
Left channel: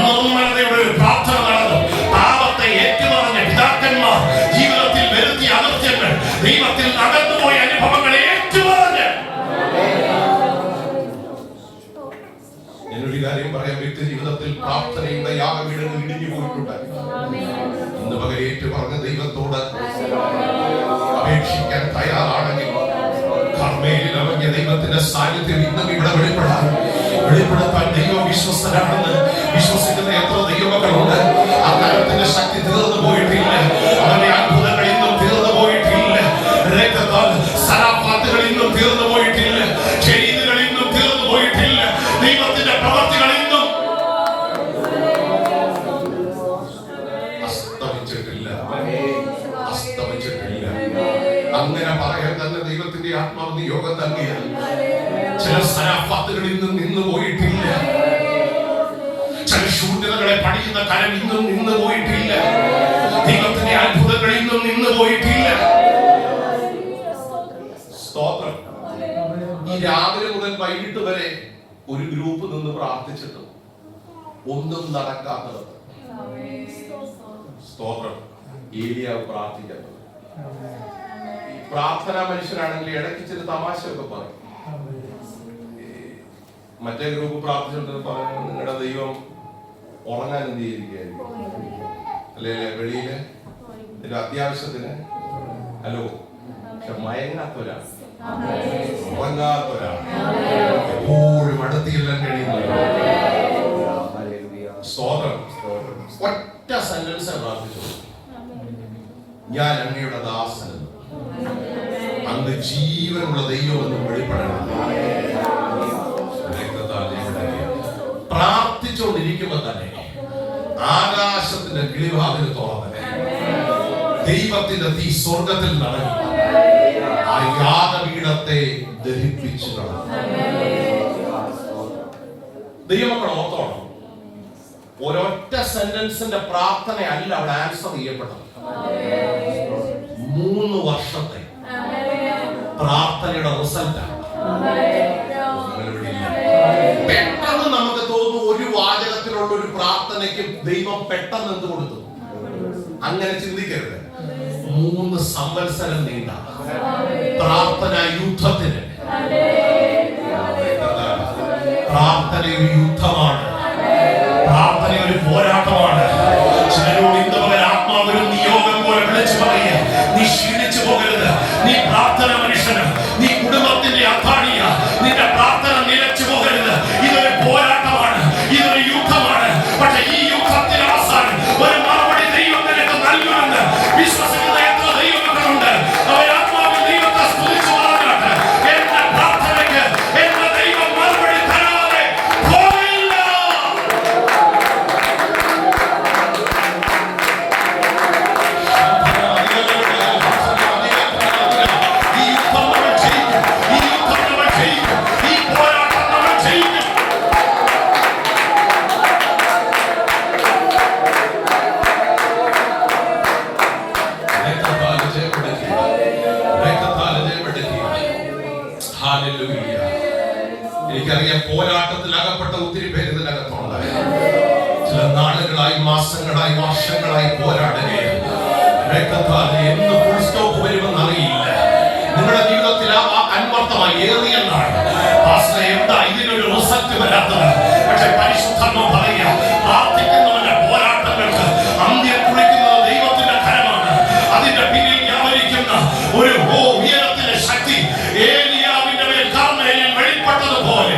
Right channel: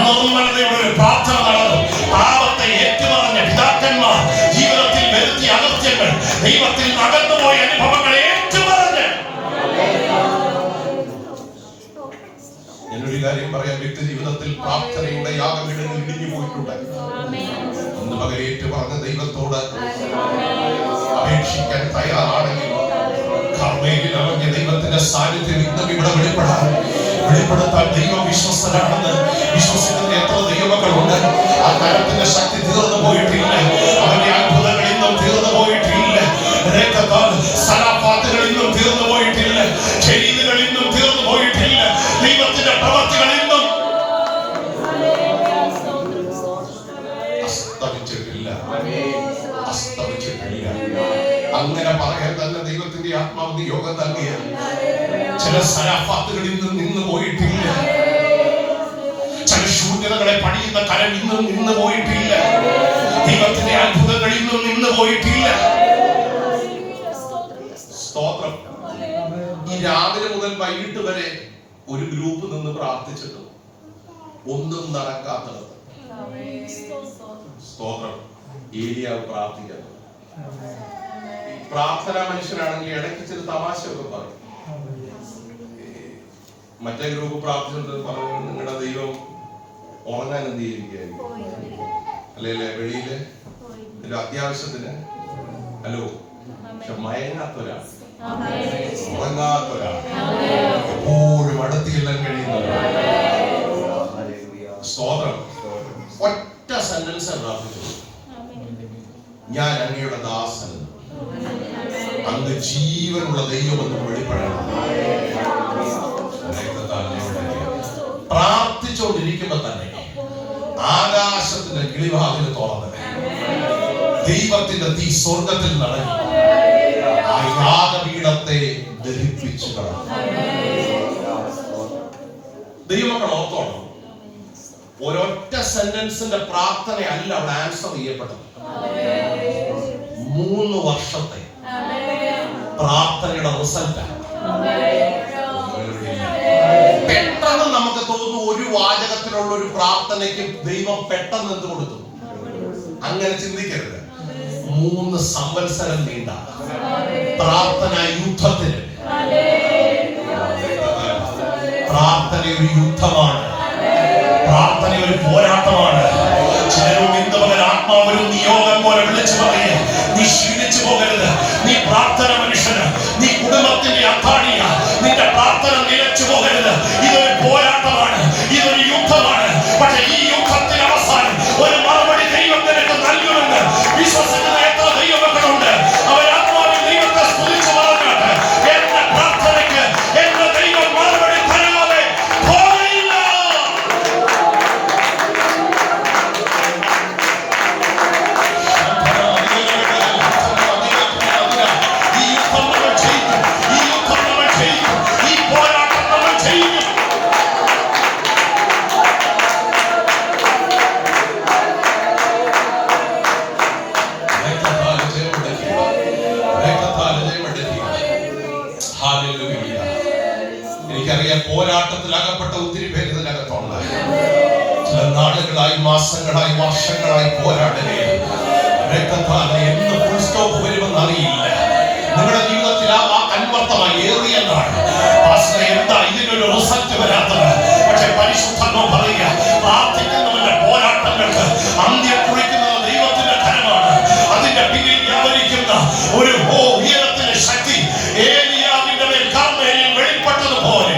നിർമ്മലതയുടെ ഒരു പ്രാർത്ഥന നടന്നു. പാപത്തെ ഏറ്റുപറഞ്ഞ പിതാക്കന്മാർ ജീവിതത്തിൽ വരുത്തിയ അകൃത്യങ്ങൾ, ദൈവത്തിൽ അകന്നുപോയ അനുഭവങ്ങളെ ഏറ്റുപറഞ്ഞ്. എന്നൊരു കാര്യം പറയാം, വ്യക്തി ജീവിതത്തിൽ പ്രാർത്ഥനയുടെ യാഗപീഠങ്ങൾ ഇടിഞ്ഞു പോയിട്ടുണ്ട്. ഇന്ന് പകരം ഏറ്റുപറഞ്ഞ ദൈവത്തോട് അപേക്ഷിക്കാൻ തയ്യാറാണെങ്കിൽ കർമ്മേലിൽ ഇറങ്ങിയ ദൈവത്തിന്റെ സാന്നിധ്യം ഇന്നും ഇവിടെ വെളിപ്പെടുത്താൻ ദൈവം വിശ്വസ്തനാണെന്ന് വിശ്വസിക്കുന്ന എത്ര ദൈവമക്കളുണ്ട്. ആ കരത്തിന്റെ ശക്തി തീർന്നു പോയിട്ടില്ല. അവന്റെ അത്ഭുതങ്ങൾ ഇന്നും തീർന്നു പോയിട്ടില്ല. സലാഫാത്തുകൾ ഇന്നും തീർന്നു പോയിട്ടില്ല. ചെയ്തുകൾ ഇന്നും തീർന്നു പോയിട്ടില്ല. ദൈവത്തിന്റെ പ്രവർത്തികൾ ഇന്നും അസ്തമിച്ചിട്ടില്ല. അങ്ങനെ പറയാൻ തന്നെ ദൈവത്തിന്റെ ആത്മാവ് നിയോഗം നൽകിയ ചില സലാഫാത്തുകൾ ഇന്നും നിന്നു പോയിട്ടില്ല. ചില ശൂന്യതകളെ പണിയുന്ന കരം ഇന്നും നിന്നു പോയിട്ടില്ല. ദൈവത്തിന്റെ അത്ഭുതങ്ങൾ ഇന്നും നിന്നു പോയിട്ടില്ല. സ്തോത്രം. ഈ രാവിലെ മുതൽ വൈകിട്ട് വരെ ഒരു ഗ്രൂപ്പ് നിന്ന് പ്രാർത്ഥിച്ചിട്ടും ഒന്നും നടക്കാത്തത്. സ്തോത്രം. ഏലിയാവ് പ്രാർത്ഥിക്കുന്നത്. പ്രാർത്ഥനാ മനുഷ്യനാണെങ്കിൽ ഇടയ്ക്ക് ചില തമാശയൊക്കെ പറയും. മറ്റേ ഗ്രൂപ്പ് പ്രാർത്ഥിച്ചിട്ട് പറയുന്നത് നിങ്ങളുടെ ദൈവം ഉറങ്ങാൻ എന്ത് ചെയ്തിരിക്കുകയായിരിക്കും, അല്ലെ വെളിയില് ഒരു അത്യാവശ്യത്തിന്. ഹലോ, പക്ഷെ മയങ്ങാത്തൊരാൾ, എപ്പോഴും അടുത്തില്ലാൻ കഴിയുന്നവരാ. സ്തോത്രം. ഒറ്റ സെന്റൻസ് പ്രാർത്ഥിച്ചു, ഞാൻ അങ്ങയുടെ ദാസൻ, അങ്ങ് ജീവനുള്ള ദൈവമെന്ന് വെളിപ്പെടണം. പ്രാർത്ഥിച്ചുകൊണ്ടിരിക്കുമ്പോ തന്നെ ആകാശത്തിന്റെ കിളിവാതിൽ തുറന്നത് ദൈവത്തിന്റെ തീ സ്വർഗത്തിൽ നടന്നു ആ യാഗപീഠത്തെ ദഹിപ്പിച്ചു കളഞ്ഞു. ദൈവമക്കൾ ഓർത്തോണം, ഒരൊറ്റ സെന്റൻസിന്റെ പ്രാർത്ഥനയല്ല അവിടെ ആൻസർ ചെയ്യപ്പെട്ടത്. 3 വർഷത്തെ പ്രാർത്ഥനയുടെ റിസൾട്ടാണ്. പെട്ടെന്ന് നമുക്ക് തോന്നുന്നു ഒരു വാചകത്തിലുള്ള ഒരു പ്രാർത്ഥനയ്ക്ക് ദൈവം പെട്ടെന്ന് എന്ത് കൊടുത്തു. അങ്ങനെ ചിന്തിക്കരുത്. 3 സംവത്സരം നീണ്ട പ്രാർത്ഥന യുദ്ധത്തിന്. പ്രാർത്ഥന ഒരു യുദ്ധമാണ്. പ്രാർത്ഥന ഒരു പോരാട്ടമാണ്. ചിലരോട് ഇന്നവരെ ആത്മാവിനും നിയോഗം പോലെ വിളിച്ചു പറയുക, നീ ക്ഷീണിച്ചു പോകരുത്. നീ പ്രാർത്ഥന മനുഷ്യന്, നീ കുടുംബത്തിന്റെ അത്താണിയ, നിന്റെ പ്രാർത്ഥന നിലച്ചു പോകരുത്. ഇതൊരു പോരാട്ടമാണ്, ഇതൊരു യുദ്ധമാണ്. പക്ഷെ ഈ യുദ്ധത്തിന് അവസാനം ഒരു മറുപടി ദൈവം നിനക്ക് നൽകുമെന്ന് വിശ്വസിക്കുന്ന എത്ര ദൈവമക്കളുണ്ട്. അവരാത്മാവിൽ ദൈവത്തെ സ്തുതിച്ചു പറഞ്ഞാട്ട് എന്റെ പ്രാർത്ഥനയ്ക്ക് എന്റെ ദൈവം മറുപടി തരാതെ പോയില്ല. എനിക്കറിയാം, പോരാട്ടത്തിൽ അകപ്പെട്ട ഒത്തിരി പേര് ഇതിനകത്തുണ്ട്. ചില നാളുകളായി, മാസങ്ങളായി, വർഷങ്ങളായി പോരാടുകയാണ്. രക്തത്താൽ എന്ന് ഫുൾ സ്റ്റോപ്പ് വരുമെന്ന് അറിയില്ല. നിങ്ങളുടെ ജീവിതത്തിൽ ആ ധൃതി എന്നാണ്. പാസ്റ്ററെ, എന്താ ഇതിനൊരു റിസൾട്ട് വരാത്തത്? പക്ഷേ പരിശുദ്ധാത്മാവ് പറയുക, പ്രാർത്ഥിക്കുന്നവന്റെ പോരാട്ടങ്ങൾക്ക് അന്ത്യം കുറിക്കുന്നത് ദൈവത്തിന്റെ കരമാണ്. അതിന്റെ പിന്നിൽ വ്യാപരിക്കുന്ന ഒരു ഉയരത്തിന്റെ ശക്തി ഏലിയാവിന്റെ മേൽ കർമ്മേലിൽ വെളിപ്പെട്ടതുപോലെ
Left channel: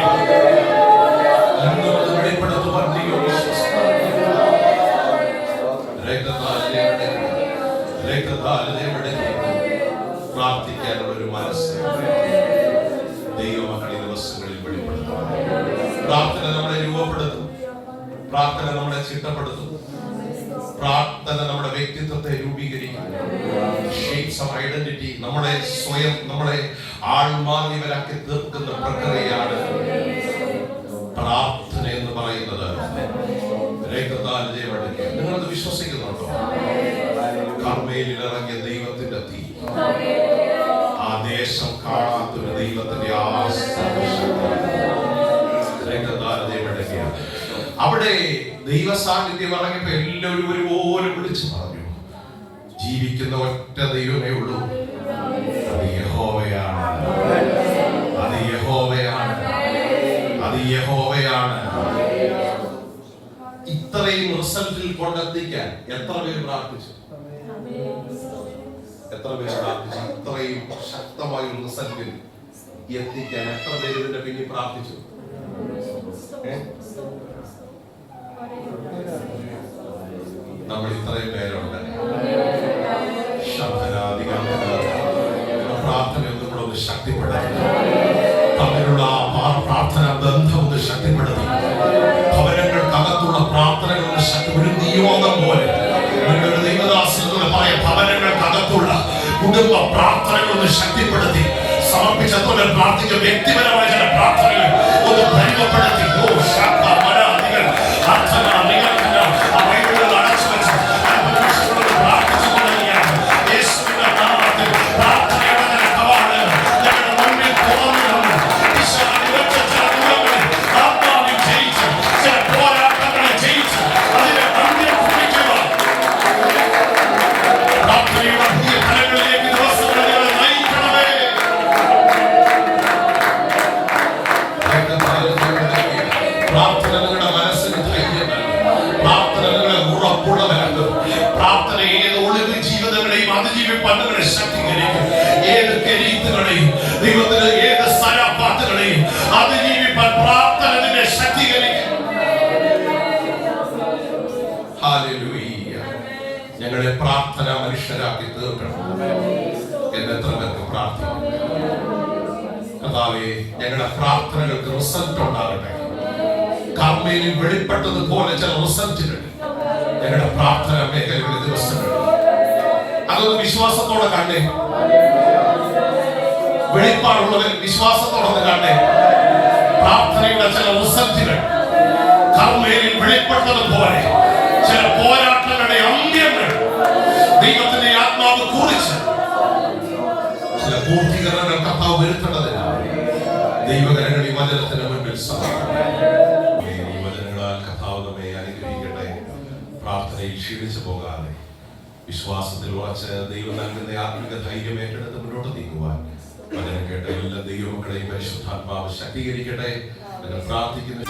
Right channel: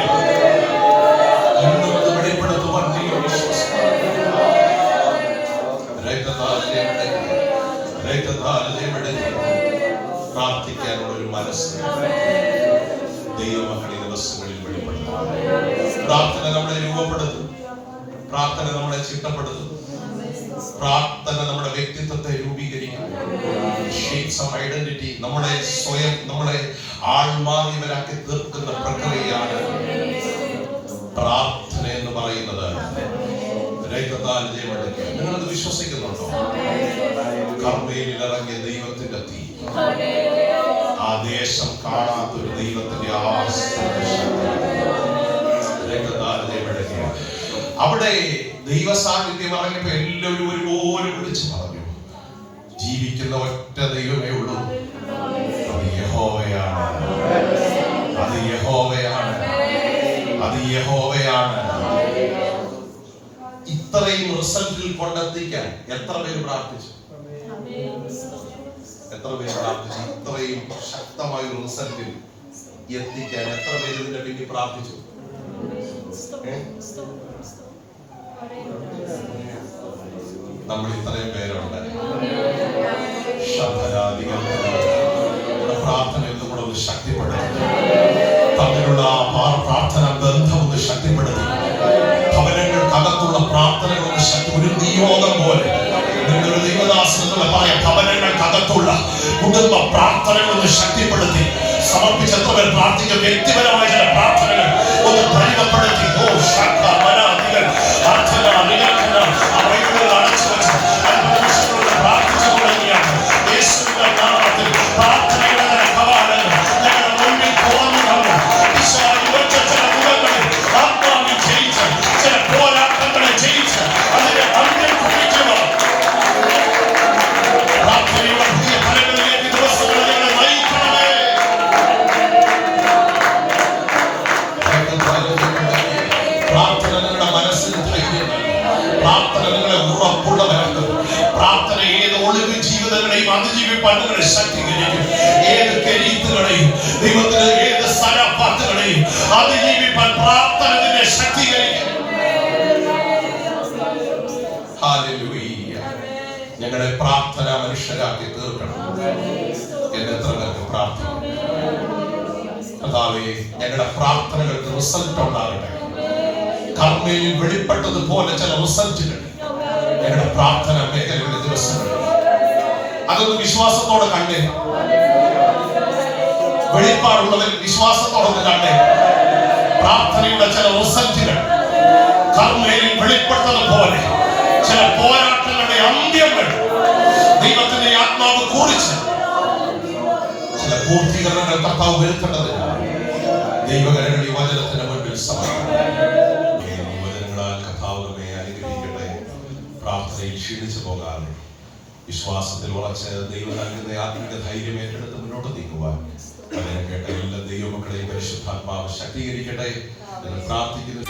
വെളിപ്പെടുത്തുവാൻ ദൈവം പ്രാർത്ഥിക്കാനുള്ള ഒരു മനസ്സ് ദൈവമക്കളെ ദിവസങ്ങളിൽ വെളിപ്പെടുത്തും. പ്രാർത്ഥന നമ്മളെ രൂപപ്പെടുത്തും. പ്രാർത്ഥന നമ്മളെ ചിട്ടപ്പെടുത്തും. പ്രാർത്ഥന നമ്മുടെ വ്യക്തിത്വത്തെ രൂപീകരിക്കും. ഷേപ്സ് ഓഫ് ഐഡന്റിറ്റി, നമ്മളെ സ്വയം നമ്മളെ ആൾമാറിയവരാക്കി തീർക്കുന്ന പ്രക്രിയയാണ് പ്രാർത്ഥന എന്ന് പറയുന്നത്. നിങ്ങളത് വിശ്വസിക്കുന്നുണ്ടോ? കർമ്മേലിൽ ഇറങ്ങിയ ദൈവത്തിന്റെ തീ, ആ ദേശം കാണാത്തൊരു ദൈവത്തിന്റെ അവിടെ ദൈവ സാന്നിധ്യം ഇറങ്ങിയപ്പോ എല്ലാവരും ഒരുപോലെ വിളിച്ചു പറഞ്ഞു, ജീവിക്കുന്ന ഒറ്റ ദൈവമേ ഉള്ളൂ, അത് യഹോവയാണ്, അത് യഹോവയാണ്, അത് യഹോവയാണ്. ഇത്രയും റിസൾട്ടിൽ കൊണ്ടെത്തിക്കാൻ എത്ര പേര് പ്രാർത്ഥിച്ചു? എത്ര പേര് പ്രാർത്ഥിച്ചു? ഇത്രയും ശക്തമായ ഒരു റിസൾട്ടിൽ എത്തിക്കാൻ എത്ര പേര് ഇതിന്റെ പിന്നിൽ പ്രാർത്ഥിച്ചു? നമ്മൾ ഇത്രയും പേരുണ്ട്. പ്രാർത്ഥന എന്തുകൂടെ ഒന്ന് ശക്തിപ്പെടുത്തുക. തമ്മിലുള്ള ആ പ്രാർത്ഥന ബന്ധം ഒന്ന് ശക്തിപ്പെടുത്തുക. ഭവനങ്ങൾക്കകത്തുള്ള പ്രാർത്ഥനകളൊന്ന് ശക്തി, ഒരു നിയോഗം പോലെ നിങ്ങളുടെ ദൈവദാസനോട് പറയാം, ഭവനങ്ങൾക്കകത്തുള്ള കുടുംബ പ്രാർത്ഥനകളൊന്ന് ശക്തിപ്പെടുത്തി സമർപ്പിച്ചവർ പ്രാർത്ഥിക്കുക. വ്യക്തിപരമായ ചില പ്രാർത്ഥനകൾ ഒന്ന് പരിമപ്പെടുത്തി ശക്തീകരിക്കും. ഏത് കരീത്തുകളെയും ദൈവത്തിന് ഏത് സ്ഥലപ്പാത്തുകളെയും അതിജീവിപ്പാൻ പ്രാർത്ഥന നിന്നെ ശക്തീകരിക്കും. ഹല്ലേലൂയ. ഞങ്ങളെ പ്രാർത്ഥന മനുഷ്യരാക്കി തീർക്കണം എന്ന് എത്ര പേർക്ക് പ്രാർത്ഥിക്കും? കർത്താവേ, ഞങ്ങളുടെ പ്രാർത്ഥനകൾക്ക് റിസൾട്ട് ഉണ്ടാകട്ടെ. കർമ്മയിൽ വെളിപ്പെട്ടതുപോലെ ചില റിസൾട്ടുകൾ ഞങ്ങളുടെ പ്രാർത്ഥന മേഖലയുടെ ദിവസങ്ങൾ അതൊന്ന് വിശ്വാസത്തോടെ കണ്ടേ. വെളിപ്പാടുള്ളവർ വിശ്വാസത്തോടെ കണ്ടേ. പ്രാർത്ഥനയുടെ ചില റിസൾട്ടുകൾ കർമ്മയിൽ വെളിപ്പെട്ടതുപോലെ ചില പോരാട്ടങ്ങളുടെ അന്ത്യങ്ങൾ ദൈവത്തിന്റെ ആത്മാവ് കുറിച്ച് ചില പൂർത്തീകരണങ്ങൾ കർത്താവ് വരുത്തേണ്ടതിന് ദൈവകരങ്ങൾ ഈ വചനത്തിന് മുൻപിൽ വചനങ്ങളാൽ കർത്താവ് നമ്മെ അനുഗ്രഹിക്കട്ടെ. പ്രാർത്ഥനയിൽ ക്ഷീണിച്ചു പോകാതെ വിശ്വാസത്തിൽ ഉറച്ച് ദൈവം നൽകുന്ന ആത്മിക ധൈര്യം ഏറ്റെടുത്ത് മുന്നോട്ട് നീക്കുവാൻ വചനം കേട്ട എല്ലാ ദൈവമക്കളെയും പരിശുദ്ധാത്മാവ് ശക്തീകരിക്കട്ടെ എന്ന് പ്രാർത്ഥിക്കുന്നു.